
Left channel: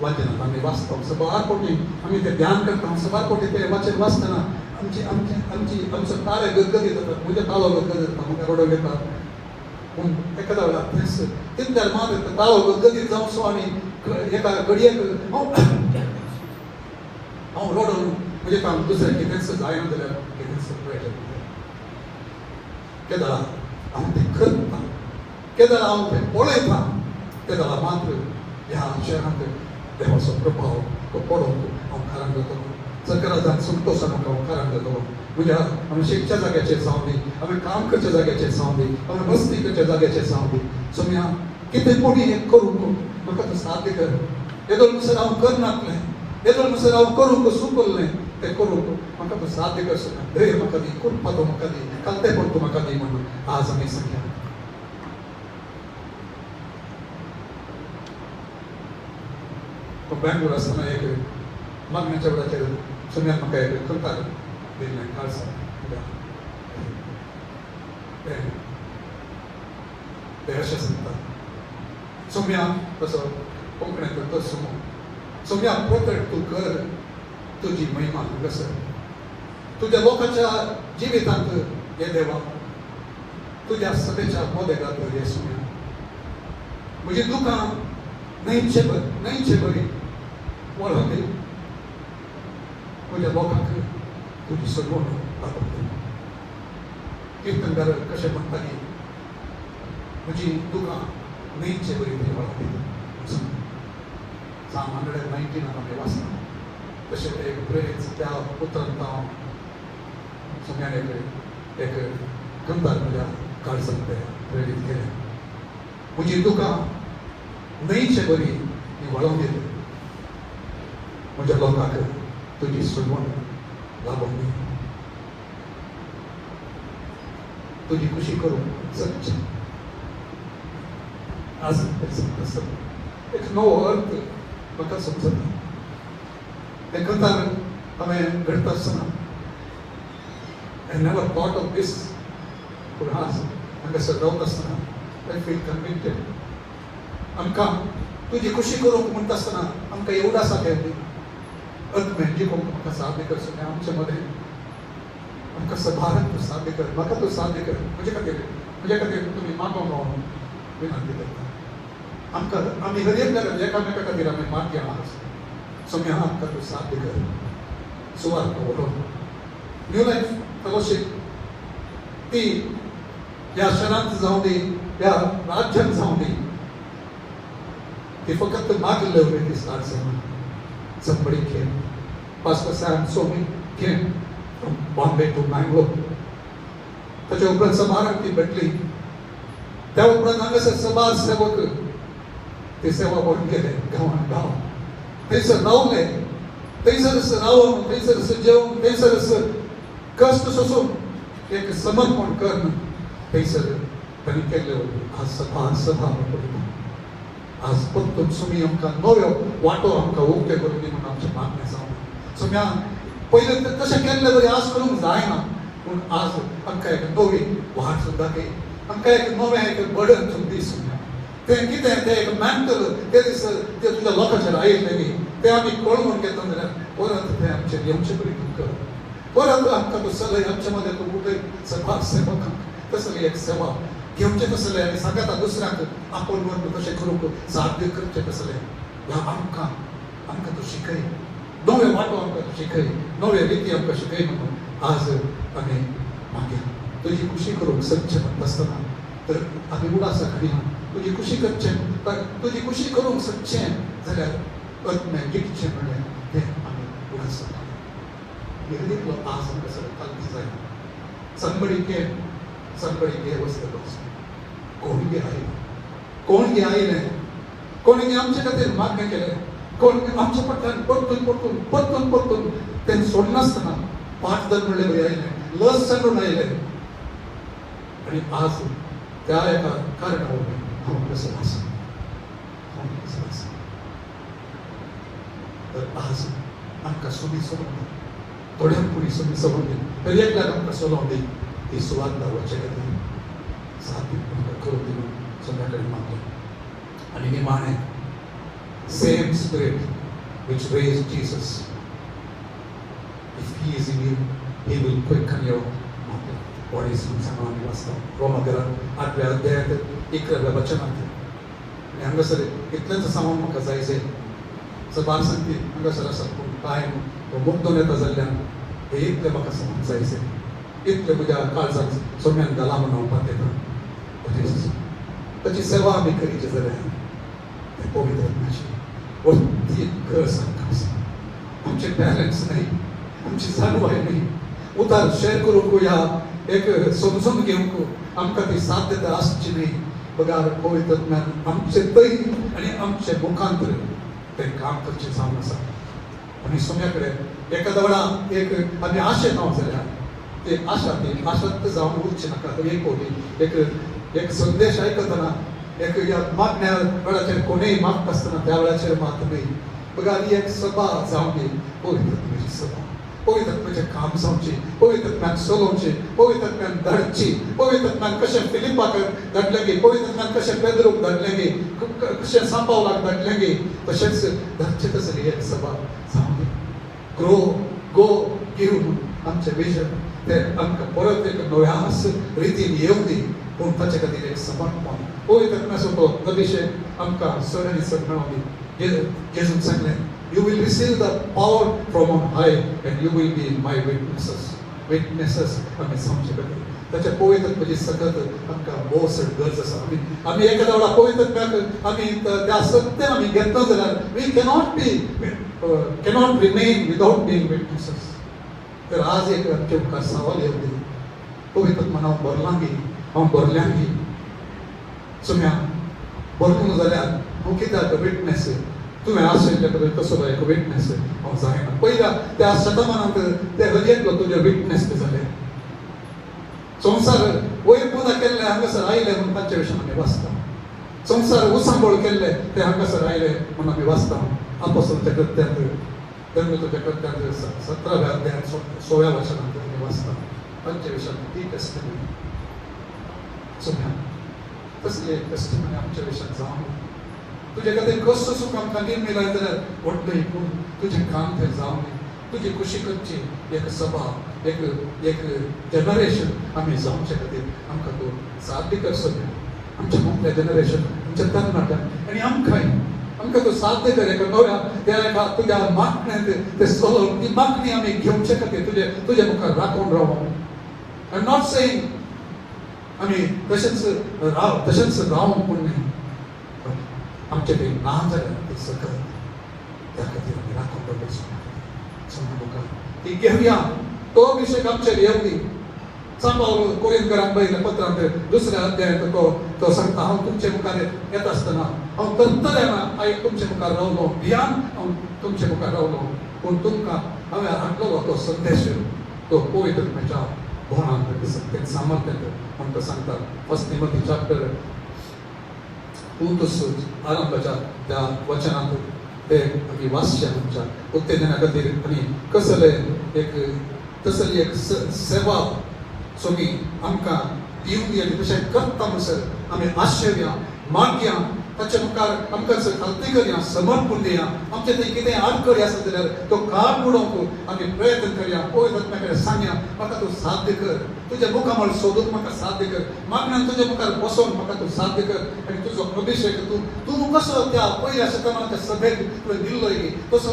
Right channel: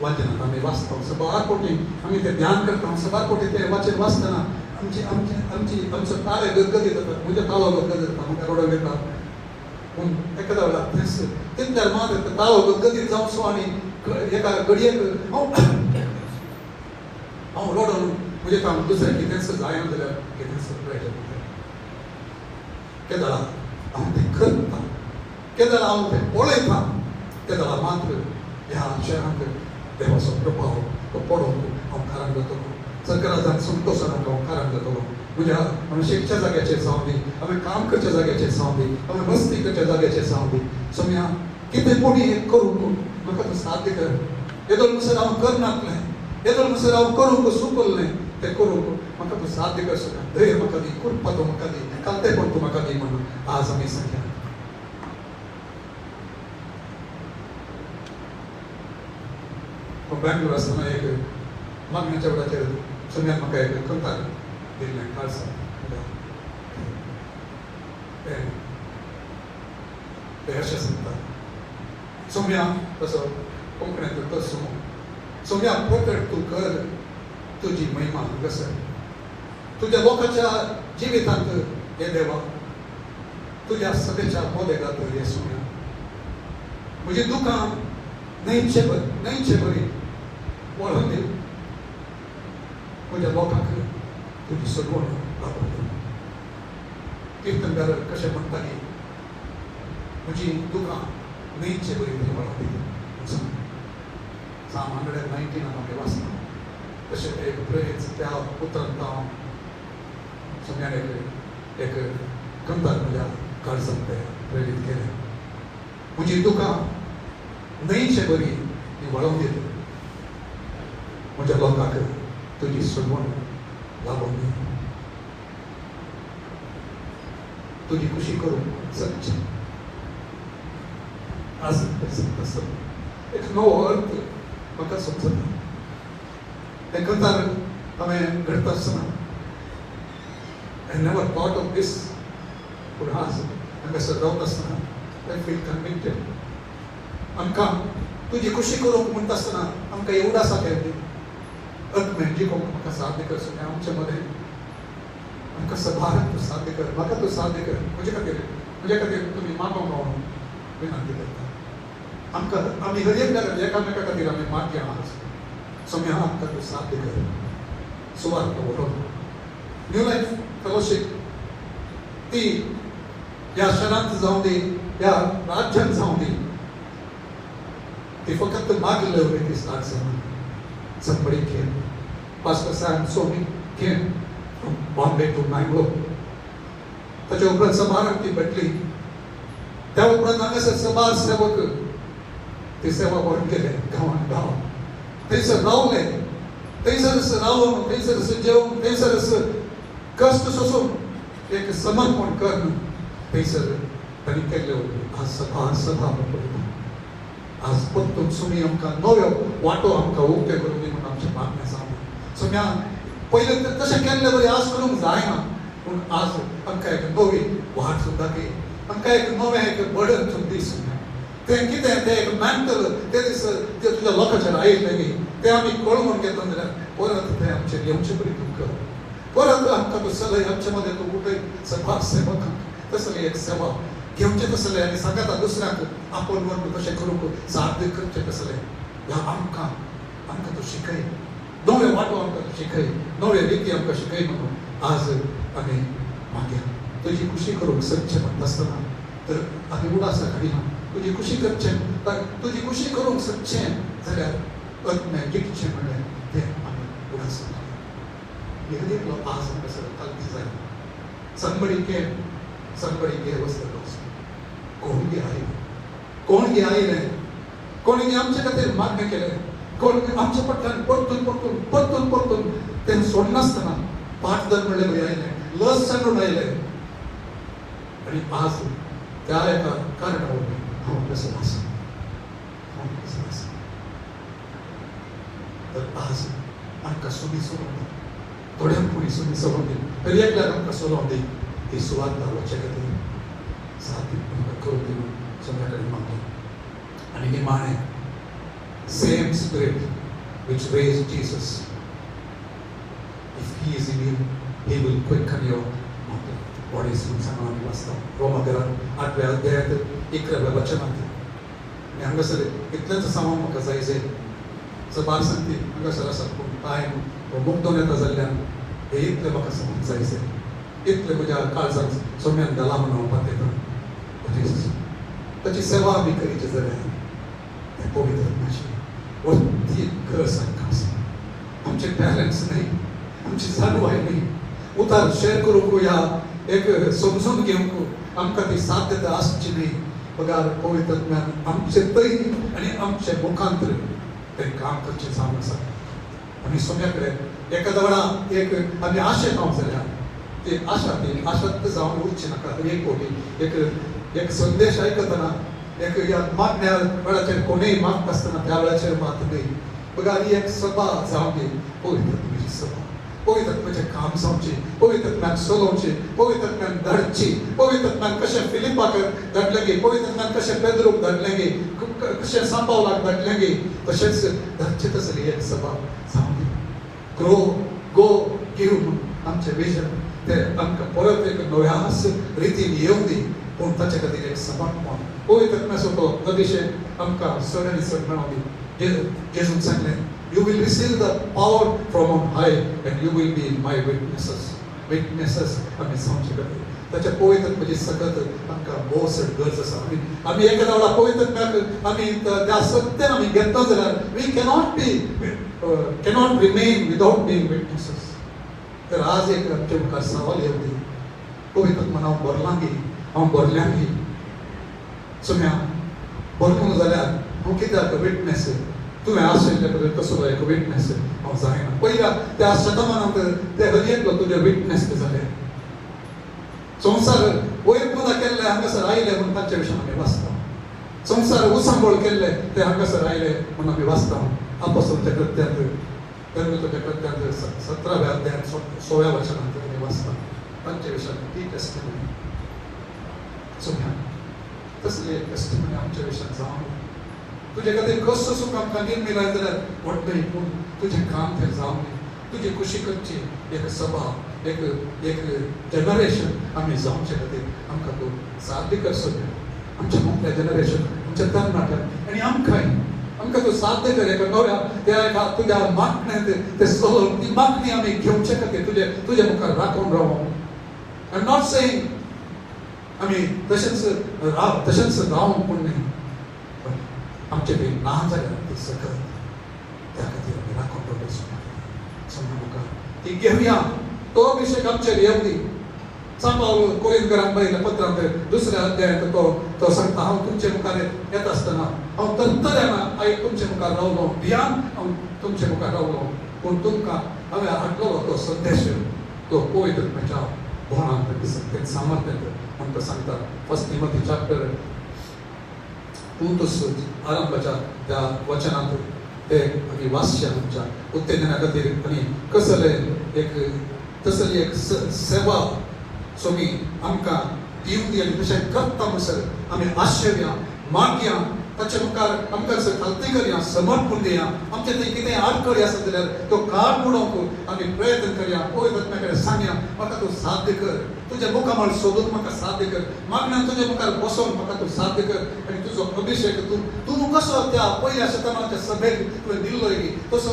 वाचनांत आमी वाचता सबार कोटी आमी तें ध्यान करता सबार कोटी तें वाचन वाचतना आमचो तारे गदगदीत जाता म्हणजे ताळो गदगदीत जाता आमकां रडो येता पूण एखाद्या वेळार तितल्या मात ताळो गदगदीत जावचो आनी एका घडयेक हांव रडोन म्हणजे काम दुसरं कितेंच जायना जाल्यार कितें सेपरेट केदार हांव तें करता केदार हांव तें पळयता केदार मात्र ह्या शहरांत देवाचो प्रभाव तो पडोवन हांव कारण जातलो सरकारान संतोशान हांव कारण जातलो म्हणजे आमी शिकच्या जाग्याचेर जावं दी आमी काम करच्या जाग्याचेर जावं दी आमी मस्ती करच्या जाग्याचेर जावं दी सो हांव कितें कोणी हें करून म्हाका तो साध्य कर येदो नुसार हांव करनातलें येदो नुसार हांव करूंक सुचोवलें तें करूंक म्हाका तो साध्य कर धैर्य म्हाका दी कृपा तूं म्हाका दी कांतेपण तूं म्हाका दी म्हणून आज आमी सांगलें बेंगळूर आसतना एक लग्नाच्या वेळाचेर सुन्यान म्हाका एक करतालो दिल्ली खालसा ते अशें सांगता सुम्या तसो कोंकणींत तसो सुम्या प्रकट तूं कर तुजी महिमा हांगासर तुज्या लोकांच्या जिवितांत हे देवा तुज्या सभेच्या मोदेगांत हे सुम्या म्हजी दुकां न्हयचे बरी वळखली म्हज्या लोकांक तुजी सगळो कीर्तनकार कशें म्हणटाली म्हजी दुकां न्हयचे बरी तुजी वळखली Psalm 119 आमी वाचता तशें एक प्रेज त्या पुत्रान पावोन सुम्यान एक गंधार म्हज्या काळजांत प्रेरीत केलें म्हजी दुकां न्हयचे बरी ही वळोवन दिली म्हज्या लोकांक तुजी सगळो लाभून दी तुजी खुशी करून सच्च आज एक नवो अर्थ म्हाका समजना ते गंधार हांवें घडटा आसतना I never thought of this पूण आज हांगासर रावता आसतना I feel convicted आमकां तुजी खुशी करूंक म्हणटा आसतना आमकां एवढा आसा येवंदी अत्मेन जिवोवंक म्हाका साध्य कर सगळें आमचे मदें आमकां सभाराक तूं साध्य कर म्हाका तूं साध्य कर म्हजे खातीर तुमी मागो म्हणून विनंती करता आमकां आमी गरीब एकामेका खातीर आमी मागया सुम्या आमकां तूं साध्य कर सुवात पळोवन न्यू लायफ फेलोशीप ती ह्या शहरांत जावं दी ह्या राज्यांत जावं दी ती फकत मागले वयली स्टार्ट जावन somebody came Pastor Sam Somi came from Bombay to Bangalore त्याच्या उपरांत समारंभ ती भेटली त्या उपरांत हांगासर समाज सेवक ती सेवा करून गेले गांवां थंयसर रावले थंयसर रावून थंयसर जेवून थंयसर कश्ट सोसून एक समर्पण करून थंयसर तांणी केल्ले आज सभा आज परतून सुमी आमकां नव्यो वाटो आमकां उक्ते करून दी म्हणून आमचें मागणें आसा सुम्या पयलें तशें केल्लें बरें आज करूंक जायना पूण आज आमकां एक नवी वाट सुद्दां दी आमकां एक नवें एक बर्डन तूं दी सुम्या तें कितें तें एक मॅन्टल ते दीस ते तुज्या लोकांचेर आयिल्लें तें आमी कळोवन घेता जाल्यार परत तें आमचेर येवचें पडटलें कर परत आमकां तूं सगळें आमचे मदें तूं उठय सभा सेवकांक तसलें एक सेवा घेवचें तसलें आनी सांगाता दुसऱ्याक आपण म्हणून कशें करूंक साध्य करचें तसलें ह्या आमकां तूं शिकय नवे वाटो आमकां तूं शिकय नवे रिती आमकां शिकय म्हणून आज आमी मागया तुजी खुशी करूंक सच्च म्हणटा आसतना तर आमी उडासा घालिना तुजी खुशी करचें तर तुजी खुशी करूंक सच्चें जाल्यार अत्में टिकचें म्हणलें तें आमी उडासा घालिना आज आमकां सगळें जाय somebody gave us the gospel कोण आयले कोणी आमचे खातीर मागणें केलें कोणी आमचे फाटल्यान परतून तें सोडनासतना पाठ धरून आयले लस सांडून आयले आनी आज त्या एका कारणावरून हांव कसो आसा तर आज आमकां सुमी सोडून थोड्यांक कुणी सुमी सोडून दी तर एकल्याक आमकां सोडून दी ती सुवात दावचे खातीर साथी करून दी सगळ्या कडेन मागया आनी निमाणें same spirit which raised Jesus if he is in you he will quicken your bodies from someone else रोमागरांत 8व्या अध्यायात 11व्या वचनांत हांगासर इतलेंच सांगूंक म्हाका जाय बार सांगते हांगासर आसा पूण टायम मुक्तोन येता जाल्ल्यान हे इतले म्हाका सांगूंक जायचे इतले तुज्या काळजाक सोम्यान घाला म्हणून हांव ताची सेवा आमी करीचे जाल्यार ते पवित्र आत्म्याची वरती गरज आमकां आसा आमचे बॅलन्स नाही आमची जाणवाय नाही उतार शेअर करूंक या एक समजून घेवंक आमकां ती साध्यता आसची न्ही पगार पवित्र आत्म्यान आमचे तरी आनी आमचे मुखांतर ते काम करचें जावन आसा आनी सोम्या कडेन एका वेळा एक आमी आशेक हांव जाल्यार ते आशात जावन उरचे नाका एक संदेश आयकतना एक या मागण्या वेळाचेर कोणीय मागता आसतना त्या वेळाचेर मागणी बघा ही एक सभा जावन दी पवित्र आत्म्याची सभा पवित्र आत्म्याचें काम जावचें पवित्र आत्म्यान चलोवचें पवित्र आत्म्यान धाडची पवित्र आत्म्यान कशें फिलिपाक धाडलें गे पवित्र आत्म्यान कशें पेद्रूक धाडलें गे कशें सांबावलाक धाडलें गे तशेंच धाडचें तसली एक सभा जावन दी गो गिरून आमचें विजन ते आमकां परत एक नव्याच रितीन येवं दी पूण ताचे खातीर एक सभा पवित्र आत्म्याचो तो अभिषेक आमकां सगळ्यांनी सगळ्यांनी जेजून सांगलें you will receive the power from on high and you will be my witnesses आमी सांगचे खातीर ताच्या पवित्र आत्म्याची सतत आमकां बोस गरज आसा आमी एका वेळा पवित्र आत्म्याक आमी त्या सत्यान आमी घेता जाल्यार we cannot remain without being witnesses तर आज एक तुमकां सवाल येवं पवित्र आत्मा हांव बोरल्यां गी सोम्या बोरलो जाल्यार हांव कित्याक विटनेस तुवें आशिल्ले कडेन कसो जाय विटनेस हांव जायना पयल्या त्या शतमानांत ते हरयेंतलो तुजें विटनेस जालें संवसार वयर पुना केल्ले हांगासर आयले म्हूण तांचे विशीं आमी वाचता संवसार उसांबोळ केल्ले ते हांगासर आयले म्हूण आमी वाचता आपोस्तलांच्या कृत्यांत धर्मच्या कृत्यांत 17व्या अध्यायात 16व्या वचनांत आमी वाचता तांचे विशीं ती टेस्टिमनी सोम्या तसली एक टेस्टिमनी आमच्या विशीं जावन तुजे खातीर कसो सुख आमकां न्ही मेळ्ळा जाल्यार व्हडलें पूण तुजें काम तें जावन तुजी खुशी करची एक सभा एक जनरेशन आमी जावचे खातीर आमकां तूं साध्य कर सोम्या आमच्या मुख्य जनरेशन आमच्या तरणाट्यांक आनी आमकां तूं साध्य कर एका नव्या तुज्या मागण्यांत ते सोल ती मागणी आमी घेवचे खातीर तुजे मुखार राखून रावूं आय एम नॉट सेयिंग आमी तशेंच रावूं पूण न्ही आमचे काही ना जाल्यार ते सकत त्या खातीर आमी राखून दवरचें ती घेवया तो अभिषेक आमचेर येवं दी सांबाळ कोरिंथकरांक पळयल्या पत्रांत पळय दुसऱ्या अध्यायात तो सांगता हांव तुमचे मुखार येता आसतना हांव तंतऱ्यान आयज तुमचे मुखार रावलो भियान हांव तुमचे मुखार रावलो पूण तुमकां हांवें हाडलो तो संदेश तो पवित्र आत्म्याच्या गुणांक तें सामर्थ्य आमकां सांगता फर्स्ट तिमोथी चॅप्टर 2 आरंभाच्या त्या वचनांत ते आमी वाचचे आमच्या उत्तेजना खातीर आनी कसली एक सेवा सोमी आमकां दिवंक दी आनी तशें करता म्हणसर आमी आश्चर्या मागया ताचे मुखार आमकां खालती करया समर्पण दिया आमचे ते कितें आडखडी आसा जाल्यार तो काळ मोडोवंक आमी प्रयत्न करया पवित्र आत्म्या कडेन सांगया म्हाका तूं साध्य कर तुज्या मुखार सोदून म्हाका साध्य कर मागण्या तुज्या मुखार बसोवन म्हाका तूं साध्य कर आनी तुजो अभिषेक तूं कसो त्या पयल्या शतमानाच्या सभेक तुवें दिल्लो गे तसो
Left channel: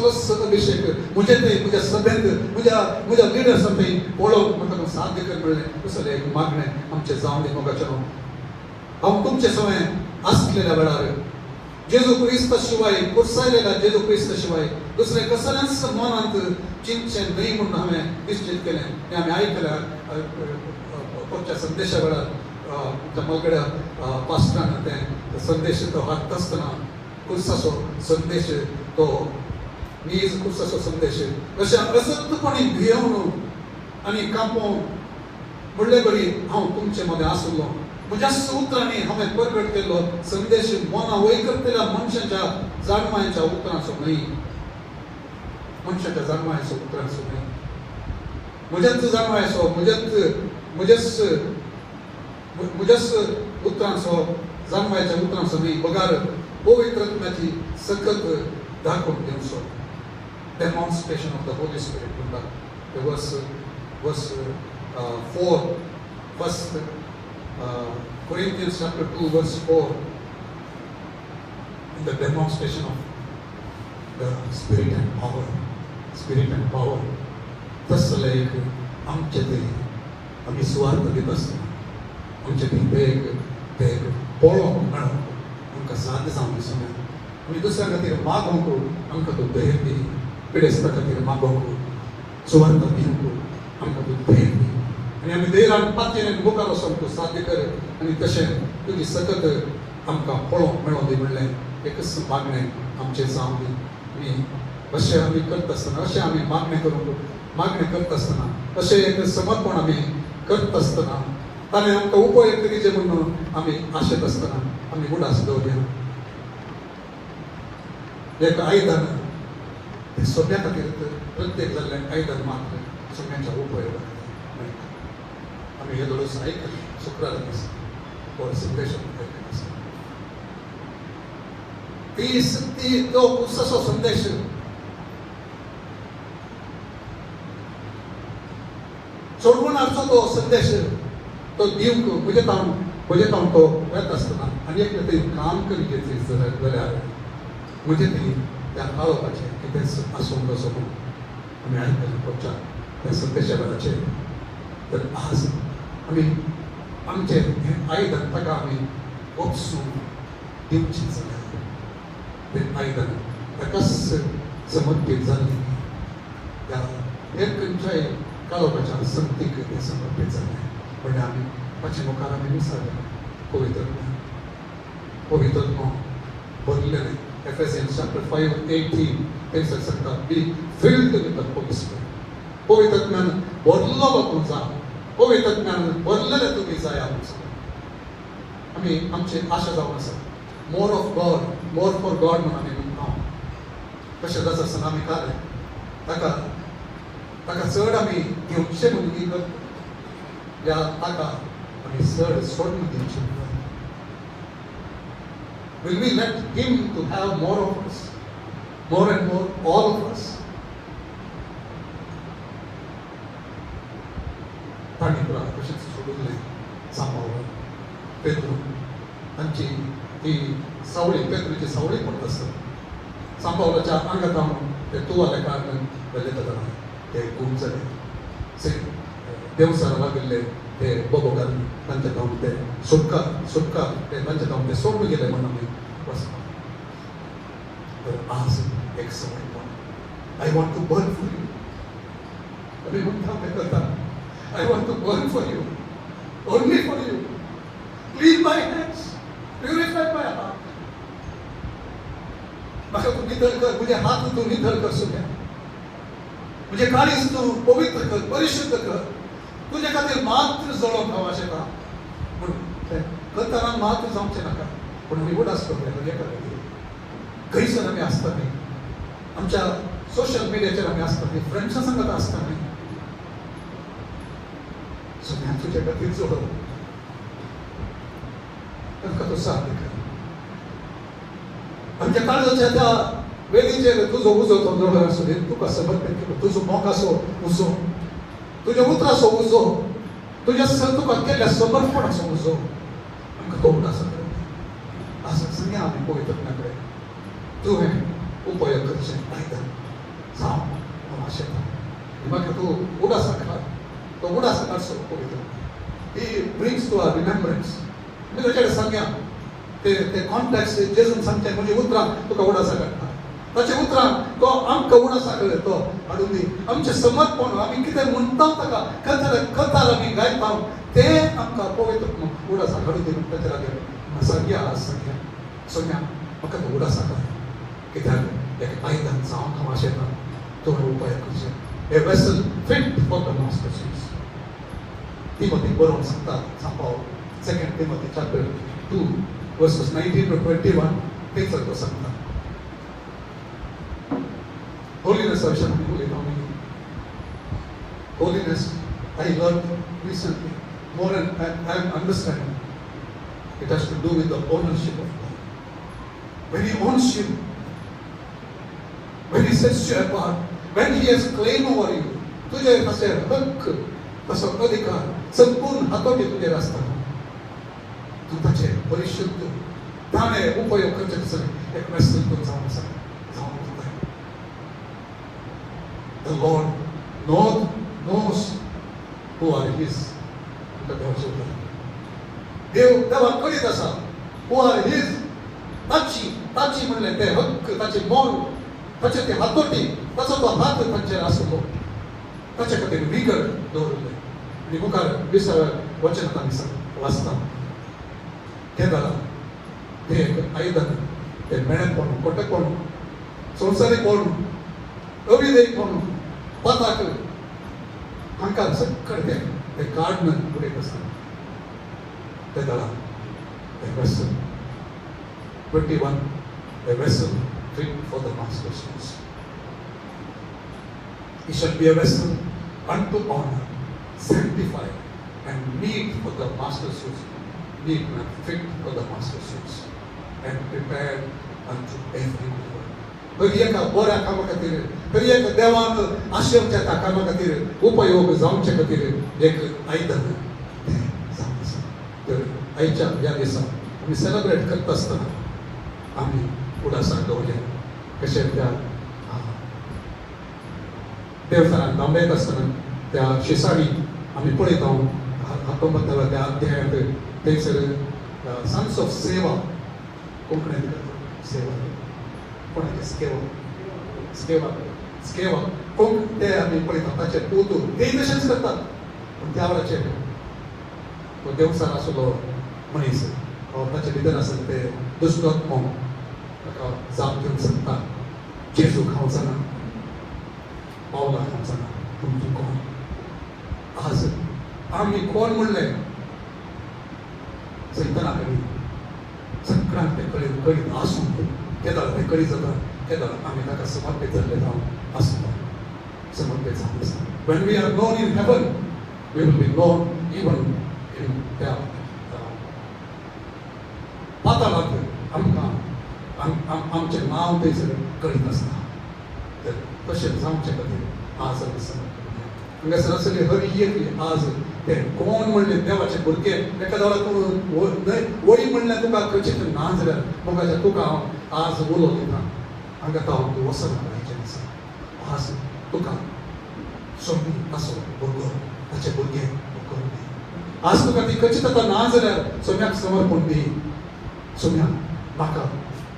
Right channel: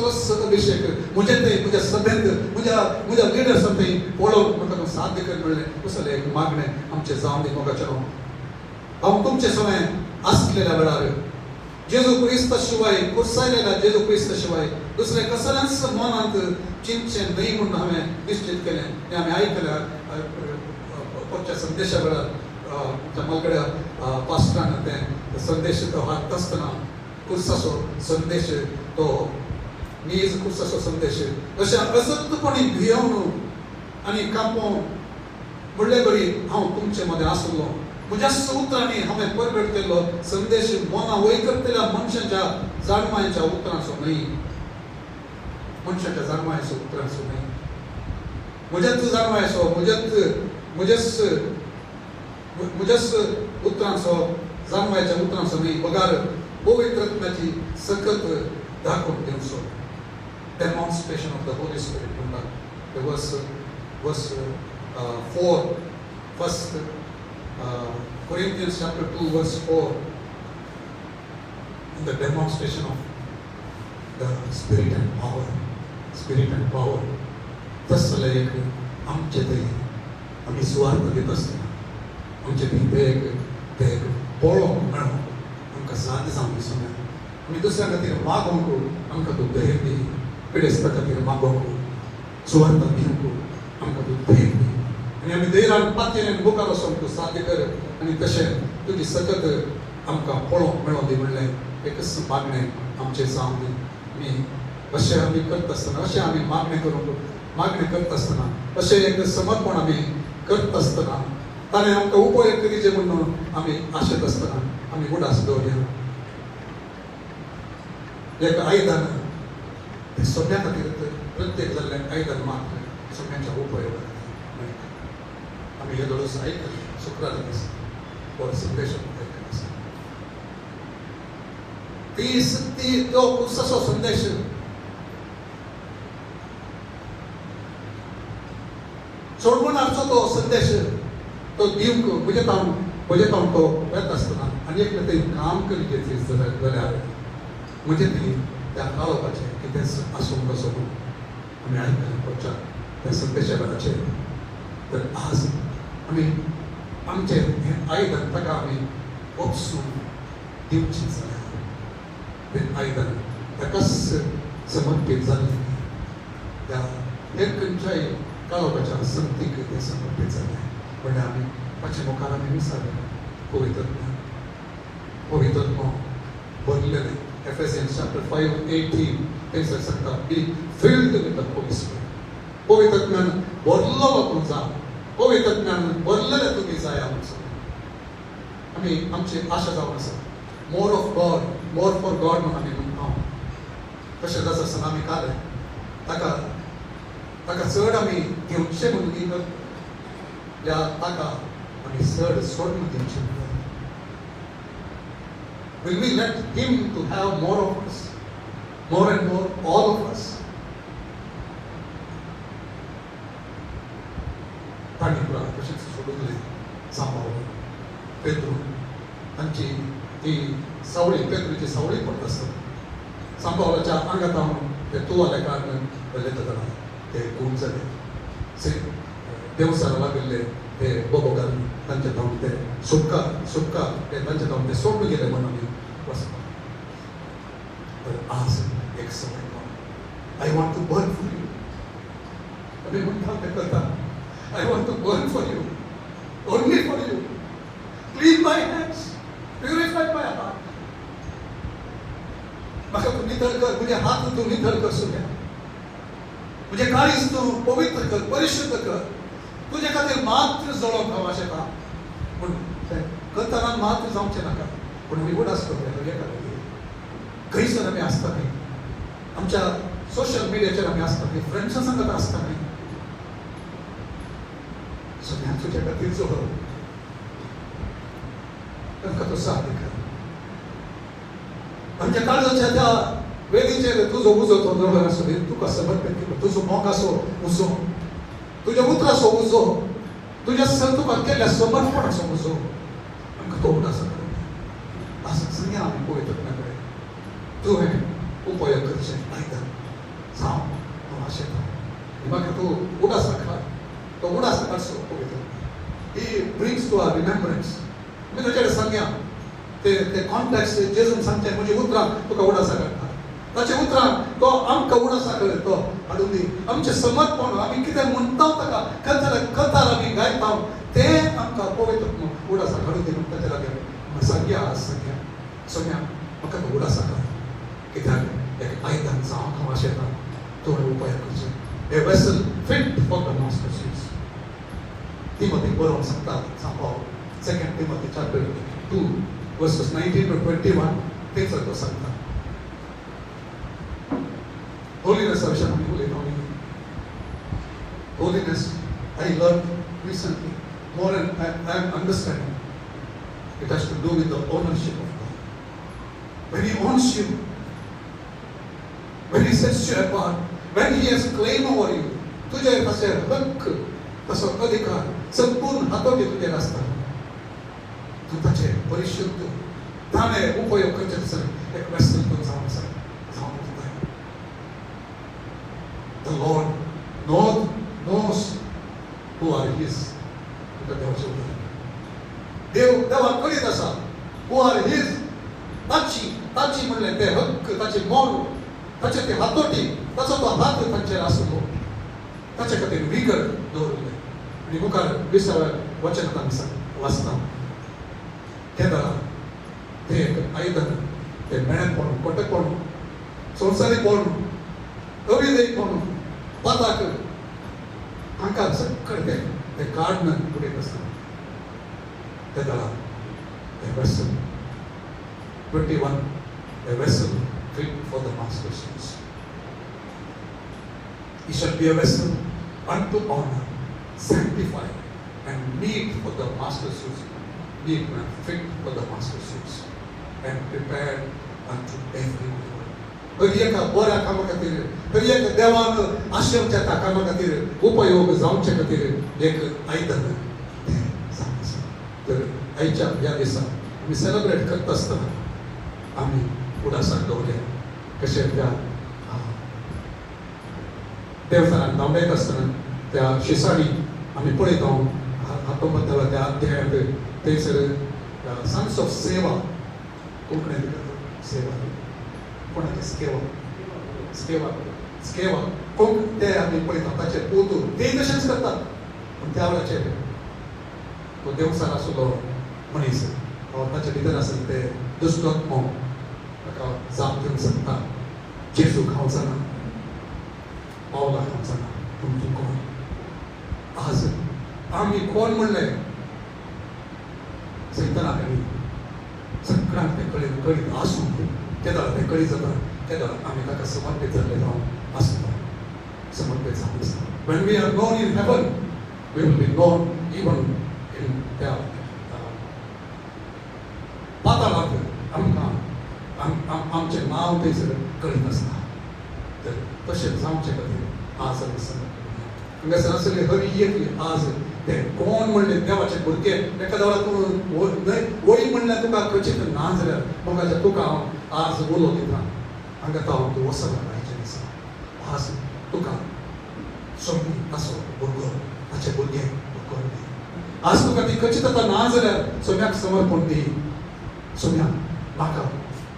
अभिषेक म्हजे ते तुज्या सभेंत म्हज्या लिडर्स थंय पळोवंक म्हाका तूं साध्य कर म्हणलें कसले एक मागणें आमचें जावन दी मोगाचें हांव तुमचे सवय आसलेल्या वेळार जेजू क्रिस्त शिवाय कुर्सायलेला जेजू क्रिस्त शिवाय दुसरे कसल्याच मनांत चिंतचें न्ही म्हणून हांवें निश्चित केलें तें हांवें आयकलां तुमच्या संदेशा वेळार तुमच्या मोगड्या पास्टरान तें संदेश तो हाडटा आसतना कुर्साचो संदेश तो नीज कुर्साचो संदेश अशा प्रसक्तपणी भियोवन आनी कांपोवन फुडले घडी हांव तुमचे मदें आसलो म्हज्या उतरांनी हांवें परगट केल्लो संदेश मोना वैकल्पलेल्या मनशाच्या जाणवायेच्या उतरांचो न्ही मनशाच्या जाणवायेचो उतरांचो न्ही म्हज्याच जाणवायेचो म्हज्याच उतरांचो जाणवायेच्या उतरांचो न्ही बगार पवित्र आत्म्याची सकत दाखोवन दिवचो demonstration of the Holy spirit म्हणटा वर्स 4 first Corinthians chapter 2 verse 4 the demonstration of spirit and power तसलं एक आमचे तरी आम्ही सुवार्थ देत असतो आमचे ते पोळो म्हणून आमकां साथ सांगली समय आमी दुसऱ्या खातीर मागोंक आमकां तूं धैर्य दी पिडेस्ता खातीर मागोंक सुवार्थ दिवंक आमकां तूं धैर्य दी आनी आमी धैर्यान पातयेन मुखार वचोन तूं साध्य कर आनी तशें तुजी सतत आमकां पळोवंक मेळों दी म्हणलें एकच मागणें आमचें सांग दी आमी अशें आमी करता आसतना अशें आमी मागणी करता आसतना अशें एक समर्पण आमी करता आसतना ताणें आमकां उपयोग करीचे म्हणून आमी आशेत आसतना आमी उडास दवरया एक आयदन ते सोन्या खातीर प्रत्येक जाल्ल्यान आयदन मागता सोन्याच्या उपयोग आमी हे दोस आयकले शुक्रार दीस संदेश ती तो पुस्तकाचो संदेश सोडमनाचो तो संदेश तो दिवंक म्हणजे तावन तो येता आसतना आनी एक ते आमकां कितें जाल्यार म्हणजे ती त्या आवपाचें कितें आसून बसून आमी आयकून पळोवच्या त्या संदेशाचे तर आज आमी आमचें हें आयदन ताका आमी ओपसून दिवचें जाय तें आयदन ताकाच समर्पीत जालें त्या एक खंयच्याय काळोखाच्या संगतीक तें समर्पीत जालें पण आमी ताचे मुखार आमी विसरले पवित्रत्व बोललेलें Ephesians chapter 5:18 तें सांगता बी filled with the Holy Spirit पवित्रत्वान भरलो तुमचा जा पवित्रत्वान भरलेले तुमी जाय आमी आमची आशा जावं आसा more of God more for God म्हणून आमी म्हणटा कशें जाता आसतना आमी काले ताका चड आमी घेवचें म्हणून ती या ताका आमी चड सोडून घेवचें Will we let Him to have more of us, more and more, all of us? ताणी पुरा कशें सोडले सांबाळून पेद्रू तांची ती सावळी पेद्रूची सावळी पडटा आसता सांबाळाच्या आंगात हांव ते तुवाले कारणान भरले ते खूब जाले देवसाला लागले ते बोबोकार तांचे धांवन ते सुटका ते तांचे धांवन ते सोडून गेले म्हणून आज एक समय I want to burn for you. आमी म्हणटा ते करता I want to burn for you, only for you. Clean my hands, purify my heart. म्हाका तूं नितळ कर तुजे हात तूं नितळ कर सुद्या तुजे काळीज तूं पवित्र कर परिशुद्ध कर तुजे खातीर मात्र जळोवंक आवश्यक पूण करतना मात्र जावचें नाका पूण आमी उडास करतले खंयसर आमी आसता न्ही आमच्या सोशल मिडियाचेर आमी आसता न्ही फ्रेंड्सां सांगत आसता न्ही सगळ्यांक तुजे खातीर चलो तांकां तो साथ दिता आमच्या काळजाच्या त्या वेदीचेर तुजो उजो थंडर आसूं न्ही तुका समर्पण केलो तुजो मोगाचो उजो तुज्या उतराचो उजो तुज्या तुका केल्ल्या समर्पणाचो उजो आमकां तो उडास असं सांगया आमी पवित्रत्वा कडेन तुवें उपयोग करचें आयदन जावं अशें म्हाका तूं उडास हाडटा तो उडास हाडचो पवित्र he brings to our remembrance मी तुजे सांगया ते कॉन्टेक्स्ट जेजून सांगचे म्हजी उतरां तुका उडास हाडटा ताचे उतरां तो आमकां उडास तो हाडून दी आमचें समर्पण आमी कितें म्हणटा ताका कथार आमी गायता तें आमकां पवित्र उडास हाडून दी ताचे लागीं सांगया सांगया सोम्या म्हाका तो उडास हाडटा कित्याक एक आयदन जावं अशें तो उपाय करचें a vessel fit for the master's use. Timothy बरोवन सांगता सांबाळ 2 Timothy chapter 2 verses 19 to 21 तेच तो सांगता holiness विशयी आमी उलयता holiness I learned recently more and I am understanding it has to do with the ownership of God. When He owns you, when He sets you apart, when He has claim over you, तुझे असे हक्क तसो अधिकार संपूर्ण हातोटी तुझे असतात तू ताचे परिशुद्ध ताणे उपयोग करचे एक वेसल तो जावन आसा The Lord knows who are His. देवा कळीत आसा who are His. ताची म्हणले ते हक्क, ताचे मोल, ताचे ते हातोटी, ताचो तो हात तांचेर आसलो. ताचे खातीर विगड दवरले. आनी मुखार 20व्या वचनांत आमी वाचता. केदार ते आयदन ते मेळ्ळें कोण, पोटे कोण, संवसारी कोण, अविधेय कोण, पाताक तांकां सक्कड ते काडून उडयत आसता. केदार ते vessel 21, a vessel fit for the master's use. He shall be a vessel unto honor, sanctified, and meet for the master's use. Meet and fit for the master's use, and prepared unto every good. तरी एका बऱ्या कामा खातीर, तरी एका देवान आशिर्वाद कामा खातीर उपयोग जावचे खातीर एक आयदन तर आयच्या ह्या दिसा आमी सेलिब्रेट करता आसतना आम्ही उडासाक दवरल्या. कशें त्या देवस्थानांत नांबयत आसतना त्या शिसाडी आमी पळयता 19व्या अध्यायांत थंयसर सन्स ऑफ सेवा कोंकणीन सेवा कोणाची स्केवा पूण ते आमी पळयता ताचे तूं ते तशेंच करतात. पूण त्या वेळाचेर तो देवस्थान आसलो मनीस ताचे भितर आसले ते दुश्मन ताका जाप घेवन सांगता जेजू खावंक जाणा, पावला खावंक जाणा, पूण तूं कोण. आज आमी कोण म्हणलें सैताना कडेन सगळ्यांक ते कळीत आसूं केदार ते कळीत जाता. केदार आमी ताका समर्पीत जाल्ले जावन आसता. समर्पीत जावन आसता. When we are known in heaven, we will be known even in hell. पाताळांत आमचें नांव थंयसर कळीत आसता. तशें जावचे खातीर आज आमी समर्पण हांगासर आसले हर एक आज ते कोण म्हणले देवाचे भुरगे एका देवा तूं वळी म्हणल्यार तुका खंयचें ना जाल्यार मोगाच्या तुका हांव आज उलो दिता. हांगा तो हांव तूं वसना आयच्या दिसा. आज तुका सोडून ताचो भुरगो ताचे भुरगे करून आज तुका ती खंयची ताका ना जाल्यार सोम्याक समर्पण दी. सोम्या म्हाका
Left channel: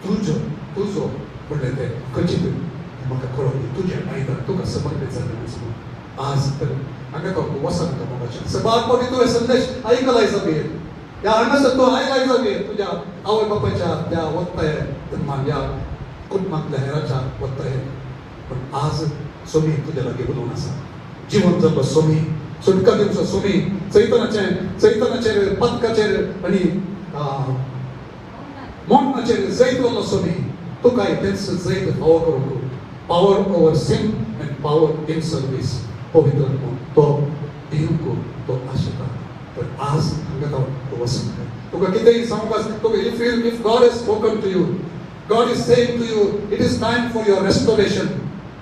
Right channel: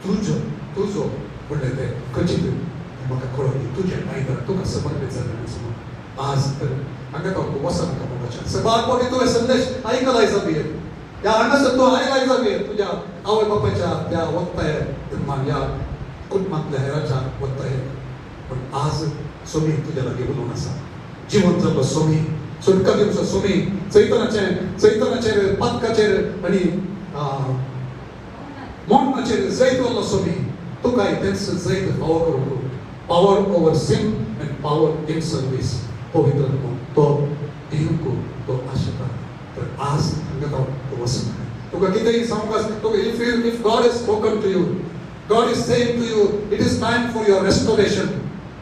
तुजो म्हणलें तें खंयची तूं म्हाका कळोवन दी. तुजें आयदन तुका समर्पीत जाता. आज तर हांगा तो वसत करपाचें सदांच कोणी तुवें संदेश आयकलाय जागे त्या हांगासर तो आयलाय जागे तुज्या आवय बापायच्या त्या वक्ताय या कुटुंबांतल्या हेराच्या वक्ताय. पूण आज सोमी तुज्या लागीं उलून आसा. जिवन जाल्लो सोमी, सुटका दिवचो सोमी, चैतनाचेर पदकाचेर आनी मोंडणाचेर जैत जाल्लो सोमी. तुकाय तेंच Jait power over sin and power in service. पवित्र तो दिवू तो आशिर्वाद. तर आज हांगा तो वचन तुका कितेंय सांगपाक तुका if God has spoken to you, God is saying to you, it is time for your restoration.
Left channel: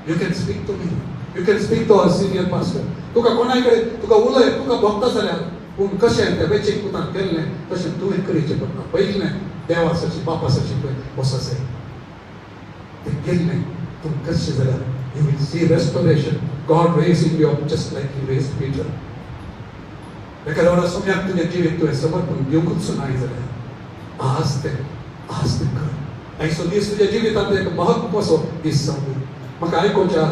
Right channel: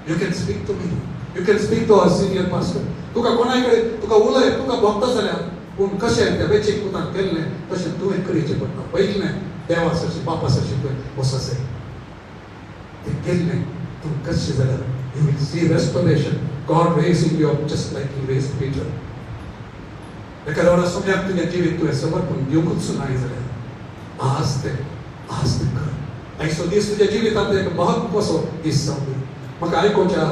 You can speak to me. You can speak to our senior pastor. तुका कोणाय कडेन तुका उलय तुका भोगता जाल्यार पूण कशें त्या बेचीक पुतान केल्लें तशें तुवें करचें पडटा. पयलीं देवासाची बापासाची वसासे तें केल्लें पूण कशें जाल्यार you will see restoration. God raising you up just like He raised Peter. एखाद्या सुन्याक तुजें जिवीत तुवें समर्पण दिवूंच नाय जाल्यार आज ते कर. आयचो दीस तुज्या जिवितांत एक महत्वाचो दीस जावं. म्हाका आयकोवच्या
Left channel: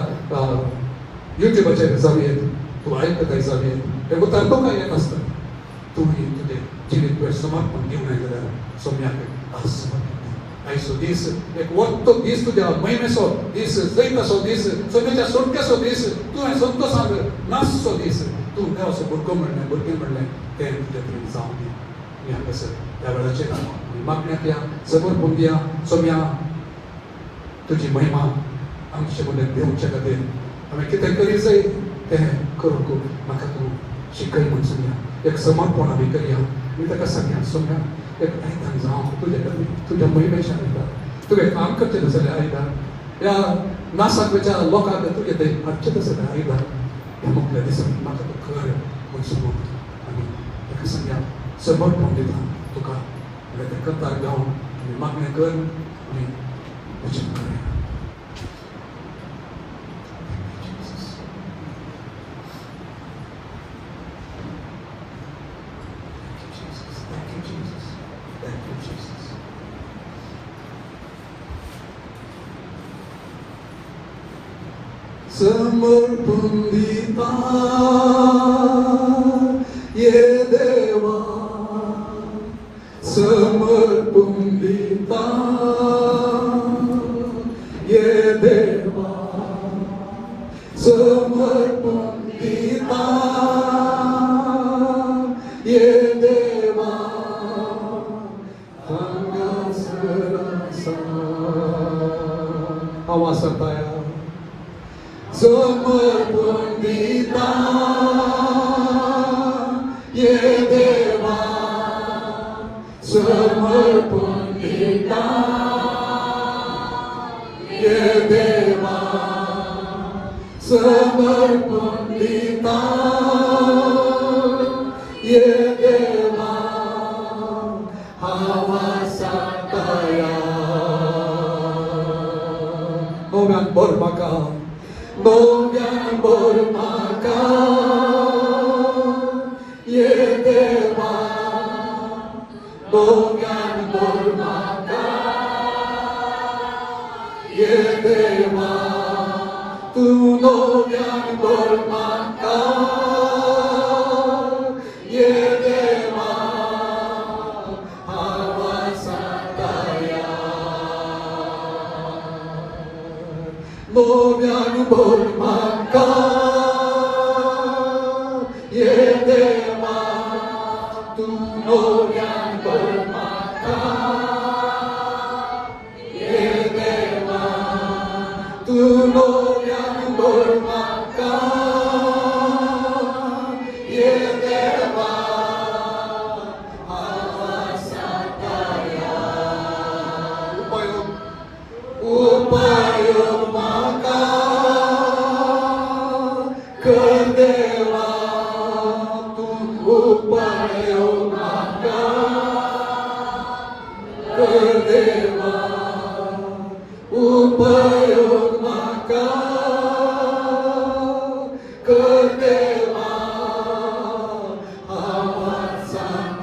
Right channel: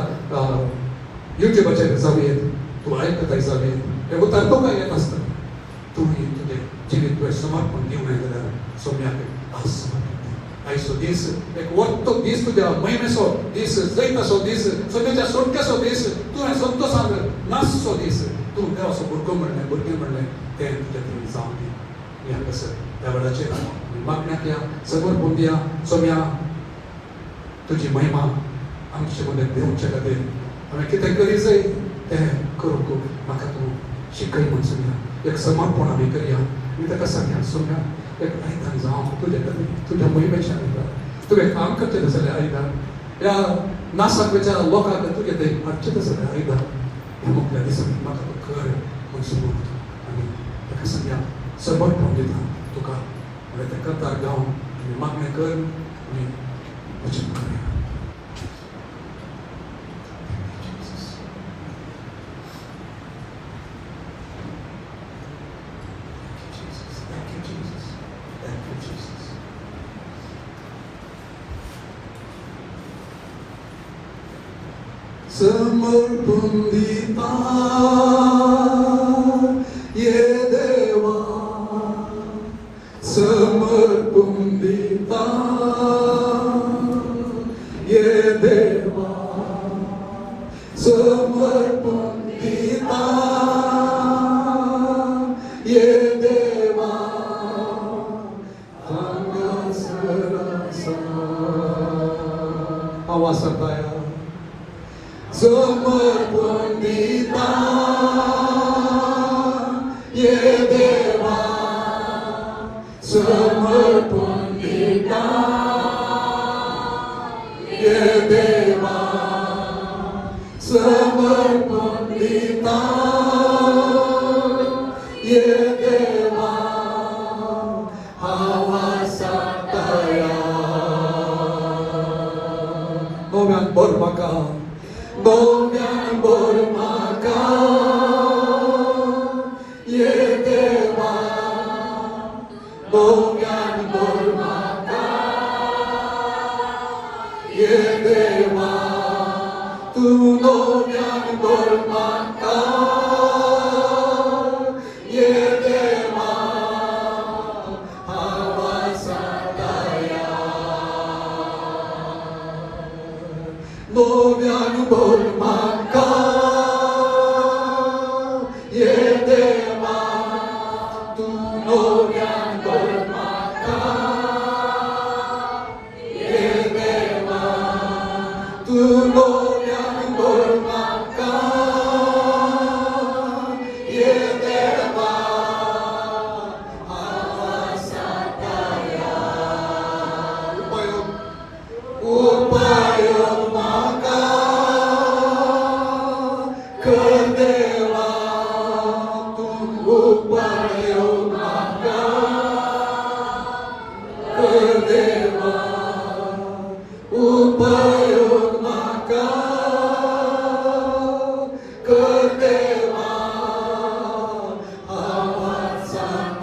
युट्यूबाचेर जावं तूं आयकताय जावं हे उतर तो काय येत आसता. तुम्ही तुजें जिवीत तुवें समर्पण दिवं नाय जाल्यार सोम्याक आज आयचो दीस एक वक्तो दीस तुज्या महिमेचो दीस जैताचो दीस सोम्याच्या सुटकेचो दीस तुवें संतोशाक नाचचो दीस तूं देवाचो भुरगें म्हणलें तें तुज्या कडेन जावं दी. आमी हांगासर ह्या वेळाचेर मागण्याक या समर्पण दिया. सोम्या तुजी महिमा आमचे कडेन देवचे खातीर आमी कितें करी जाय तें करूंक म्हाका तूं शिकय म्हूण सोम्या. एक समर्पण आमी करया. मी ताका सांगया सोम्या एक आयदन जावं तुज्या महिमेच्या खातीर तुवें काम करचें जाल्यार आयदन ह्या नासाच्या लोकांक तुजें तें हाडचें जाल्यार आयदन हें म्हटल्या दिसांनी म्हाका तूं कर म्हूण सांगून आनी ताका सांगया समर्पण दिता तुका तें करतार जावन मागणें कर आनी वचन करूया. समर्पण देता ये देवा समर्पण देता ये देवा समर्पण देता ये देवा आवाज सकता है समर्पण देता ये देवा समर्पण देता ये देवा समर्पण देता ये देवा आवाज सकता है Domian Bormaka, Domian Bormaka, ye deva, Domian Bormaka, ye deva, tu Domian Bormaka, ye deva, avasataya. Domian Bormaka, ye deva, tu Domian Bormaka, ye deva, tu Domian Bormaka, ye deva, avasataya. Upayom maka kedeva upayom maka kedeva upayom maka kedeva avasataya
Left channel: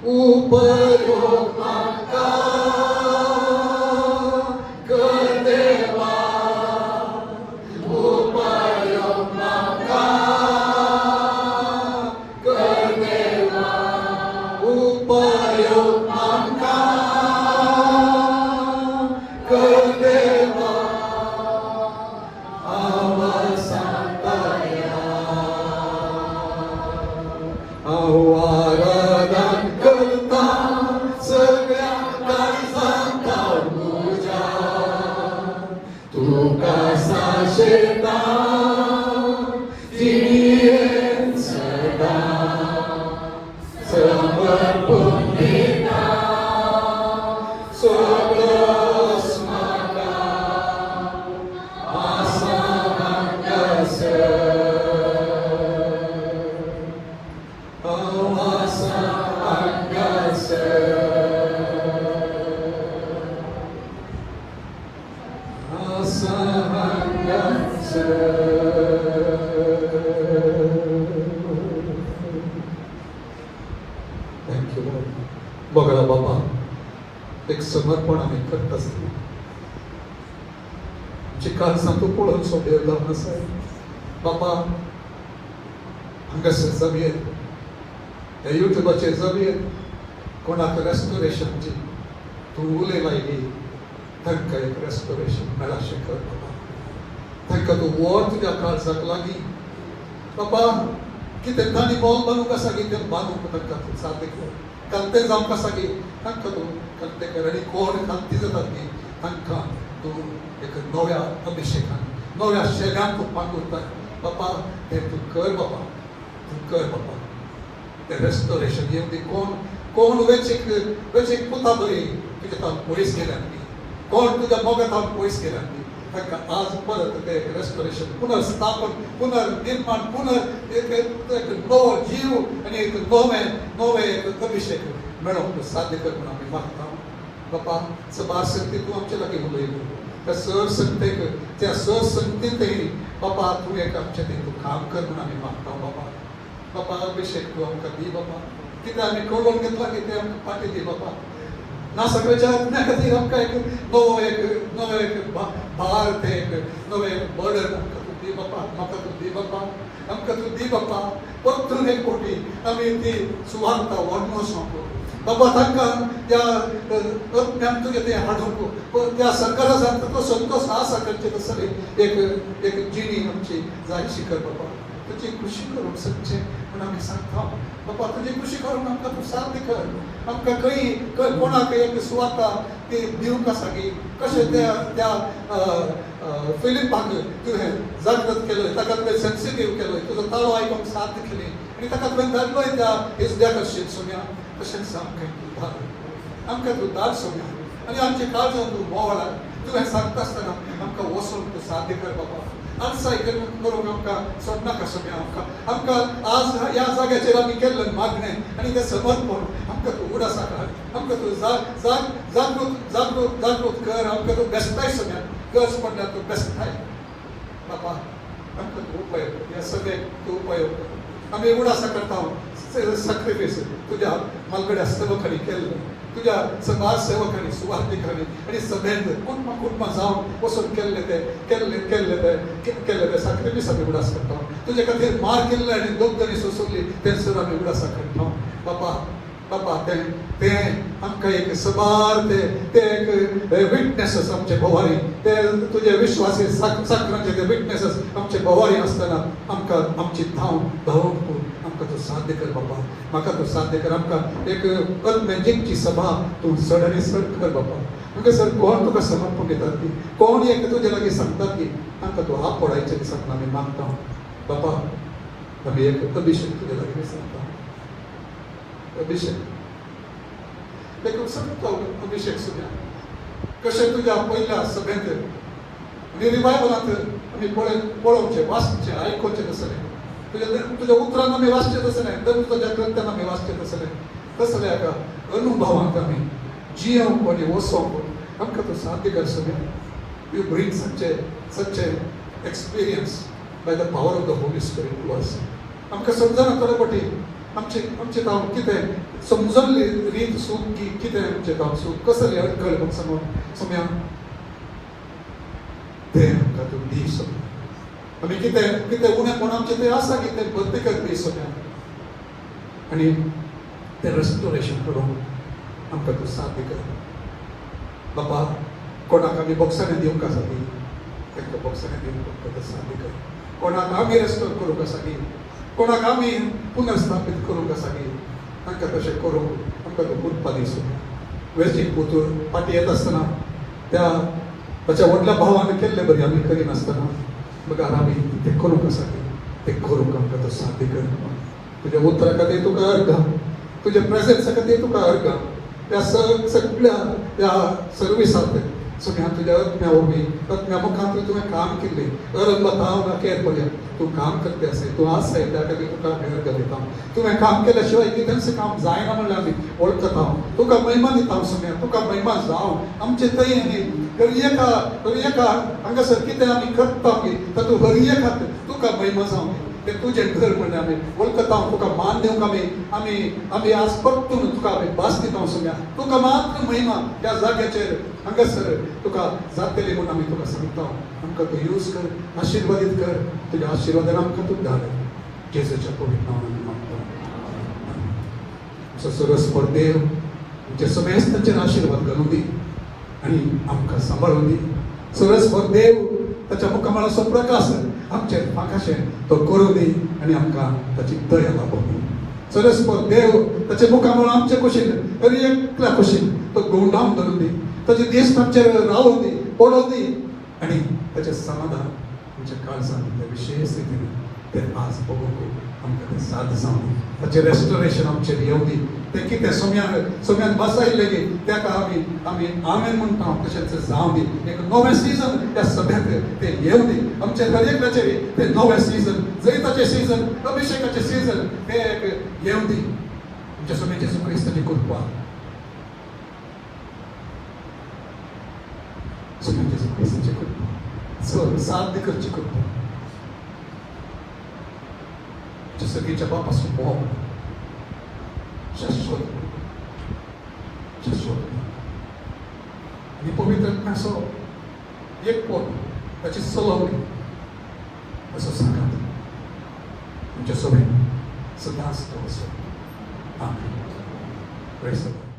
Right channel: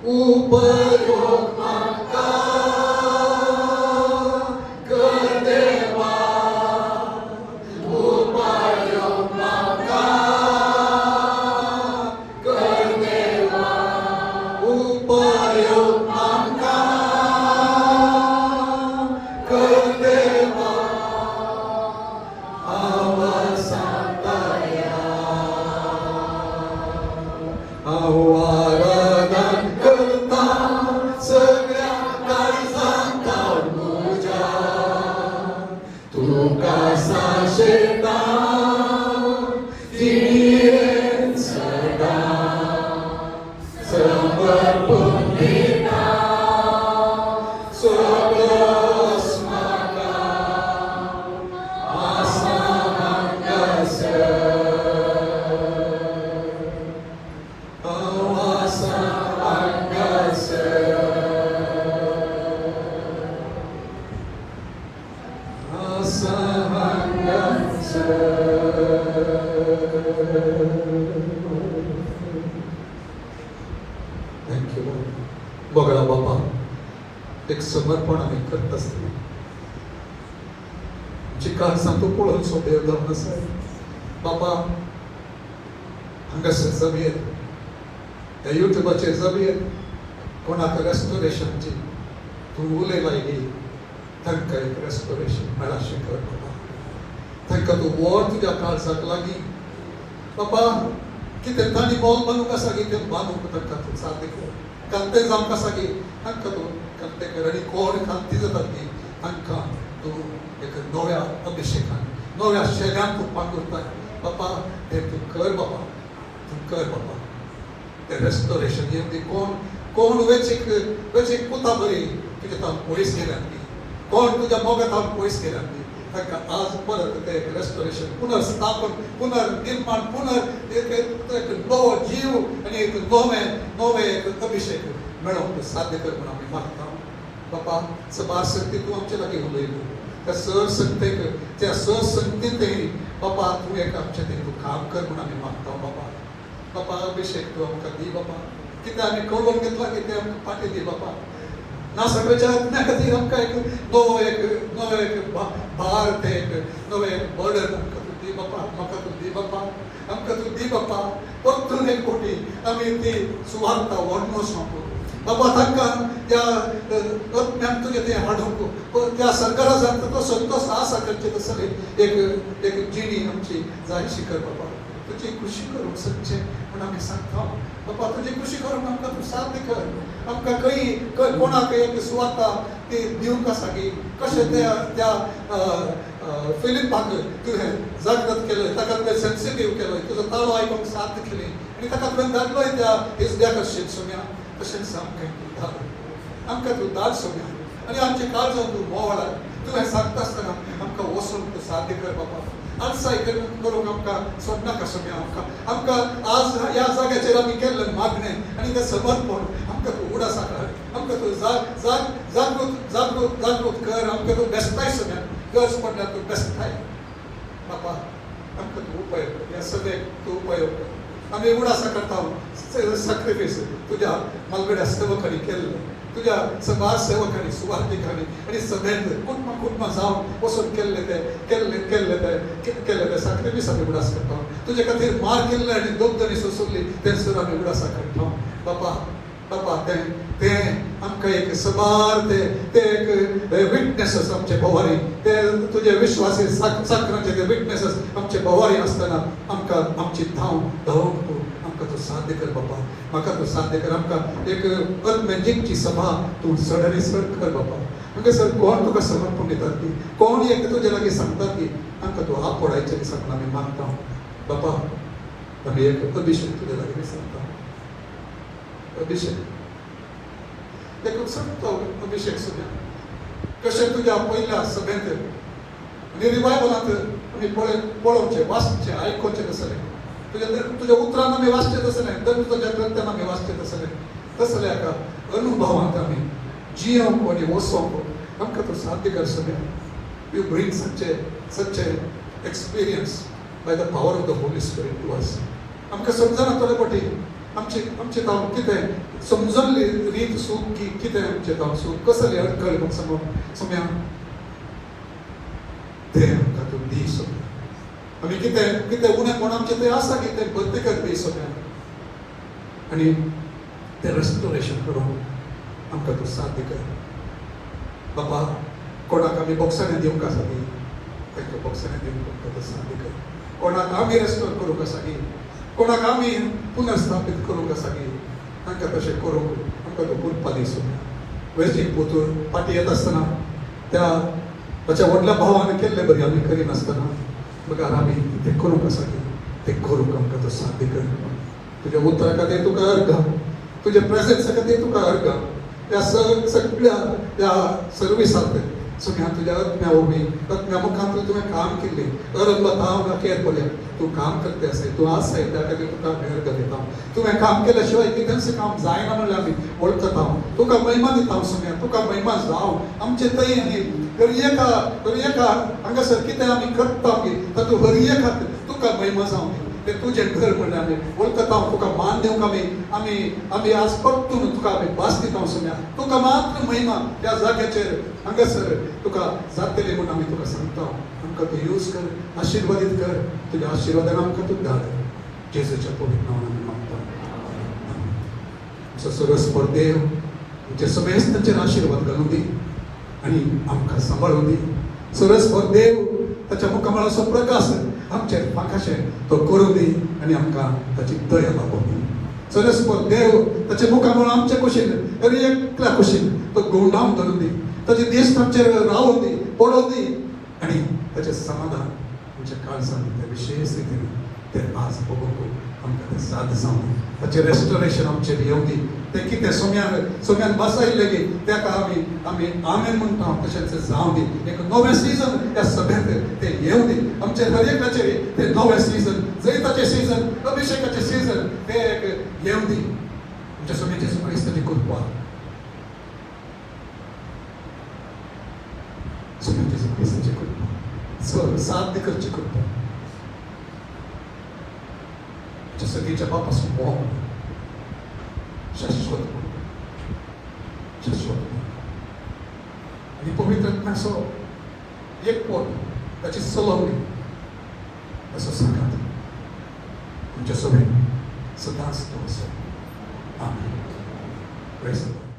upayom maka kedeva upayom maka kedeva upayom maka kedeva avasataya awaran kerta segala santa puja tugas asyida dien sedang seberbunyi sebelas mata asahan Thank you, Lord. बघा बाबा एक समर्पण आम्ही करत असतो चिकार सांगतो कोणाच्या देवला कसं बाबा हांगासर जमीन या युट्यूबाचेर जमीन कोणाक रेस्टोरेशनची तूं उलय लायली तांकां एक रेस्टोरेशन मेळा शिकय तांकां तूं व्हर तुज्या काळजाक लागीं बाबा कितें तांणी मोल बांदूंक आसा की तें बांदूंक तांकां तूं साथ कर कांतें जावंक आसा की तांकां तूं कांतें कर आनी कोण कांती जातात की तांकां तूं एक नव्या अभिशेकान नव्या शेगान तूं पावता बाबा हें तूं कर बाबा तें रेस्टोरेशन एक दी कोण वेचीक पुता बरी तुज्या तावन पयस केल्यान दी कोण तुज्या मोगा तावन पयस केल्यान दी तांकां आज परत तें रेस्टोरेशन पुनर्स्थापन पुनर्निर्माण एक नवो जीव आनी एक नवे एक अभिषेक मेळोवंक साध्य कर म्हणून आमी मागता बाबा सभा शक्ती तूं आमचे लागीं उलयलो त्या सरसंगतेक त्या सरसंगतींतय बाबा तूं एक आमचें तूं काम कर म्हणून आमी मागता बाबा अभिषेक तूं आमकां दी बाबा कितें आमी कळोवन घेतला की तें आमकां फाटीं दी बाबा ना सगळ्याच्या त्या खातीर आमकां एक नवो एक भारत एक नवे बॉर्डर आमकां तूं दी बापा, म्हाका तूं दी बापा, आमकां तूं दी बापा. परतून एक फावटी आमी ती सुवार्ता व्हरनोच नको बाबा. तांकां त्या अज्ञान तुजें तें हाडूंक त्या सरकाराक तो संतोश आसा तेंचे तसली एक जिणी आमची जाय शिकर बाबा. तुजी खुशी करूंक सगचे आनी आमी सांगता बाबा तुजी खुशी करून आमकां तूं साथ कर. आमकां खंय कोणाक एक सुवाता ती दिवंक आसा की कशें त्या फिलिपाक तुवें जागृत केलें, ताका तुवें सेन्सिटीव केलें, तुजो ताळो आयकूंक साथ दितली आनी ताका तुवें धाडलोय त्या इजद्या कशें सोम्या. तशेंच आमकां तूं धाड सोम्या आनी आमचे काळजान तूं बोवाळाय. तुवें सांगता आसतना आमकां वचून तूं साध्य कर बाबा. आलसाय करूंक आमकां सोडनाका सोम्या. आमकां आज ह्या जाग्याचेर आमी केल्लें मागणें आनी तें समर्पण आमकां तूं उडासा कर. आमकां तूं जागृत कर. आमकां तूं बेस्ताय सोम्या. गरज पडल्यार तूं बेस्ताय बाबा. आमकां तूं उपयोग कर. ह्या सगळ्याक तूं उपयोग कर. आमी उडासा करता सॅक्रिफायस तुज्या मालगड्या सेवकांनी केल्लो, तुज्या समाज सेवकांनी सुवार्थीकांनी आनी सगळ्यांक कुटुंब जावन वचून केल्ले ते सॅक्रिफायस आमी उडास करता. तुजे खातीर मार केल्ले आनी दोगदरी सोंसली ते सर आमी उडासा करता बाबा. बाबा तें आमकां एक सबार ते एक विटनेसेस आमचे बोवारी, ते तुजे विश्वासी साखरांचे ते विटनेसेस आमचे बोवारी आसतना आमकां आमची धांवूंक आमकां तूं साध्य कर बाबा. म्हाका तूं साध्य कर. आमकां एक मॅजिकची सभा तूं सडनी सड कर बाबा. तुका सर कोण तुका समर्पण दितात ती, कोण एक तुजे लागीं सांगतात ती आमकां तूं आपणायच्या दिसांत आमी मागता बाबा. आमी एक अभिषेक तुजे लागीं सांगता. अभिषेक एक सांगता अभिषेक सुद्दां कशें तुज्या पयल्या सभेंत आनी रिवायवलांत आमी पळोवचें वाचचें आयकोवचें तसलें. तुज्या उतरान आमी वाचचें तसलें, तुज्या ग्रंथान आमी वाचचें तसलें. तसल्या एका अनुभवांत आमी जियोंक आनी वचोंक आमकां तूं साध्य कर सोम्या. You bring such experience by the power of the Holy Spirit to us. आमकां समजना थोडे फावटी आमचें काम कितें समजल्ली रीत सूट की कितें आमचें काम सूट कसलें अडखळ सोम्या तें आमकां तूं दी सोम्या. आमी कितें उणेंपण आमचें तें आसा की तें भरती कर दी सोम्या आनी तें रेस्टोरेशन करून आमकां तूं साध्य कर बाबा. कोणाक आमी बॉक्सांनी दिवंक आसा न्ही तांकां बॉक्सांनी दिवंक आमकां तूं साध्य कर. कोणाक आमी रेस्टोर करूंक आसा न्ही, कोणाक आमी पुनर्स्थापीत करूंक आसा न्ही तांकां तशें करूंक आमकां तूं कृपा दी सोम्या. वेळचीक वचून फाटी येता आसतना ताच्या व्हडल्या भावान केल्लें बरें आमी करिनासतना मुखार आमी तें करूंक आसा न्ही तें करूंक आमकां तूं साध्य कर. तुज्या उतरा खातीर तुका अर्घ, तुज्या प्रेझेन्सा खातीर तुका अर्घ. त्या सगळ्या त्या सर्विसांत सोम्या तुज्या अज्ञा मुखांत तुवें काम केल्लें अरंगता नाकेर पळय तूं काम करते आसाय. तूं आसाय त्या खातीर तुका अर्घ दिता. तुवें काम केल्या शिवाय कितेंच काम जायना म्हणल्यार आमी वळखता. तुका महिमा दिता सोम्या. तुका महिमा जावं आमचे थंय न्ही हरियेका हांगासर कितें आमी करता पळय तातूंत हरियेकाक तुका महिमा जावं. तें तुजें घर म्हणून आमी वळखता. तुका मान दिवंक आमी आज परतून तुका आमी भास दिता सोम्या. तुका मात्र महिमा त्या जाग्याचेर हांगासर तुका जातली म्हणून आमी तुका सांगता. आमकां तूं यूज कर, आशिर्वादीत कर. तुज्या आशिर्वादान आमकां तूं धाड. जेजूच्या पवित्र नांवान मागता. सरस्वत देव तुजे समेस्ताचेर आशिर्वाद घालूं दी आनी आमकां सांबाळूं दी. सरस्वत देव ताच्या मुखामळाचो प्रकाश आमचेर आकाशें तो करूं दी आनी आमकां ताची दया लाभूं दी. सरस्वत देव ताचे मुखामळ आमचे कुशीन आनी एकल्या कुशीन तो गोंडावन धरून दी. ताची दिश्ट आमचेर रावूं दी, पडों दी आनी ताचें समाधान आमच्या काळजांत विशेष रितीन तें आज पळोवंक आमकां तें साद सांग. ताचें रेस्टोरेशन आमचेर येवं दी. तें कितें सोम्यान बसायल्लें दी तेका आमी आमेन म्हणटा तशेंच जावं दी. एक नवें सीजन त्या सभेक तें येवं दी. आमच्या हरेकाचेर तें नवें सीजन, जैताचें सीजन, अभिषेकाचें सीजन तें एक येवं दी. आमच्या सगळ्या जेजू क्रिस्ताची कृपा सगळ्या जेजू क्रिस्ताची कृपा साध्य करची कृपा सगळीच्या बापासून शाश्वत आणि पवित्रात्म्याचं एक पोट त्याची सलह होईल असं सांगतात तुमच्या सवयी सदा असतो. आमेन. Praise the Lord.